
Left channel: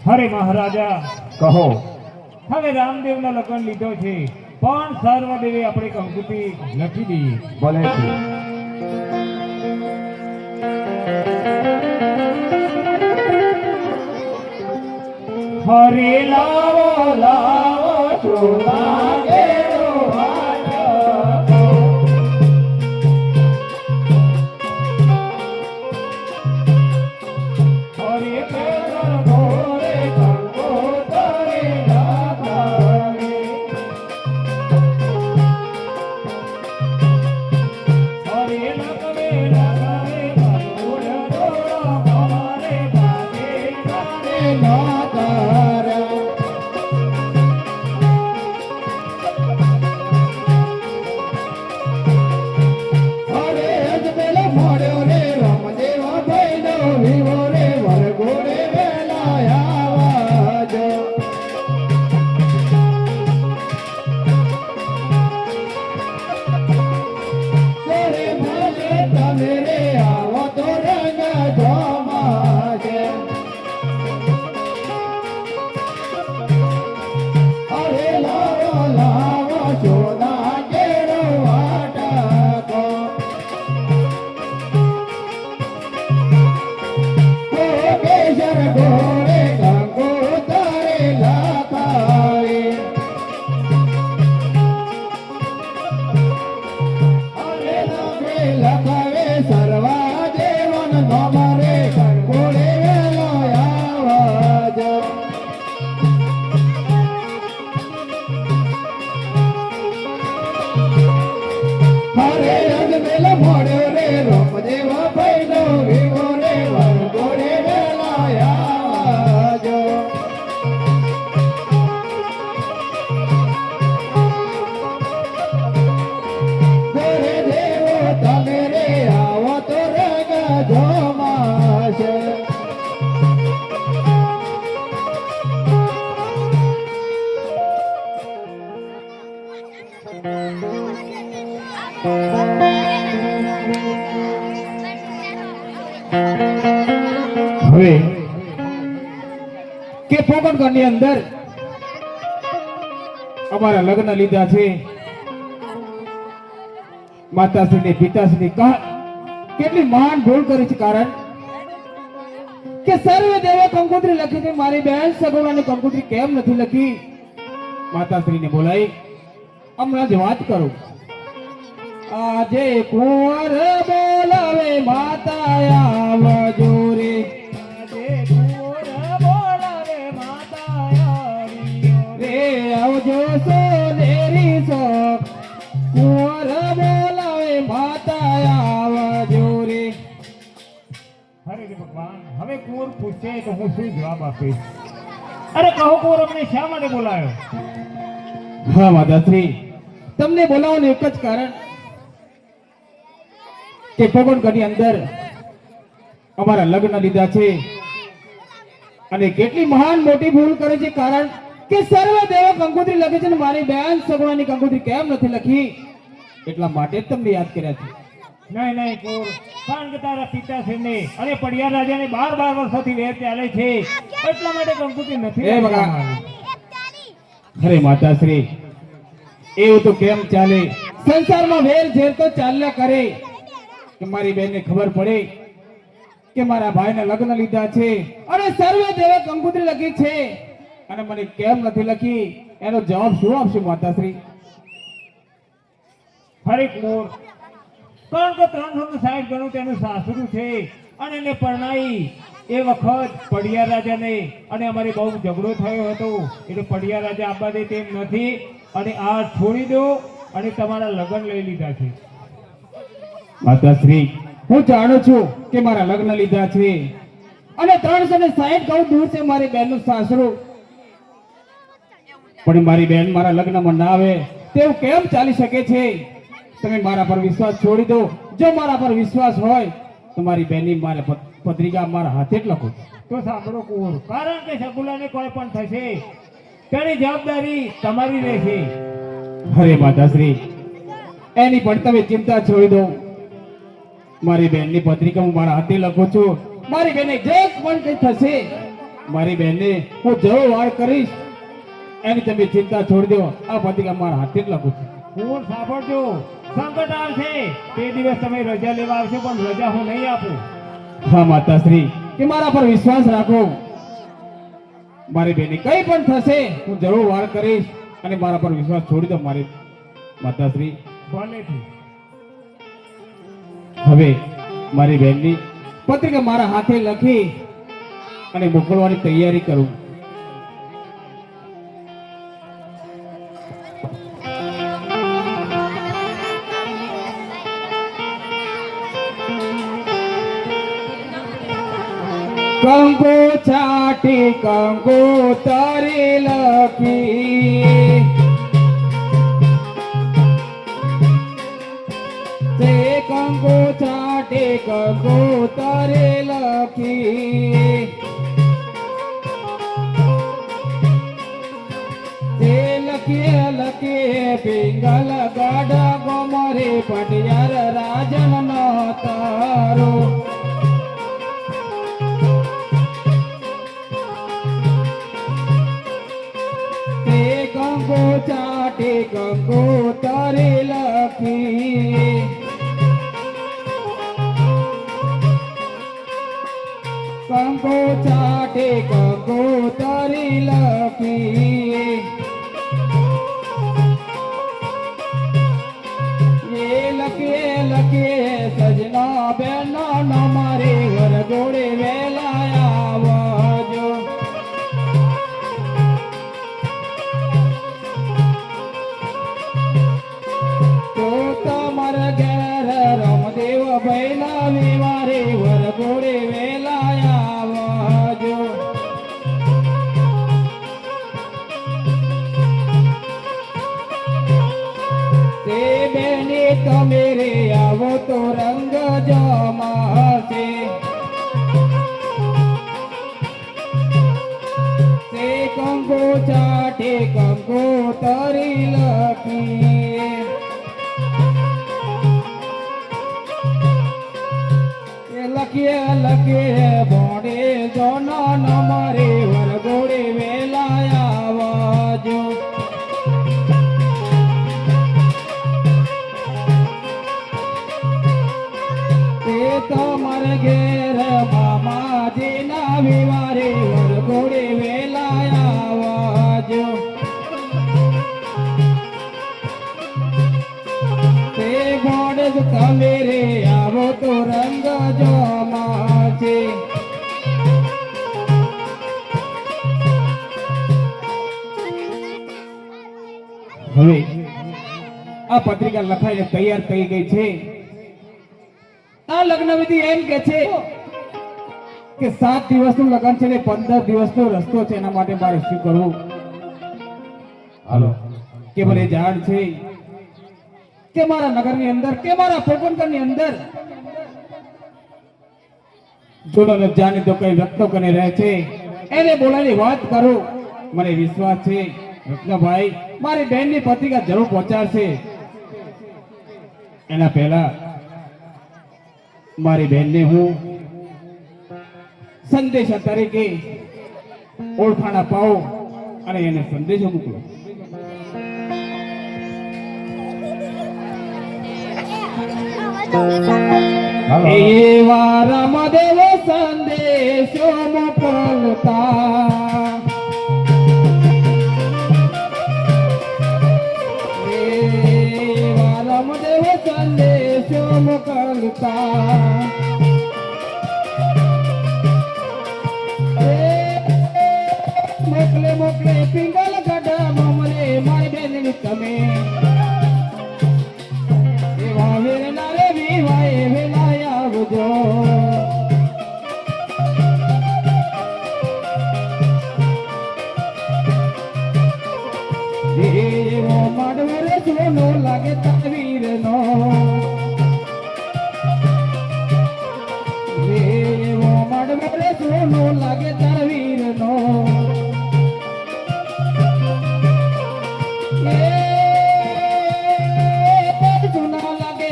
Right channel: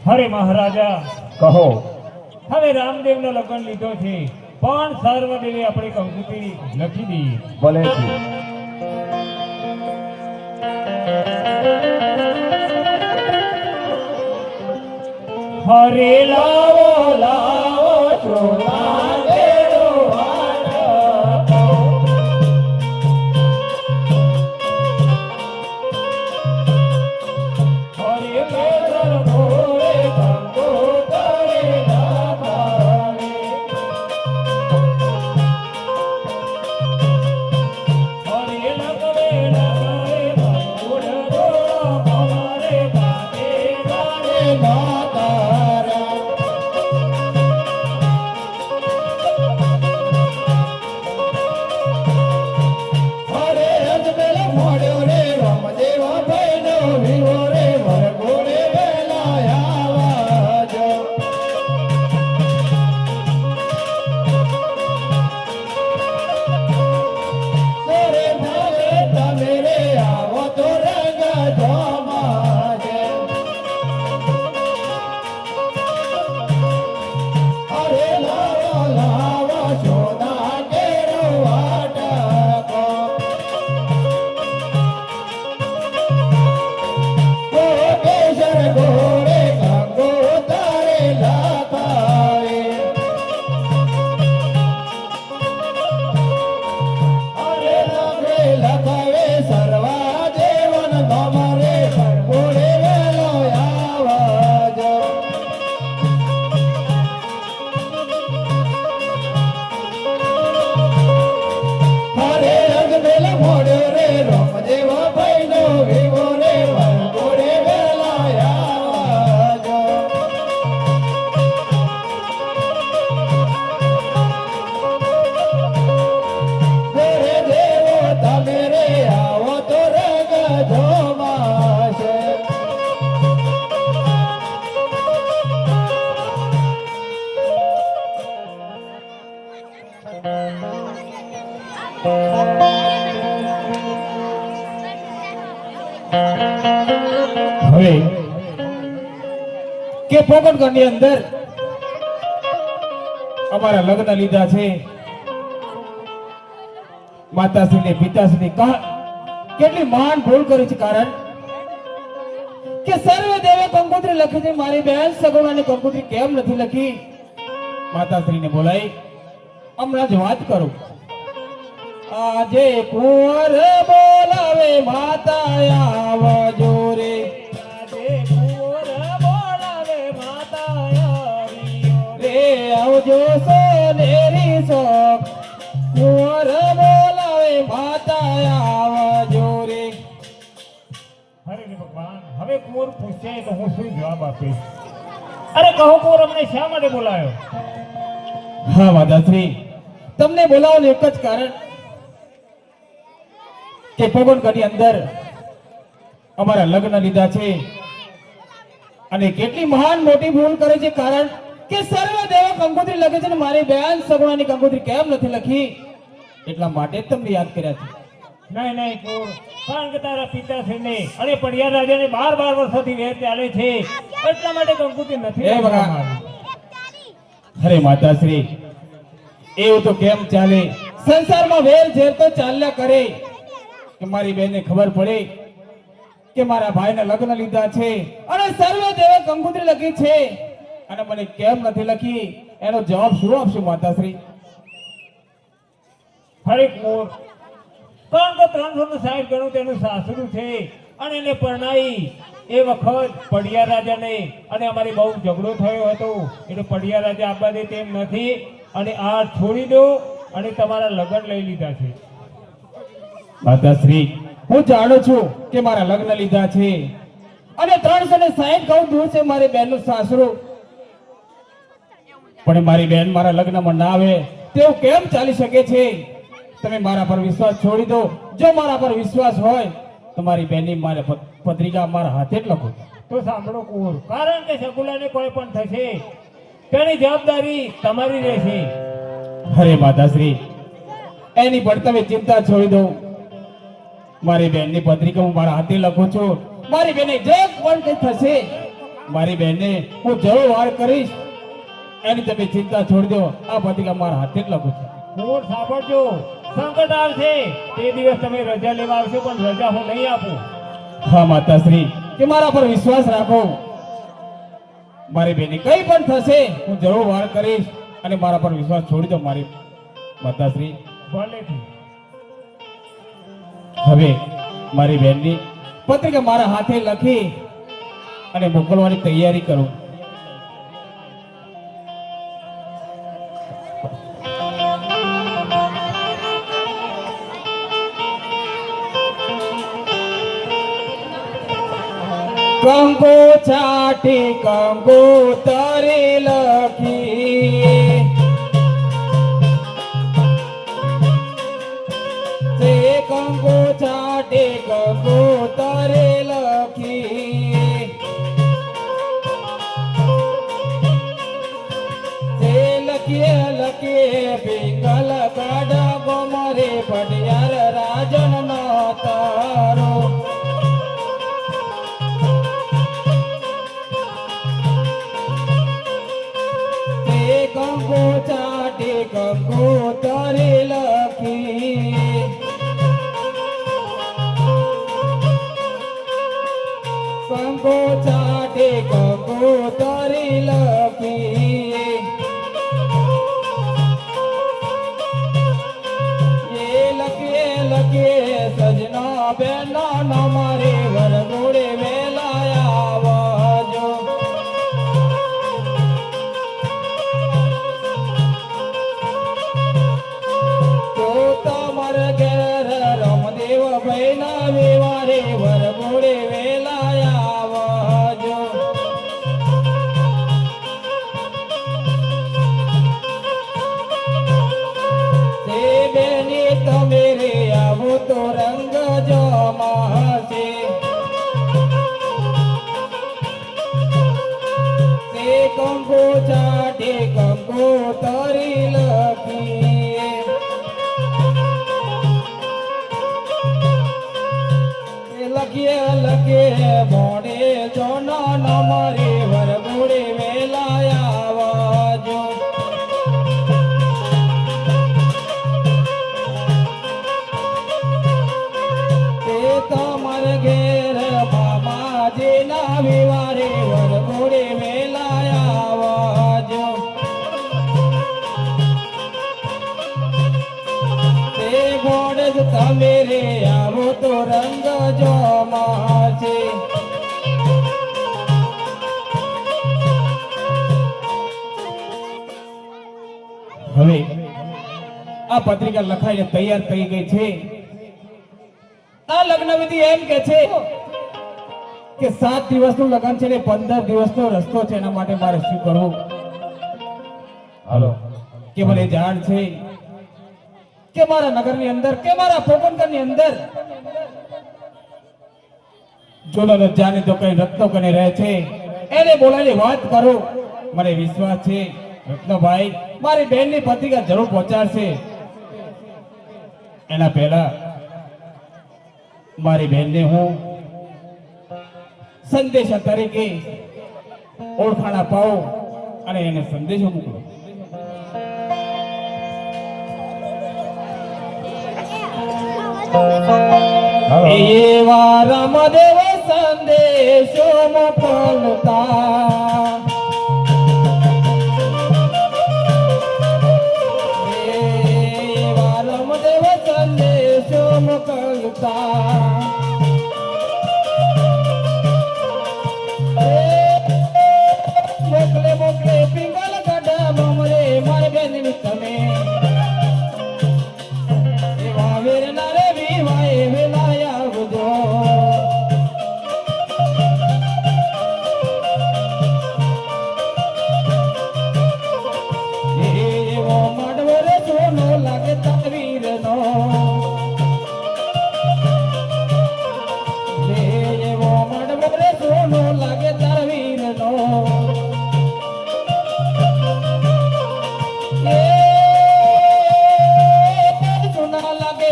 હરે મહારાજા કહો હવે રામદેવનો લગ્ન લીધો છે પણ સર્વદેવે આપણે કંકુતી લખી દઈએ. ભલે છે હરે લાવો લાવો ચોમા કેરો માતા. હરે કેસર મોરે કંકોતરે નાથાને. હરે લગવે લગવે મયુર ગોળા અમારે ગાને ગાને માતારા. હરે અજમેલ મોડ્યો રે રામદેવ ભૈડો વિવો રે વરઘોડે વેલાયા વાજો. તેરે નામે તમે રે આવો તો રંગ જમાજે. કે પોકણગઢની અંદર અમારા લગ્ન લીધા છે માતાશ્રી પિતાશ્રી કેટલી મહાન ભૂલ કરી છે કારણ કે સર્વે દેવે કંકોત્રી લખી છે મારી બહેન સગુણાની કંકોત્રી કેમ નથી લખી માતાશ્રીને બોલાઈ હમણાં જ વાત કરું આજે કુંવર બોલાવે માતા આવજો રે આજે કુંવર બોલાવે માતા રે આવજો સોનેરી સો કુંવર બોલાવે માતા આવજો રે અરે ભગવાન હવે કુંવર પૂછે તો હું શું જવાબ આપીશ અરે કહો કુંવર અમને શા માટે બોલાયો હા માતાશ્રી તમને બોલાવવાનું એક જ કારણ કે પોકણગઢની અંદર અમારા લગ્ન લીધા છે અને કેટલી મહાન મોટી ભૂલ કરે છે કારણ કે સર્વ દેવ કંકોત્રી લખે છે ને મારી બેન સગુણાની કંકોત્રી કેમ નથી લખી એટલા માટે જ તમને યાદ કર્યા છે નહીં નહીં કુંવર કારણ કે તારા પિતાશ્રીને અને પડિયા રાજાને 12 વર્ષોથી વેર ચાલે છે એટલા માટે કંકોત્રી નથી એ બગા. લખવામાં અરે માતાશ્રી એવું તો કેમ ચાલે સંસારમાં વેર ઝેર તો ચાલ્યા કરે કે મારી બેનને ખબર પડે કે મારા ભાઈના લગ્ન લીધા છે અને સર્વે દેવે કંકોત્રી લખી છે અને મને કેમ નથી લખી એનો જવાબ શું આપશું માતાશ્રી હરે કુંવર કારણ કે 360 ગણું તેનું સાસરું છે અને એને પરણાઈ એ વખત પડિયા રાજાને અને અમારી બહુ ઝઘડો થયો હતો એટલે પડિયા રાજા આપવા દે તેમ નથી અને આ છોડી દો અને તમારા લગ્ન લઈ લીધા છે માતાશ્રી હું જાણું છું કે મારા લગ્ન લીધા છે અને 360 ગણું દૂર છે મારી બેનનું સાસરું પણ મારી બેન મારા લગ્નમાં ના આવે તેવું કેમ ચાલી શકે છે તમે મારા પર વિશ્વાસ છોડી દો જો મારા પર વિશ્વાસ હોય તો મારી બેનની મારા પત્રિકા મારા હાથે જ લખો તો સાંભળો કુંવર કારણ કે સગુલાને કોઈ પણ થશે તેની જવાબદારી તમારી રહેશે અરે માતાશ્રી એની પણ તમે ચિંતા છોડી દો મારી બેનની પત્રિકા હું મારા હાથે લખું છું મારી બેને જે પણ કંઈ થશે મારી બેનને હું જરૂર વાર કરીશ એની તમે ચિંતા છોડી દો આ પત્રિકા મારા હાથે જ લખું છું કુંવર સાંભળજો સંકટ આવશે તે દિવસ તમે રજા લેવા આવશો પણ રજા હું નહીં આપું હા માતાશ્રી કે મારા પર વિશ્વાસ રાખો મારી બેને કંઈ પણ થશે હું જરૂર વાર કરીશ અને મારા પર વિશ્વાસ છોડી દો મારી માતાશ્રી ભલેથી હવે મારી બહેનની પત્રિકા મારા હાથે લખી અને મોકલવાની તૈયારી કરું કંગો છાટી કંગો તારી લખી તે કંગો છાટી કંગો તારી લખી તે લખીએ લખીએ પિંગલ ગાડા ગમરે પટિયાર રાજન નો તારો ચાટે કંકો તારે લખી કંકો ચાટે કંકો તારે લખી એ લખે સજના બેના ના મારે વરગોડે વેલા આવજો તમે રે આવો તો રંગ જમાશે તે કંકો ચાટે કંકો તરી લખી લખીએ ભોડે જોના નમરે વરગોડે હવે આ પત્રિકા લખાઈને તૈયાર થઈ ગઈ છે. આ લગ્ન વિધિ એમ કે છે કે 7 દિવસનું લગ્ન છે ને 15 દિવસનો રસ્તો છે. એના માટે મારે શું કરવું? હાલો કે મને જાણ છે કે મારા નગરની અંદર કે મારા પોકણગઢની અંદર જોડો જાણે તો કઈ રત્નો કરી રહે છે, એને બોલાની વાત કરું. મને વિશ્વાસ છે રત્નભાઈ મારી બહેનની પત્રિકા જરૂર પહોંચાડશે. એના પહેલા મારી બહેનને હું સંદેશા તરીકે ઓળખાણ અપાવું અને એને સંદેશો મોકલું. એવા રામદેવ સંદેશો મોકલતા, એવા રામદેવ સંદેશો મોકલતા, મોકલે મોકલે પિંગલ ગઢા મોમરે મારી બેનની તમે એવા વીરના રે વિવાય વેલાય આવજો. એવો માંડવો રે સોનો લાગે તકવીરનો, એવો માંડવો રે સોનો લાગે તકવીરનો. સોના લાગે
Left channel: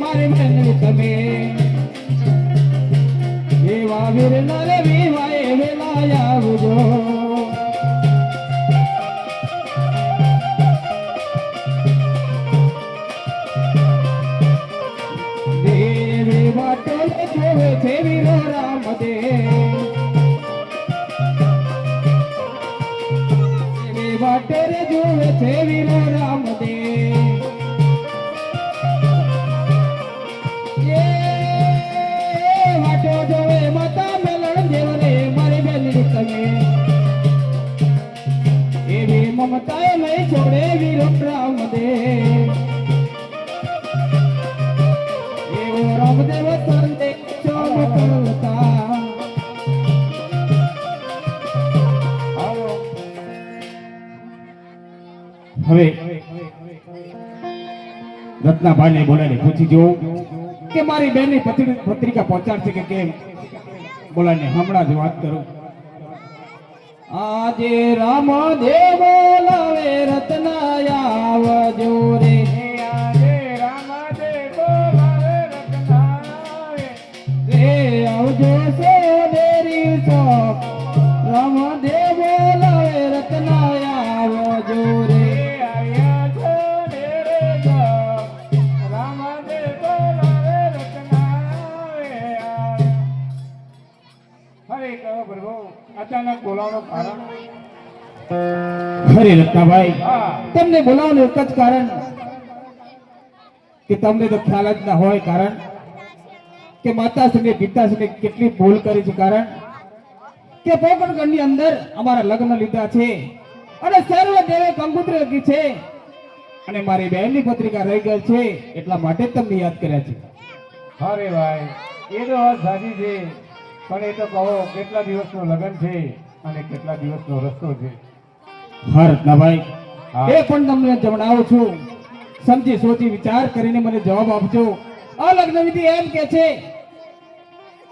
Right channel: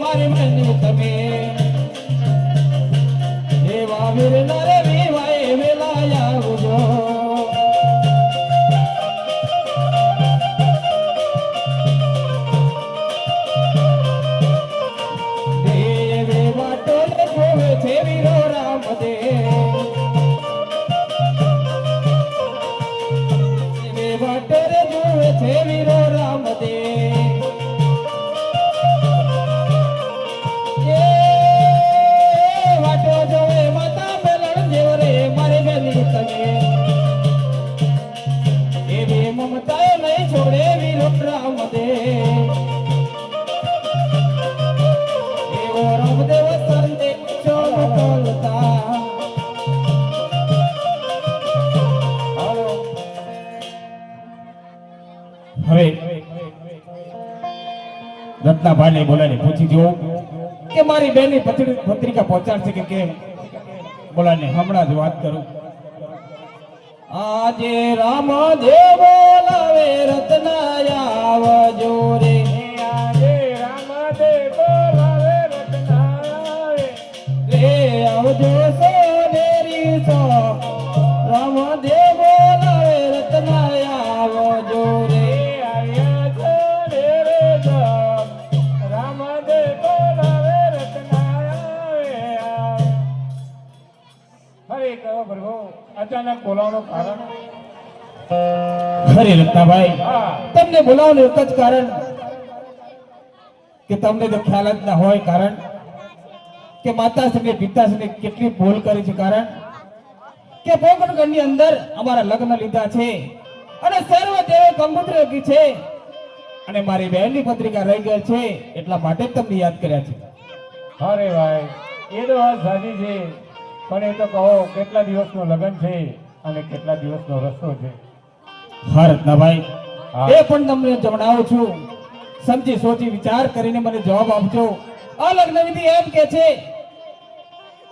મારે મેનવી તમે એવા વીરના રે વિવાય વેલાય આવજો. દેવી વાટો જોવે છે વીરો રામદેવ, દેવી વાટે રે જોવે છે વીરો રામદેવ. એ વાટો જોવે માતા મેલણ જેવ રે મારી બેની તમે એવી મમતા નહીં છોડે વીરો રામદેવ. એવો રામદેવ સંદેશો મોકલતા. હવે રત્નાભાઈને બોલાને પૂછી જોઉં કે મારી બેનની પત્રિકા પહોંચાડશે કે કેમ. બોલાને હમણાં જ વાત કરું. આજે રામદેવ બોલાવે રત્નાયા આવજો રે, આજે રામદેવ બોલાવે રત્નાયા રે આવજો સોદેરી સો. રામદેવ બોલાવે રત્નાયા આવજો રે, આયા સોદેરી સો. રામદેવ બોલાવે રત્નાયા. હવે કહો પ્રભુ અચાનક બોલાવવાનું કારણ? અરે રત્નાભાઈ હા તમને બોલાવવાનું એક જ કારણ કે તમને તો ખ્યાલ જ ના હોય. કારણ કે માતાશ્રી પિતાશ્રી કેટલી ભૂલ કરી છે. કારણ કે પોકણગઢની અંદર અમારા લગ્ન લીધા છે અને સર્વ દેવે કંકોત્રી લખી છે અને મારી બહેનની પત્રિકા રહી ગઈ છે. એટલા માટે જ તમને યાદ કર્યા છે. અરે ભાઈ એ તો વાત સાચી છે, પણ એ તો કહો કેટલા દિવસનું લગ્ન છે અને કેટલા દિવસનો રસ્તો છે? હા રત્નાભાઈ હા. એ પણ તમને જણાવું છું. સમજી સોચી વિચાર કરીને મને જવાબ આપજો. આ લગ્ન વિધિ એમ કે છે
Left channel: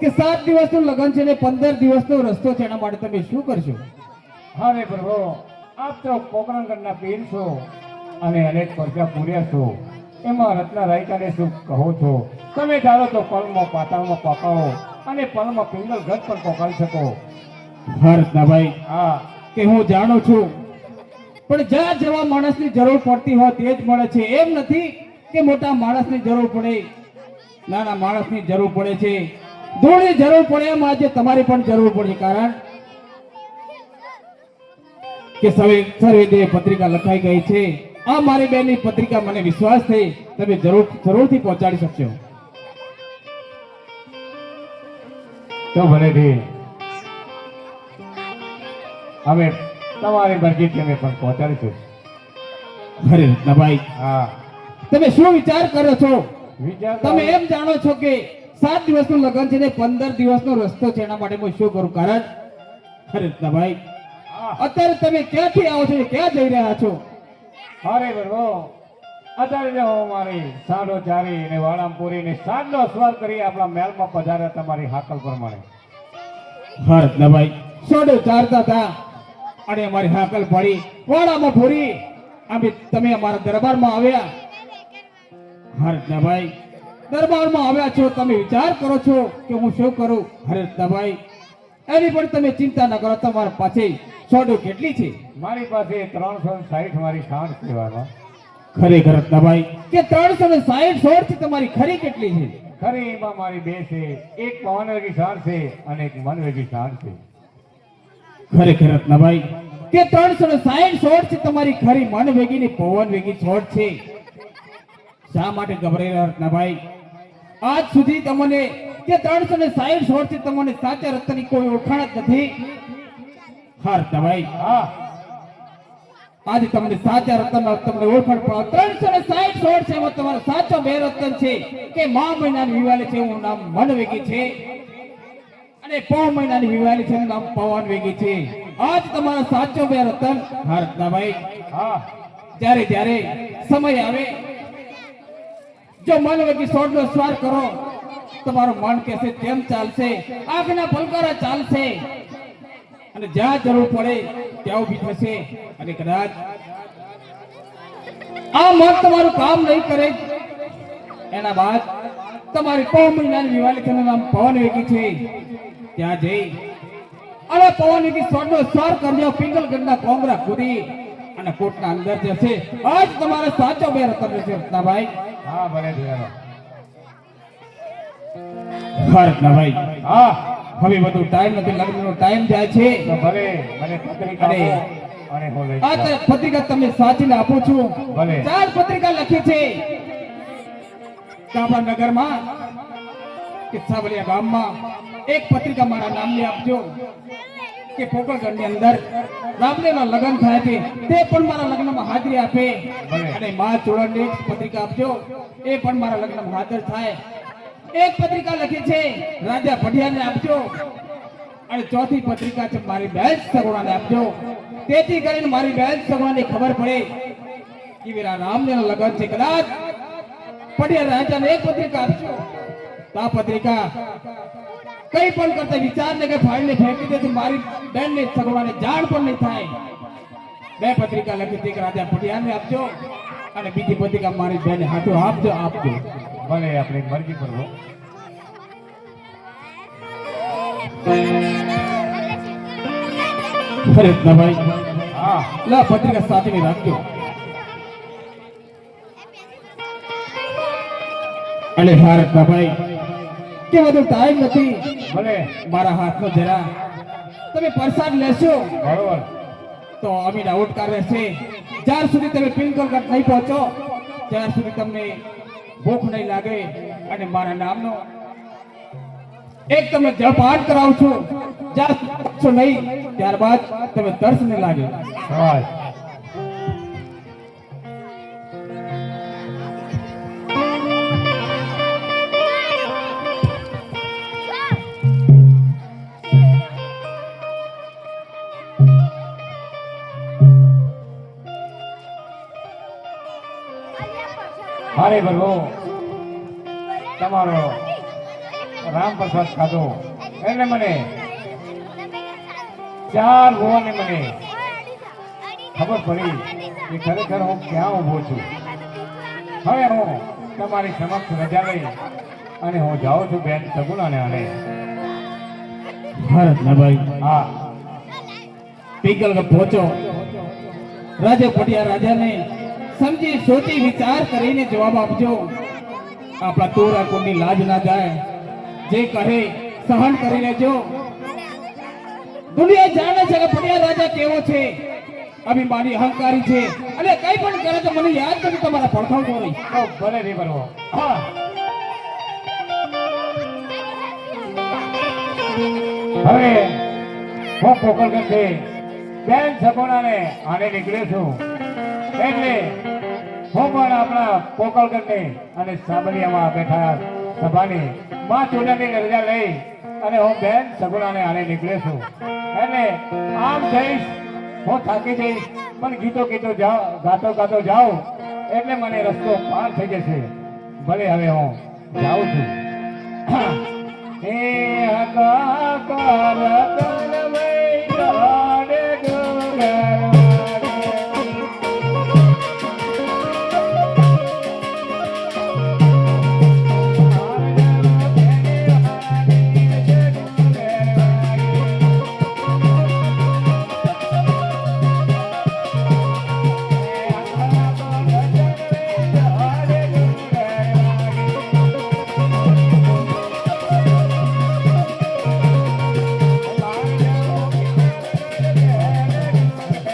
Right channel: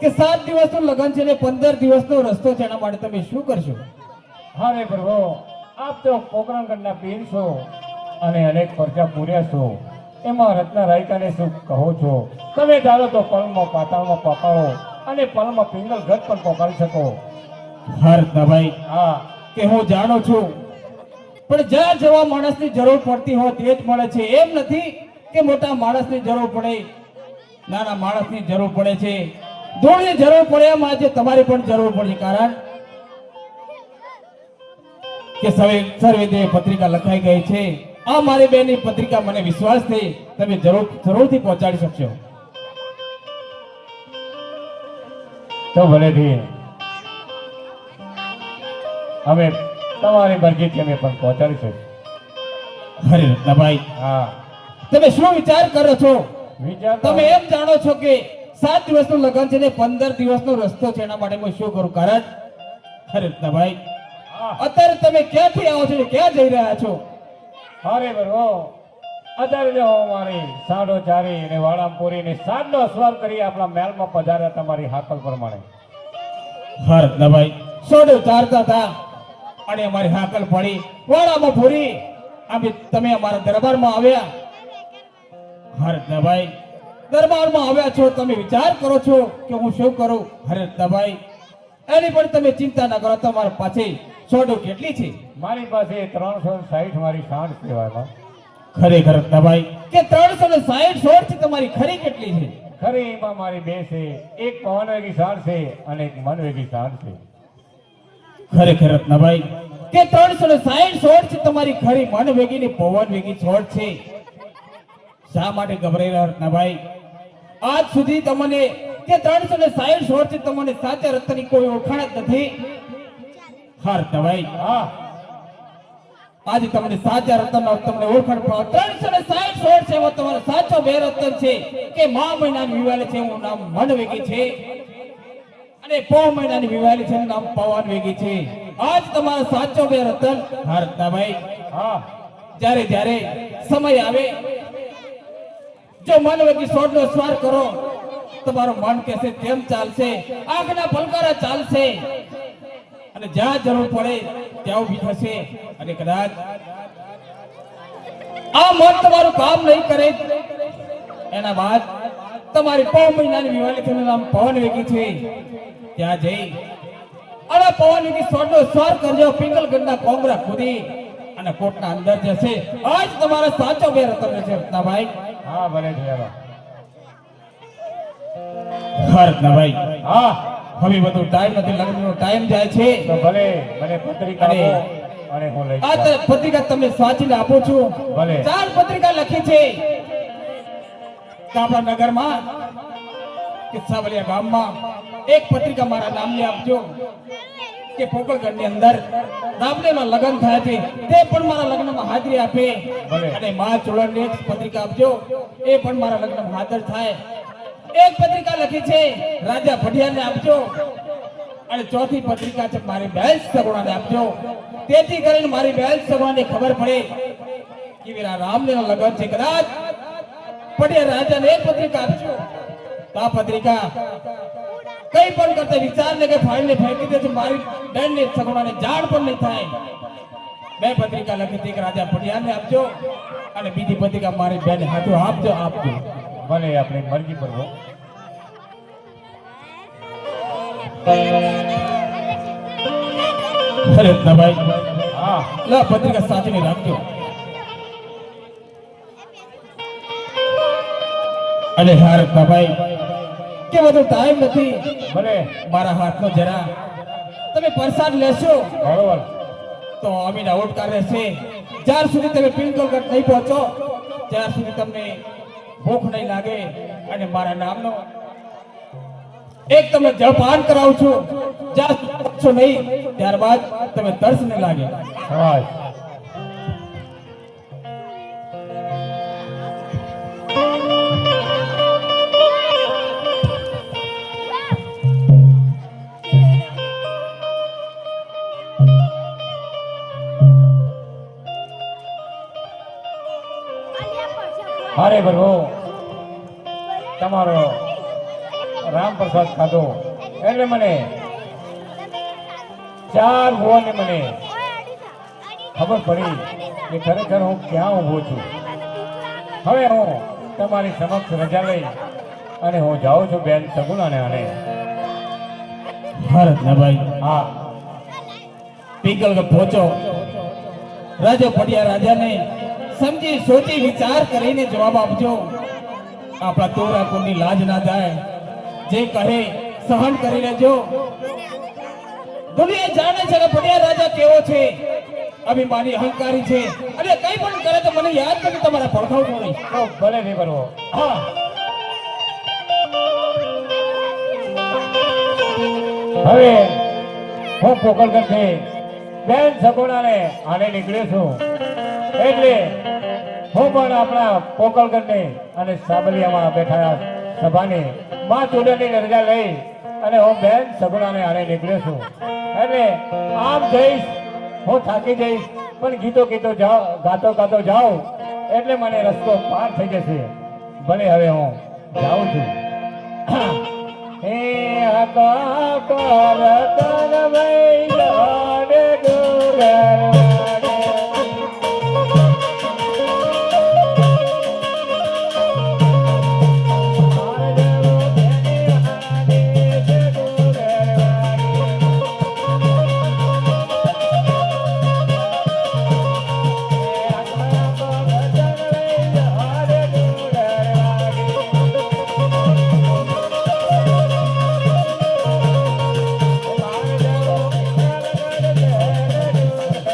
કે 7 દિવસનું લગ્ન છે ને 15 દિવસનો રસ્તો છે. એના માટે તમે શું કરશો? હા રે પ્રભુ આપ તો પોકરણગઢના પીર છો અને અનેક પરચા પૂર્યા છો. એમાં રત્ન રાયકાને શું કહો છો? તમે ચાલો તો પલમાં પાતાળમાં પકાવો અને પલમાં પિંગલ ઘટ પણ પકાડી શકો. હા રત્નાભાઈ હા કે હું જાણું છું, પણ જ્યાં જેવા માણસની જરૂર પડતી હોય તે જ મળે છે. એમ નથી કે મોટા માણસની જરૂર પડે, નાના માણસની જરૂર પડે છે. ધૂળની જરૂર પડે એમ આજે તમારી પણ જરૂર પડે. કારણ કે સર્વેદેવ પત્રિકા લખાઈ ગઈ છે. આ મારી બેનની પત્રિકા મને વિશ્વાસ છે તમે જરૂરથી પહોંચાડી શકશો. તો ભલેથી હવે તમારી મરજીથી અમે પણ પહોંચાડીશું. અરે રત્નાભાઈ, હા તમે શું વિચાર કરો છો? વિચાર તમે એમ જાણો છો કે 7 દિવસનું લગ્ન છે ને 15 દિવસનો રસ્તો છે, એના માટે હું શું કરું? કારણ અરે રત્નાભાઈ, હા અત્યારે તમે ક્યાંથી આવો છો, ક્યાં જઈ રહ્યા છો? અરે બરો અત્યારે જો મારી સાડો ચારી ને વાળામ પૂરી ને સાડનો સ્વાર કરી આપણા મહેલમાં પધાર્યા તમારી હાકલ પ્રમાણે. હા રત્નાભાઈ, સોડો ચારતા હતા અને અમારી હાકલ પડી, વાળામાં પૂરી તમે અમારા દરબારમાં આવ્યા. હા રત્નાભાઈ, દરબારમાં આવ્યા છો, તમે વિચાર કરો છો કે હું શું કરું? અરે રત્નાભાઈ, એની પણ તમે ચિંતા ના કરો, તમારા પાસે સોડો કેટલી છે? મારી પાસે 360 મારી સાંઠ કહેવાય. ખરેખર રત્નાભાઈ કે 360 સોળ છે, તમારી ખરી કેટલી છે? ખરી એમાં મારી બે છે, એક પવન વેગી સાંઠ છે અને એક મન વેગી સાંઠ છે. ખરેખર રત્નાભાઈ કે 360 સોળ છે, તમારી ખરી મન વેગી ની પવન વેગી સોળ છે. શા માટે ગભરાયેલા રત્નાભાઈ? આજ સુધી તમને કે 360 સોળ છે, તમને સાચા રત્નની કોઈ ઓળખાણ જ નથી. હા રત્નાભાઈ, હા આજે તમને સાચા રત્નનો તમને ઓળખાણ પડે. 360 સોળ છે, એમાં તમારો સાચો બે રત્ન છે કે મા મહિનાની વિવાળી છે, એનું નામ મન વેગી છે, અને પૌ મહિનાની વિવાળી છે, એનું નામ પવન વેગી છે. આજ તમારો સાચો બે રત્ન. હા રત્નાભાઈ, હા જ્યારે જ્યારે સમય આવે, જો મન વેગી સોળનો સ્વાર કરો, તમારું મન કહેશે તેમ ચાલશે, આંખના પલકારા ચાલશે, અને જ્યાં જરૂર પડે ત્યાં ઊભી થશે. અને કદાચ આ મન તમારું કામ નહીં કરે, એના બાદ તમારી પૌ મહિનાની વિવાળી છે, એનું નામ પવન વેગી છે, ત્યાં જઈ અને પવન વેગી સોળનો સ્વાર કરજો, પિંગલગઢના કોંગરા કૂદી અને કોટના અંદર જશે. આજ તમારો સાચો બે રત્ન છે રત્નાભાઈ. હા ભલે જોયા. હા રત્નાભાઈ, હા હવે બધું ટાઈમ નથી, લગ્નનો ટાઈમ જાય છે. તો ભલે મને પત્રિકા આપો અને હું લઈ આ જાઉં. પત્રિકા તમને સાચીને આપું છું. ભલે. 4 પત્રિકા લખી છે કે આપણા નગરમાં કે સાવલિયા ગામમાં એક પત્રિકા મારા નામની આપજો કે પોકળગઢની અંદર રામદેવના લગ્ન થયા છે, તે પણ મારા લગ્નમાં હાજરી આપે. ભલે. અને મા ચોળાની એક પત્રિકા આપજો, એ પણ મારા લગ્નમાં હાજર થાય. એક પત્રિકા લખી છે રાજા ભટિયાને આપજો, અને ચોથી પત્રિકા છે મારી બહેન સગુણાને આપજો, તેથી કરીને મારી બહેન સગુણાને ખબર પડે કે વીરા રામદેવના લગ્ન છે. કદાચ ભટિયા રાજાને એક પત્રિકા આપજો, તો આ પત્રિકા કઈ પણ કરતા વિચારને કે ફાડીને ફેંકી દે છે, મારી બહેનને સગુણાને જાણ પણ નહીં થાય. બે પત્રિકા લખી છે, એક રાજા ભટિયાને આપજો અને બીજી પત્રિકા મારી બહેનને હાથો આપજો. ભલે આપણી મરજી પર હો. અરે રત્નાભાઈ, હા લા પત્રિકા સાચવીને રાખજો. અને હા રત્નાભાઈ, કે બધું ટાઈમ નથી, ભલે મારા હાથનો જરા તમે પ્રસાદ લેશો બરોબર. તો અમીના ઓટકાર રહેશે. જ્યાર સુધી તમે પિંગલગઢ નહીં પહોંચો, ત્યાર સુધી તમને ભૂખ નહીં લાગે. અને મારા નામનો એક તમને જપાન કરાવું છું, જ્યાં સુધી પહોંચો નહીં ત્યારબાદ તમે તરસ નહીં લાગે. હા અરે બરો તમારો રામ પ્રસાદ ખાધો એટલે મને 4 ભુવને મને ખબર પડી કે ખરેખર હું ક્યાં ઊભો છું. હવે હું તમારી સમક્ષ રજા લઈ અને હું જાઉં છું બેન સગુણાને આને. હા રત્નાભાઈ, હા પિંગલગઢ પહોંચો, રાજા ભટિયા રાજાને સમજી સોચી વિચાર કરીને જવાબ આપજો. આપણા તોરા કોની લાજ ના જાય, જે કહે સહન કરી લેજો. દુનિયા જાણે છે કે ભટિયા રાજા કેવો છે, અભિમાની અહંકારી છે, અને કઈ પણ કરે તો મને યાદ કરી તમારા પડખાવ નહીં. તો ભલે નહીં બરો. હા, હવે હું પોકળગઢથી બેન સગુણાને આને નીકળ્યો છું. એટલે હું પણ આપણા પોકળગઢની અને સાબલિયામાં બેઠા સભાની માં ચૂડની રજા લઈ અને હું બેન સગુણાને આણે નીકળે છું. એટલે આમ જઈશ, હું થાકી જઈશ, પણ ગીતો ગાતો જાઉં એટલે મને રસ્તો પાર થઈ જશે. ભલે હવે હું જાઉં છું. હે હકા કરત